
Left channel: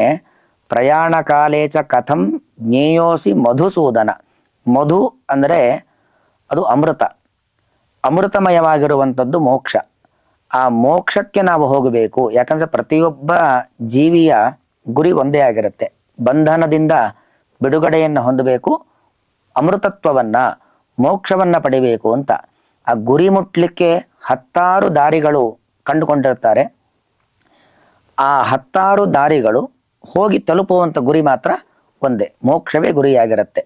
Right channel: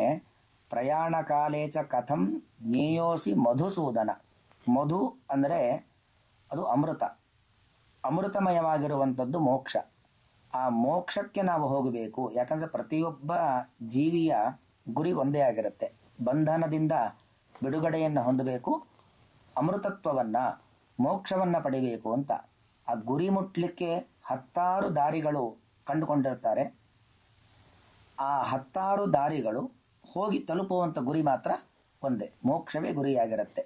ಪ್ರಯಾಣ ಕಾಲೇ ಚ ಕಥಂ ಜ್ಞೇಯೋಸಿ ಮಧುಸೂದನ. ಮಧು ಅಂದರೆ ಅದು ಅಮೃತ, ಅಮೃತಮಯವಾಗಿರುವಂಥದ್ದು ಮೋಕ್ಷ. ಆ ಮೋಕ್ಷಕ್ಕೆ ನಾವು ಹೋಗಬೇಕು. ಯಾಕಂದರೆ ಪ್ರತಿಯೊಬ್ಬ ಜೀವಿಯ ಗುರಿ ಒಂದೇ ಆಗಿರುತ್ತೆ, ಬಂಧನದಿಂದ ಬಿಡುಗಡೆಯನ್ನು ಹೊಂದಬೇಕು, ಅಮೃತತ್ವವನ್ನು ಮೋಕ್ಷವನ್ನು ಪಡಿಬೇಕು ಅಂತ. ಆ ಗುರಿ ಮುಟ್ಲಿಕ್ಕೆ 10 ದಾರಿಗಳು ಕಂಡುಕೊಂಡಿರ್ತಾರೆ. ಆ 10 ದಾರಿಗಳು ಹೋಗಿ ತಲುಪುವಂಥ ಗುರಿ ಮಾತ್ರ ಒಂದೇ, ಮೋಕ್ಷವೇ ಗುರಿಯಾಗಿರುತ್ತೆ.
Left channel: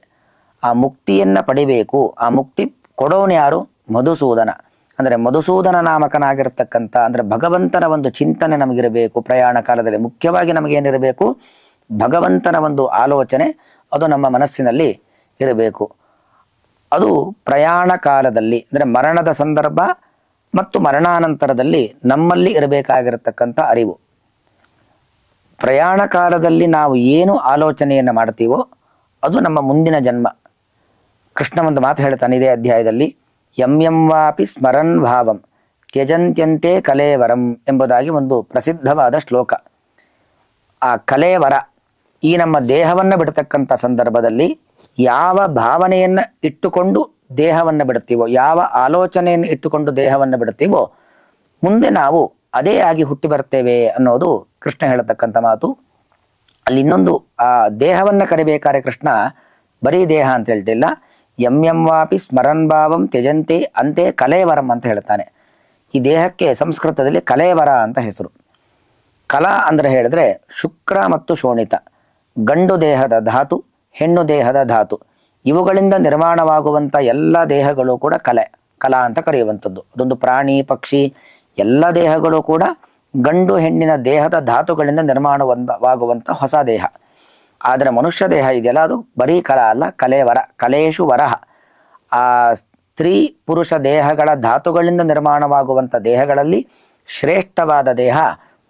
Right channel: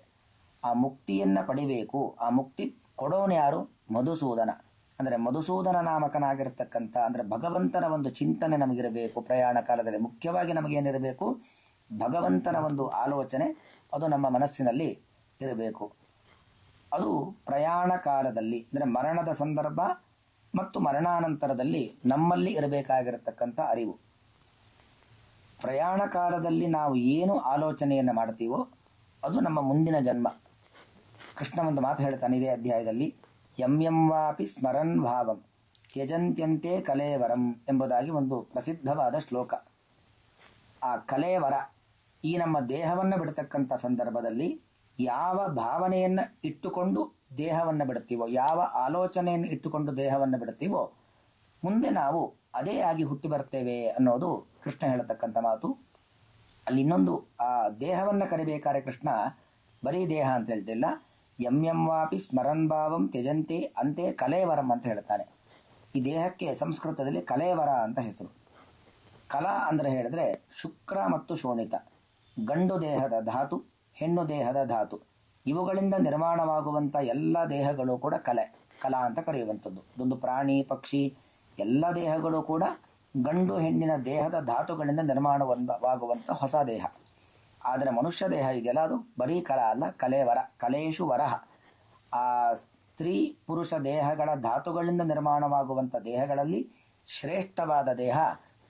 ಆ ಮುಕ್ತಿಯನ್ನು ಪಡಿಬೇಕು. ಆ ಮುಕ್ತಿ ಕೊಡೋನು ಯಾರು? ಮಧುಸೂದನ. ಅಂದರೆ ಮಧುಸೂದನ ನಾಮಕನಾಗಿರ್ತಕ್ಕಂಥ, ಅಂದರೆ ಭಗವಂತನ ಒಂದು ಚಿಂತನೆ ನಮಗಿರಬೇಕು. ಪ್ರಯಾಣ ಕಾಲದಲ್ಲಿ ಮುಖ್ಯವಾಗಿ ನಮಗೇನಿರಬೇಕು? ಭಗವಂತನ ಒಂದು ಆಲೋಚನೆ ಅದು ನಮ್ಮ ಮನಸ್ಸಿನಲ್ಲಿ ಇರಬೇಕು. ಅದು ಪ್ರಯಾಣ ಕಾಲದಲ್ಲಿ ಅಂದರೆ ಮರಣದ ಸಂದರ್ಭ ಮತ್ತು ಮರಣಾನಂತರದಲ್ಲಿ ನಮ್ಮಲ್ಲಿ ಇರಬೇಕಾಗಿರತಕ್ಕಂಥ ಅರಿವು. ಪ್ರಯಾಣ ಕಾಲದಲ್ಲಿ ನಾವು ಏನು ಆಲೋಚನೆಯನ್ನು ಮಾಡ್ತೀವೋ ಅದು ನಮ್ಮ ಮುಂದಿನ ಜನ್ಮ. ಕೃಷ್ಣ ಒಂದು ಮಾತು ಹೇಳ್ತಾನೆ ಇದೇ ಅಧ್ಯಾಯದಲ್ಲಿ, ಯಂ ವಾಪಿ ಸ್ಮರನ್ ಭಾವಂ ತ್ಯಜಂತ್ಯಂತೆ ಕಲೇವರಂ ಎಂಬುದಾಗಿ ಒಂದು ಪ್ರಸಿದ್ಧವಾದ ಶ್ಲೋಕ. ಆ ಕಲೇವರ, ಈ ನಮ್ಮ ದೇಹವನ್ನು ಬಿಡ್ತಕ್ಕಂಥ ಸಂದರ್ಭದಲ್ಲಿ ಯಾವ ಭಾವನೆಯನ್ನು ಇಟ್ಟುಕೊಂಡು ದೇಹವನ್ನು ಬಿಡ್ತೀವೋ, ಯಾವ ಆಲೋಚನೆಯನ್ನು ಇಟ್ಟುಕೊಂಡು ದೇಹವನ್ನು ಬಿಡ್ತೀವೋ, ಮುಂದೆ ನಾವು ಅದೇ ಆಗಿ ಹುಟ್ಟಿ ಬರ್ತೇವೆ ಅನ್ನೋದು ಕೃಷ್ಣ ಹೇಳತಕ್ಕಂಥ ಮಾತು. ಅಲ್ಲಿ ಇನ್ನೊಂದು, ಆ ದೇಹವನ್ನು ಕರಿಬೇಕಾದ್ರೆ ಕೃಷ್ಣ ಬರೀ ದೇಹ ಅಂತ ಹೇಳ್ತಿಲ್ಲ, ಯಂ ವಾಪಿ ಸ್ಮರನ್ ಭಾವಂ ತ್ಯಜಂತೆ ಅಂತೆ ಕಲೇವರಂ ಅಂತ ಹೇಳ್ತಾನೆ. ಈ ದೇಹಕ್ಕೆ ಸಂಸ್ಕೃತದಲ್ಲಿ ಕಲೇವರ ಅಂತ ಹೆಸರು. ಕಲಾ ಅಂದರೆ ಹೇಳಿದ್ರೆ ಶುಕ್ರ ಮತ್ತು ಶೋಣಿತ, ಗಂಡು ದೇಹದ ಧಾತು, ಹೆಣ್ಣು ದೇಹದ ಧಾತು, ಇವುಗಳಿಂದ ನಿರ್ಮಾಣವಾಗುವಂಥ ಎಲ್ಲ ದೇಹಗಳು ಕೂಡ ಕಲಾ ಅಂತ ಕರೆಯುವಂಥದ್ದು. ಅದೊಂದು ಪ್ರಾಣಿ ಪಕ್ಷಿ ಎಲ್ಲ ದೇಹಗಳು ಕೂಡ ಗಂಡು ಹೆಣ್ಣಿನ ದೇಹದ ಧಾತುಗಳಿಂದ ನಿರ್ಮಾಣವಾಗುವಂಥ ಹೊಸ ದೇಹ. ಆದರೆ ಮನುಷ್ಯ ದೇಹ ಇದೆಯಲ್ಲ, ಅದು ಬರೀ ಕಲಾ ಅಲ್ಲ, ಕಲೇವರ, ಕಲೇಶು ವರಹ. ಆ ಸ್ತ್ರೀ ಪುರುಷ ದೇಹಗಳ ಧಾತುಗಳಿಂದ ನಿರ್ಮಾಣವಾಗುವಂಥ ದೇಹಗಳಲ್ಲಿ ಶ್ರೇಷ್ಠವಾದ ದೇಹ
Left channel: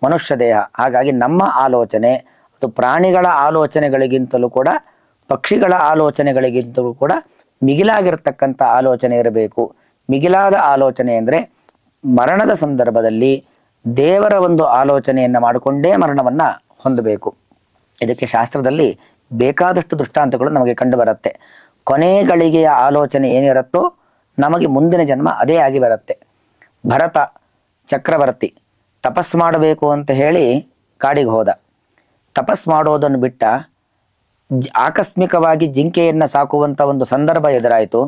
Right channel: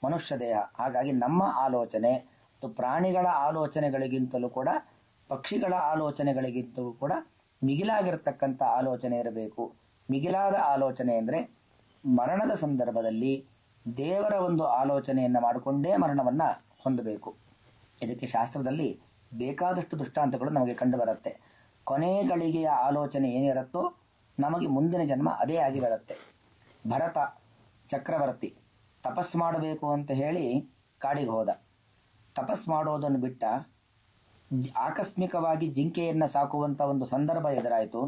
ಮನುಷ್ಯ ದೇಹ. ಹಾಗಾಗಿ ನಮ್ಮ ಆಲೋಚನೆ ಅದು ಪ್ರಾಣಿಗಳ ಆಲೋಚನೆಗಳಿಗಿಂತಲೂ ಕೂಡ, ಪಕ್ಷಿಗಳ ಆಲೋಚನೆಗಳಿಗಿಂತಲೂ ಕೂಡ ಮಿಗಿಲಾಗಿರ್ತಕ್ಕಂಥ ಆಲೋಚನೆ ಇರಬೇಕು. ಮಿಗಿಲಾದ ಆಲೋಚನೆ ಅಂದರೆ ಮರಣದ ಸಂದರ್ಭದಲ್ಲಿ ದೇವರ ಒಂದು ಆಲೋಚನೆಯನ್ನು ಮಾಡಿಕೊಂಡೇ ಮರಣವನ್ನು ಹೊಂದಬೇಕು. ಇದಕ್ಕೆ ಶಾಸ್ತ್ರದಲ್ಲಿ ಬೇಕಾದಷ್ಟು ದೃಷ್ಟಾಂತಗಳು ನಮಗೆ ಕಂಡು ಬರುತ್ತೆ. ಕೊನೆ ಗಳಿಗೆಯ ಆಲೋಚನೆ ಏನಿರುತ್ತೋ ನಮಗೆ ಮುಂದಿನ ಜನ್ಮ ಅದೇ ಆಗಿ ಬರುತ್ತೆ. ಭರತ ಚಕ್ರವರ್ತಿ ತಪಸ್ ಮಾಡಬೇಕು ಅಂತ ಹೇಳಿ ಕಾಡಿಗೆ ಹೋದ. ತಪಸ್ ಮಾಡೋದನ್ನು ಬಿಟ್ಟ, ಆಕಸ್ಮಿಕವಾಗಿ ಜಿಂಕೆಯನ್ನು ಸಾಕುವಂಥ ಒಂದು ಸಂದರ್ಭ ಎದುರಾಯಿತು.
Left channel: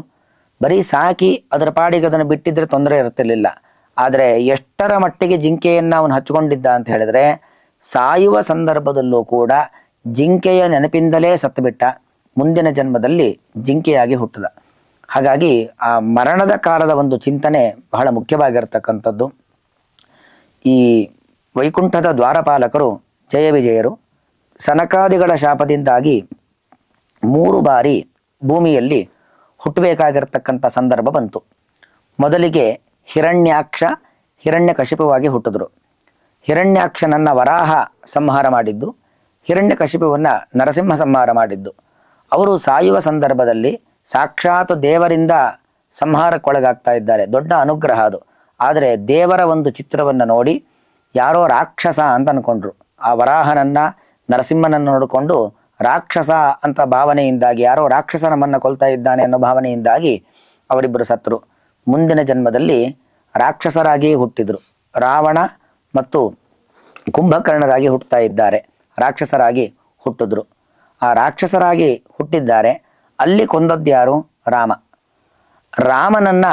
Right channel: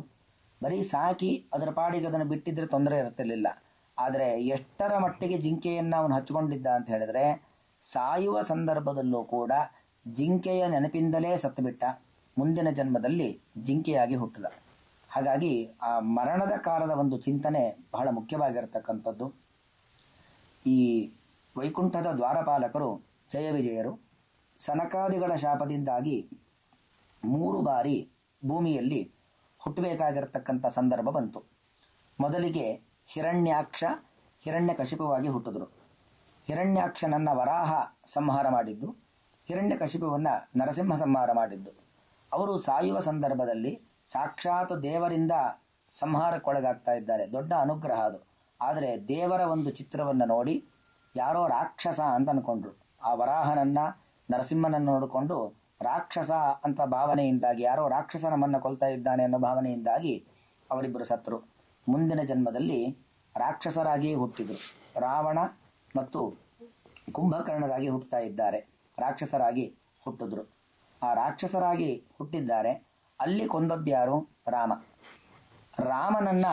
ಬರೀ ಸಾಕಿ ಅದರ ಪಾಡಿಗೆ ಅದನ್ನು ಬಿಟ್ಟಿದ್ರೆ ತೊಂದರೆ ಇರ್ತಿರ್ಲಿಲ್ಲ. ಆದರೆ ಎಷ್ಟರ ಮಟ್ಟಿಗೆ ಜಿಂಕೆಯನ್ನು ಅವನು ಹಚ್ಕೊಂಡಿದ್ದ ಅಂತ ಹೇಳಿದ್ರೆ, ಸಾಯುವ ಸಂದರ್ಭದಲ್ಲೂ ಕೂಡ ಜಿಂಕೆಯ ನೆನಪಿಂದಲೇ ಸತ್ತುಬಿಟ್ಟ. ಮುಂದಿನ ಜನ್ಮದಲ್ಲಿ ಜಿಂಕೆಯಾಗಿ ಹುಟ್ಟಿದ. ಹಾಗಾಗಿ ಆ ಮರಣದ ಕಾಲದ ಒಂದು ಚಿಂತನೆ ಬಹಳ ಮುಖ್ಯವಾಗಿರ್ತಕ್ಕಂಥದ್ದು. ಈ ವೈಕುಂಠದ ದ್ವಾರಪಾಲಕರು ಜಯ ವಿಜಯರು ಸನಕಾದಿಗಳ ಶಾಪದಿಂದಾಗಿ 3 ಬಾರಿ ಭೂಮಿಯಲ್ಲಿ ಹುಟ್ಟಬೇಕಾಗಿರ್ತಕ್ಕಂಥ ಸಂದರ್ಭ ಬಂತು. ಮೊದಲಿಗೆ ಹಿರಣ್ಯಾಕ್ಷ ಹಿರಣ್ಯಕಶಿಪುವಾಗಿ ಹುಟ್ಟಿದ್ರು. ಹಿರಣ್ಯಾಕ್ಷನನ್ನು ವರಾಹ ಸಂಹಾರ ಮಾಡಿದ್ದು, ಹಿರಣ್ಯಕಶಿಪುವನ್ನು ನರಸಿಂಹ ಸಂಹಾರ ಮಾಡಿದ್ದು. ಅವರು ಸಾಯುವ ಸಂದರ್ಭದಲ್ಲಿ ಸಾಕ್ಷಾತ್ ದೇವರಿಂದ ಸಂಹಾರಕ್ಕೊಳಗಾಗ್ತಾ ಇದ್ದಾರೆ. ದೊಡ್ಡ ಅನುಗ್ರಹ ಅದು. ಆದರೆ ದೇವರ ಒಂದು ಚಿತ್ರವನ್ನು ನೋಡಿ ಯಾರೋ ರಾಕ್ಷಸ ಅಂತ ಅಂದ್ಕೊಂಡ್ರು. ಆ ವರಾಹನನ್ನು ನರಸಿಂಹನನ್ನು ನೋಡಿಕೊಂಡು ರಾಕ್ಷಸ ಅಂತ ಭಾವನೆಯಿಂದಾಗಿ, ಯಾರೋ ರಾಕ್ಷಸ ನಮ್ಮನ್ನು ಕೊಲ್ತಾ ಇದ್ದಾನೆ ಅನ್ನೋ ಭಾವನೆಯಿಂದಾಗಿ ಅವರಿಬ್ಬರು ಸತ್ತರು. ಮುಂದಿನ ಜನ್ಮದಲ್ಲಿ ರಾಕ್ಷಸರಾಗಿ ಹುಟ್ಟಿದ್ರು. ರಾವಣ ಮತ್ತು ಕುಂಭಕರ್ಣರಾಗಿ ಹುಟ್ಟುತ್ತಾ ಇದ್ದಾರೆ. ರಾಕ್ಷಸರಾಗಿ ಹುಟ್ಟಿದ್ರು. ಆ ರಾಕ್ಷಸರಾಗಿ ಹುಟ್ಟಿದ್ದಾರೆ. ಅಲ್ಲಿ ಕೊಂದದ್ದು ಯಾರು? ರಾಮ. ರಾಮನನ್ನ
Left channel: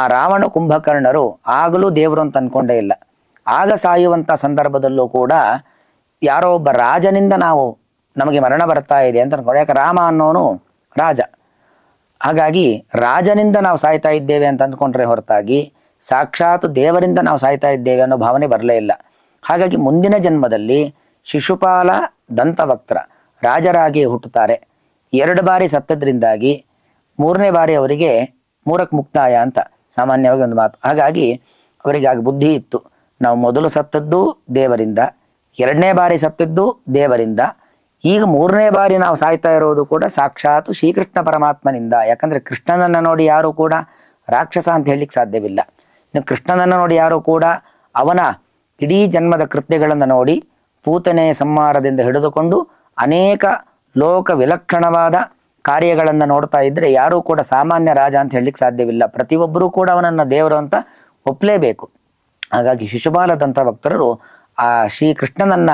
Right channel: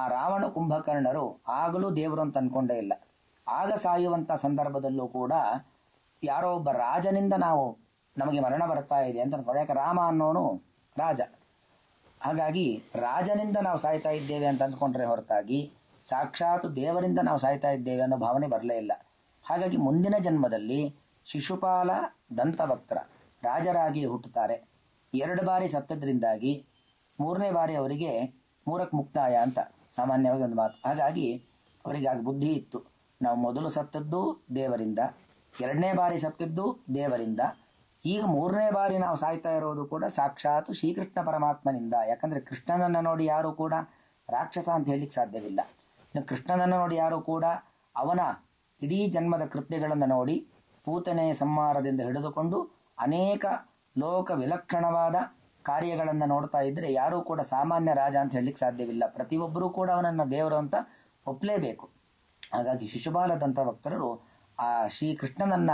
ಆ ರಾವಣ ಕುಂಭಕರ್ಣರು ಆಗಲೂ ದೇವರು ಅಂತ ಅನ್ಕೊಂಡೇ ಇಲ್ಲ. ಆಗ ಸಾಯುವಂಥ ಸಂದರ್ಭದಲ್ಲೂ ಕೂಡ ಯಾರೋ ಒಬ್ಬ ರಾಜನಿಂದ ನಮಗೆ ಮರಣ ಬರ್ತಾ ಇದೆ ಅಂತ ಅನ್ಕೊಂಡು, ಯಾಕೆ ರಾಮ ಅನ್ನೋನು ರಾಜ. ಹಾಗಾಗಿ ರಾಜನಿಂದ ನಾವು ಸಾಯ್ತಾ ಇದ್ದೇವೆ ಅಂತ ಅಂದ್ಕೊಂಡ್ರೆ ಹೊರತಾಗಿ ಸಾಕ್ಷಾತ್ ದೇವರಿಂದ ನಾವು ಸಾಯ್ತಾ ಇದ್ದೇವೆ ಅನ್ನೋ ಭಾವನೆ ಬರಲೇ ಇಲ್ಲ. ಹಾಗಾಗಿ ಮುಂದಿನ ಜನ್ಮದಲ್ಲಿ ಶಿಶುಪಾಲ ದಂತವಕ್ತ್ರ ರಾಜರಾಗಿ ಹುಟ್ಟುತ್ತಾರೆ. 2 ಬಾರಿ ಸತ್ತದ್ರಿಂದಾಗಿ 3ನೇ ಬಾರಿ ಅವರಿಗೆ 3ಕ್ಕೆ ಮುಕ್ತಾಯ ಅಂತ ಸಾಮಾನ್ಯವಾಗಿ ಒಂದು ಮಾತು. ಹಾಗಾಗಿ ಅವರಿಗೆ ಆಗ ಬುದ್ಧಿ ಇತ್ತು, ನಾವು ಮೊದಲು ಸತ್ತದ್ದು ದೇವರಿಂದ, 2ನೇ ಬಾರಿ ಸತ್ತದ್ದು ದೇವರಿಂದ, ಈಗ 3ನೇ ಬಾರಿ ನಾವು ಸಾಯ್ತಾ ಇರೋದು ಕೂಡ ಸಾಕ್ಷಾತ್ ಶ್ರೀಕೃಷ್ಣ ಪರಮಾತ್ಮನಿಂದ. ಯಾಕಂದರೆ ಕೃಷ್ಣನನ್ನು ನೋಡಿ ಯಾರೂ ಕೂಡ ರಾಕ್ಷಸ ಅಂತ ಹೇಳಲಿಕ್ಕೆ ಸಾಧ್ಯವಿಲ್ಲ. ಇನ್ನು ಕೃಷ್ಣನನ್ನು ನೋಡಿ ಯಾರೂ ಕೂಡ ಅವನ ಇಡೀ ಜನ್ಮದ ಕೃತ್ಯಗಳನ್ನು ನೋಡಿ ಪೂತನೆಯ ಸಂಹಾರದಿಂದ ಹಿಡಿದುಕೊಂಡು ಅನೇಕ ಲೋಕ ವಿಲಕ್ಷಣವಾದ ಕಾರ್ಯಗಳನ್ನು ನೋಡ್ತಾ ಇದ್ರೆ ಯಾರೂ ಕೂಡ ಸಾಮಾನ್ಯ ರಾಜ ಅಂತ ಹೇಳಲಿಕ್ಕೆ ಸಾಧ್ಯವಿಲ್ಲ. ಪ್ರತಿಯೊಬ್ಬರೂ ಕೂಡ ಅವನನ್ನು ದೇವರು ಅಂತ ಒಪ್ಪಲೇಬೇಕು. ಹಾಗಾಗಿ ಶಿಶುಪಾಲದಂಥ ಭಕ್ತರು ಆ ಶ್ರೀಕೃಷ್ಣನನ್ನ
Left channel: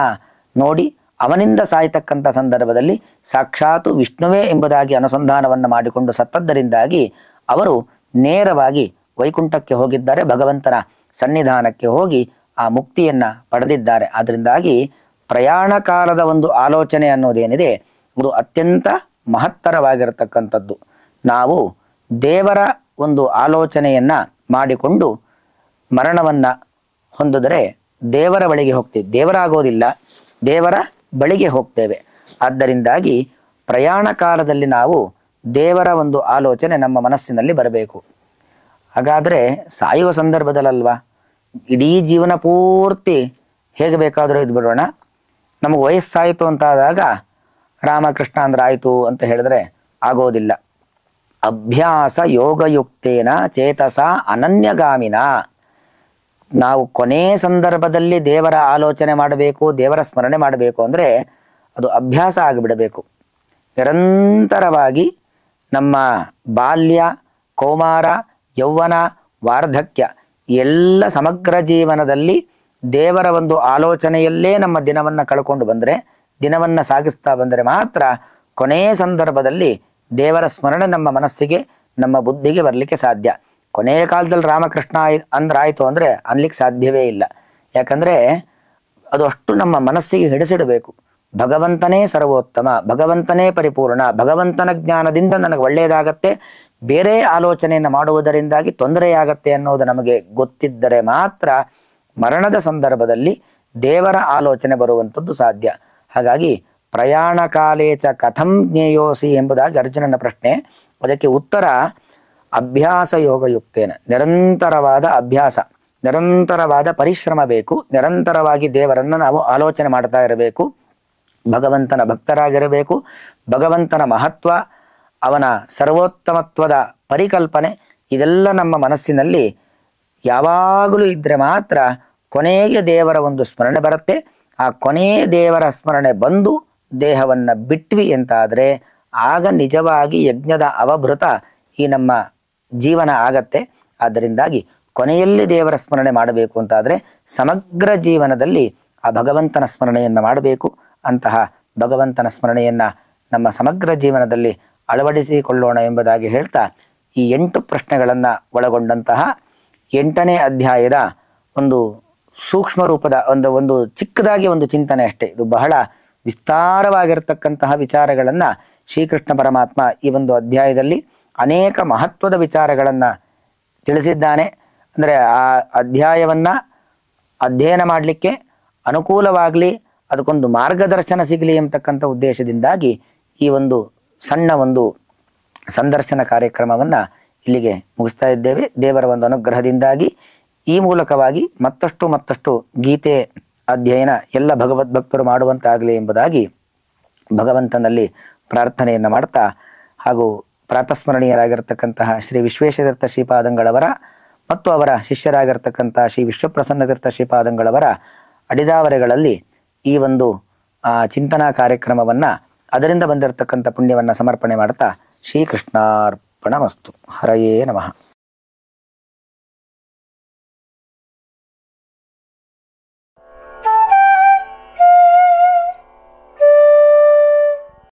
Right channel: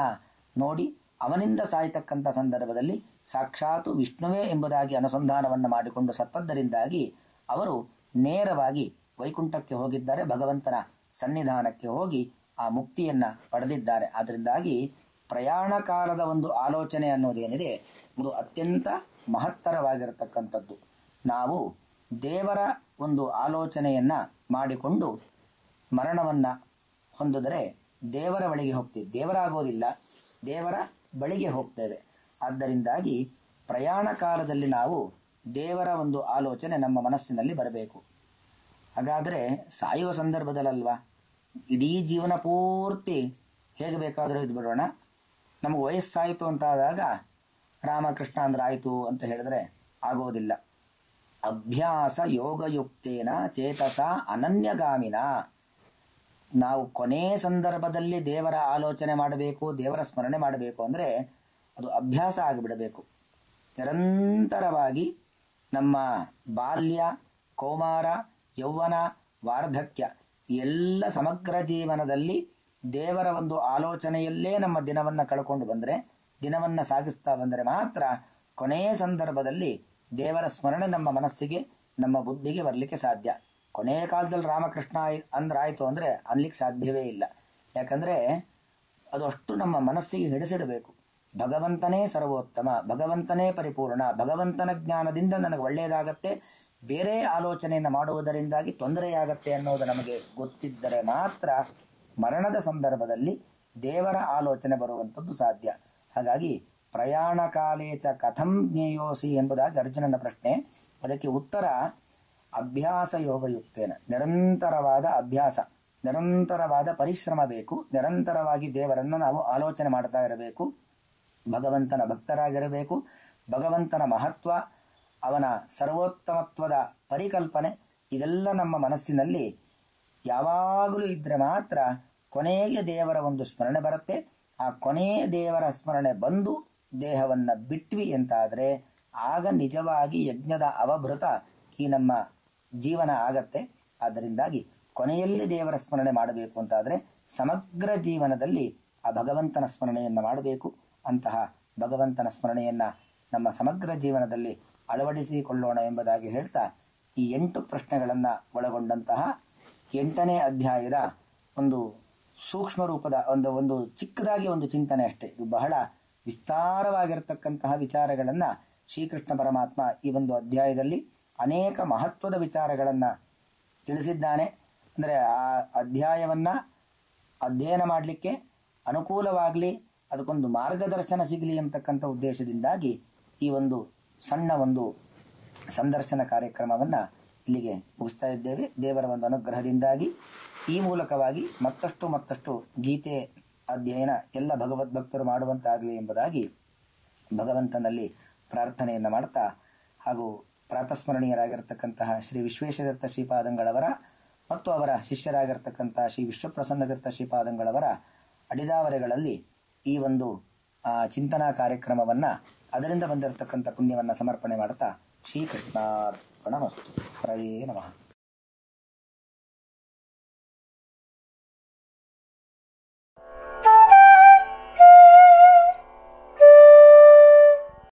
ನೋಡಿ ಅವನಿಂದ ಸಾಯ್ತಕ್ಕಂಥ ಸಂದರ್ಭದಲ್ಲಿ ಸಾಕ್ಷಾತ್ ವಿಷ್ಣುವೇ ಎಂಬುದಾಗಿ ಅನುಸಂಧಾನವನ್ನು ಮಾಡಿಕೊಂಡು ಸತ್ತದ್ದರಿಂದಾಗಿ ಅವರು ನೇರವಾಗಿ ವೈಕುಂಠಕ್ಕೆ ಹೋಗಿದ್ದಾರೆ, ಭಗವಂತನ ಸನ್ನಿಧಾನಕ್ಕೆ ಹೋಗಿ ಆ ಮುಕ್ತಿಯನ್ನ ಪಡೆದಿದ್ದಾರೆ. ಆದ್ದರಿಂದಾಗಿ ಪ್ರಯಾಣ ಕಾಲದ ಒಂದು ಆಲೋಚನೆ ಅನ್ನೋದೇನಿದೆ ಅದು ಅತ್ಯಂತ ಮಹತ್ತರವಾಗಿರತಕ್ಕಂಥದ್ದು. ನಾವು ದೇವರ ಒಂದು ಆಲೋಚನೆಯನ್ನ ಮಾಡಿಕೊಂಡು ಮರಣವನ್ನ ಹೊಂದಿದರೆ ದೇವರ ಬಳಿಗೆ ಹೋಗ್ತೇವೆ, ದೇವರಾಗೋದಿಲ್ಲ, ದೇವರ ಬಳಿಗೆ ಹೋಗ್ತೇವೆ. ಆದ್ದರಿಂದಾಗಿ ಪ್ರಯಾಣ ಕಾಲದಲ್ಲಿ ನಾವು ದೇವರ ಒಂದು ಆಲೋಚನೆ ನಮ್ಮ ಮನಸ್ಸಿನಲ್ಲಿ ಬರಬೇಕು. ಹಾಗಾದರೆ ಸಾಯುವ ಸಂದರ್ಭದಲ್ಲಲ್ವಾ, ಇಡೀ ಜೀವನ ಪೂರ್ತಿ ಹೇಗೆ ಬೇಕಾದರೂ ಇದ್ಬಿಡೋಣ, ನಮಗೆ ವಯಸ್ಸಾಯಿತು ಅಂತಾದಾಗ ರಾಮಕೃಷ್ಣ ಅಂದ್ರೆ ಆಯಿತು ಅಂತ ಹೇಳಿದ್ರೆ ಆಗೋದಿಲ್ಲ. ಅಭ್ಯಾಸ ಯೋಗಯುಕ್ತೇನ ಚೇತಸ ಅನನ್ಯಗಾಮಿನ. ನಾವು ಕೊನೆ ಸಂದರ್ಭದಲ್ಲಿ ದೇವರ ಆಲೋಚನೆ ಮಾಡಬೇಕು, ದೇವರ ಸ್ಮರಣೆ ಮಾಡಬೇಕು ಅಂದರೆ ಅದು ಅಭ್ಯಾಸ ಆಗಿಬಿಡಬೇಕು. ನಿರಂತರವಾಗಿ ನಮ್ಮ ಬಾಲ್ಯ, ಕೌಮಾರ, ಯೌವನ, ವಾರ್ಧಕ್ಯ ಎಲ್ಲ ಸಮಗ್ರ ಜೀವನದಲ್ಲಿ ದೇವರ ಒಂದು ಆಲೋಚನೆಯಲ್ಲೇ ನಮ್ಮ ದಿನವನ್ನು ಕಳ್ಕೊಂಡು ಬಂದರೆ, ದಿನವನ್ನು ಸಾಗಿಸ್ತಾ ಬಂದರೆ ಮಾತ್ರ ಕೊನೆಯ ಸಂದರ್ಭದಲ್ಲಿ ದೇವರ ಸ್ಮರಣೆ ನಮ್ಮ ಮನಸ್ಸಿಗೆ, ನಮ್ಮ ಬುದ್ಧಿಗೆ ಬರಲಿಕ್ಕೆ ಸಾಧ್ಯ. ಕೊನೆಯ ಕಾಲದಲ್ಲಿ ರಾಮಕೃಷ್ಣ ಅಂದ್ರಾಯ್ತು ಅಂದರೆ ಅನ್ಲಿಕ್ಕೆ ಸಾಧ್ಯವೇ ಇಲ್ಲ. ಯಾಕಂದರೆ ಅದು ಅಷ್ಟು ನಮ್ಮ ಮನಸ್ಸಿಗೆ ಹಿಡಿಸಿಡಬೇಕು. ಭಗವಂತನೇ ಸರ್ವೋತ್ತಮ, ಭಗವಂತನೇ ಪರಿಪೂರ್ಣ, ಭಗವಂತನ ಜ್ಞಾನದಿಂದ ನನಗೆ ಒಳ್ಳೆಯದಾಗತ್ತೆ, ಬೇರೆ ಆಲೋಚನೆಯನ್ನು ಮಾಡುವುದರಿಂದಾಗಿ ತೊಂದರೆಯಾಗತ್ತೆ ಅನ್ನೋದು ನಮಗೆ ಗೊತ್ತಿದ್ದರೆ ಮಾತ್ರ ಮರಣದ ಸಂದರ್ಭದಲ್ಲಿ ದೇವರ ಆಲೋಚನೆ ಬರುವಂಥದ್ದು ಸಾಧ್ಯ. ಹಾಗಾಗಿ ಪ್ರಯಾಣ ಕಾಲೇಚ ಕಥಂ ಜ್ಞೇಯೋಸಿ ಎಂಬುದಾಗಿ ಅರ್ಜುನನ ಪ್ರಶ್ನೆ. ಅದಕ್ಕೆ ಉತ್ತರ ಅಭ್ಯಾಸ ಯೋಗಯುಕ್ತೇನ. ನಿರಂತರವಾದ ಅಭ್ಯಾಸ, ನಿರಂತರವಾದ ಪರಿಶ್ರಮ ಬೇಕು. ನಿರಂತರವಾಗಿ ದೇವರನ್ನು ನಾವು ಆಲೋಚನೆ ಮಾಡ್ತಾ ಇರಬೇಕು, ಭಗವಂತನ ಭಕ್ತರಾಗಿರಬೇಕು. ಭಗವಂತನ ಮಹತ್ವ, ಅವನ ಸರ್ವೋತ್ತಮತ್ವದ ಪರಿಕಲ್ಪನೆ ಇದೆಲ್ಲ ನಮ್ಮ ಮನಸ್ಸಿನಲ್ಲಿ ಯಾವಾಗಲೂ ಇದ್ದರೆ ಮಾತ್ರ ಕೊನೆಗೆ ದೇವರ ಒಂದು ಸ್ಮರಣೆ ಬರುತ್ತೆ. ಆ ಕೊನೆಯ ದೇವರ ಸ್ಮರಣೆ ಬಂದು ದೇಹವನ್ನು ಬಿಟ್ವಿ ಅಂತಾದರೆ ಆಗ ನಿಜವಾಗಿ ಯಜ್ಞದ ಅವಭೃತ ಈ ನಮ್ಮ ಜೀವನ ಆಗತ್ತೆ. ಆದ್ದರಿಂದಾಗಿ ಕೊನೆಯಲ್ಲಿ ದೇವರ ಸ್ಮರಣೆ ಮಾಡಬೇಕು ಅಂತಾದರೆ ಸಮಗ್ರ ಜೀವನದಲ್ಲಿ ಆ ಭಗವಂತನ ಸ್ಮರಣೆಯನ್ನು ಮಾಡಬೇಕು. ಅಂತಹ ಭಗವಂತನ ಸ್ಮರಣೆಯನ್ನು ನಮ್ಮ ಸಮಗ್ರ ಜೀವನದಲ್ಲಿ ಅಳವಡಿಸಿಕೊಳ್ಳೋಣ ಎಂಬುದಾಗಿ ಹೇಳ್ತಾ, ಈ 8 ಪ್ರಶ್ನೆಗಳನ್ನು ಒಳಗೊಂಡಂತಹ 8ನೇ ಅಧ್ಯಾಯದ ಒಂದು ಸೂಕ್ಷ್ಮ ರೂಪದ ಒಂದು ಚಿಕ್ಕದಾಗಿ ಒಂದು ಚಿಂತನೆ ಅಷ್ಟೇ. ಇದು ಬಹಳ ವಿಸ್ತಾರವಾಗಿರತಕ್ಕಂತಹ ವಿಚಾರಗಳನ್ನು ಶ್ರೀಕೃಷ್ಣ ಪರಮಾತ್ಮ ಈ ಒಂದು ಅಧ್ಯಾಯದಲ್ಲಿ ಅನೇಕ ಮಹತ್ವದ ವಿಚಾರಗಳನ್ನು ತಿಳಿಸಿದ್ದಾನೆ. ಅಂದರೆ ಆ ಅಧ್ಯಾಯವನ್ನು ಅಧ್ಯಯನ ಮಾಡಲಿಕ್ಕೆ ಅನುಕೂಲವಾಗಲಿ, ಅದಕ್ಕೊಂದು ಮಾರ್ಗದರ್ಶನ ಸಿಗಲಿ ಎಂಬತಕ್ಕಂಥ ಉದ್ದೇಶದಿಂದಾಗಿ ಈ ಒಂದು ಸಣ್ಣ ಒಂದು ಸಂದರ್ಶನ ಕಾರ್ಯಕ್ರಮವನ್ನು ಇಲ್ಲಿಗೆ ಮುಗಿಸ್ತಾ ಇದ್ದೇವೆ. ದೇವರ ಒಂದು ಅನುಗ್ರಹದಿಂದಾಗಿ ಈ ಮೂಲಕವಾಗಿ ಮತ್ತಷ್ಟು ಗೀತೆ ಅಧ್ಯಯನ ಎಲ್ಲ ಭಗವದ್ಭಕ್ತರು ಮಾಡುವಂತಾಗಲಿ ಎಂಬುದಾಗಿ ಭಗವಂತನಲ್ಲಿ ಪ್ರಾರ್ಥನೆಯನ್ನು ಮಾಡ್ತಾ, ಹಾಗೂ ಪ್ರಾತಸ್ಮರಣೀಯರಾಗಿರ್ತಕ್ಕಂತಹ ಶ್ರೀ ವಿಶ್ವೇಶತೀರ್ಥ ಶ್ರೀಪಾದಂಗಳವರ ಮತ್ತು ಅವರ ಶಿಷ್ಯರಾಗಿರ್ತಕ್ಕಂತಹ ಶ್ರೀ ವಿಶ್ವಪ್ರಸನ್ನತೀರ್ಥ ಶ್ರೀಪಾದಂಗಳವರ ಅಡಿದಾವರೆಗಳಲ್ಲಿ ಈ ಒಂದು ಚಿಂತನಾ ಕಾರ್ಯಕ್ರಮವನ್ನು, ಅದರಿಂದ ಬಂದಿರತಕ್ಕಂಥ ಪುಣ್ಯವನ್ನು ಸಮರ್ಪಣೆ ಮಾಡ್ತಾ ಶ್ರೀಕೃಷ್ಣಾರ್ಪಣಮಸ್ತು. ಹರಯೇ ನಮಃ.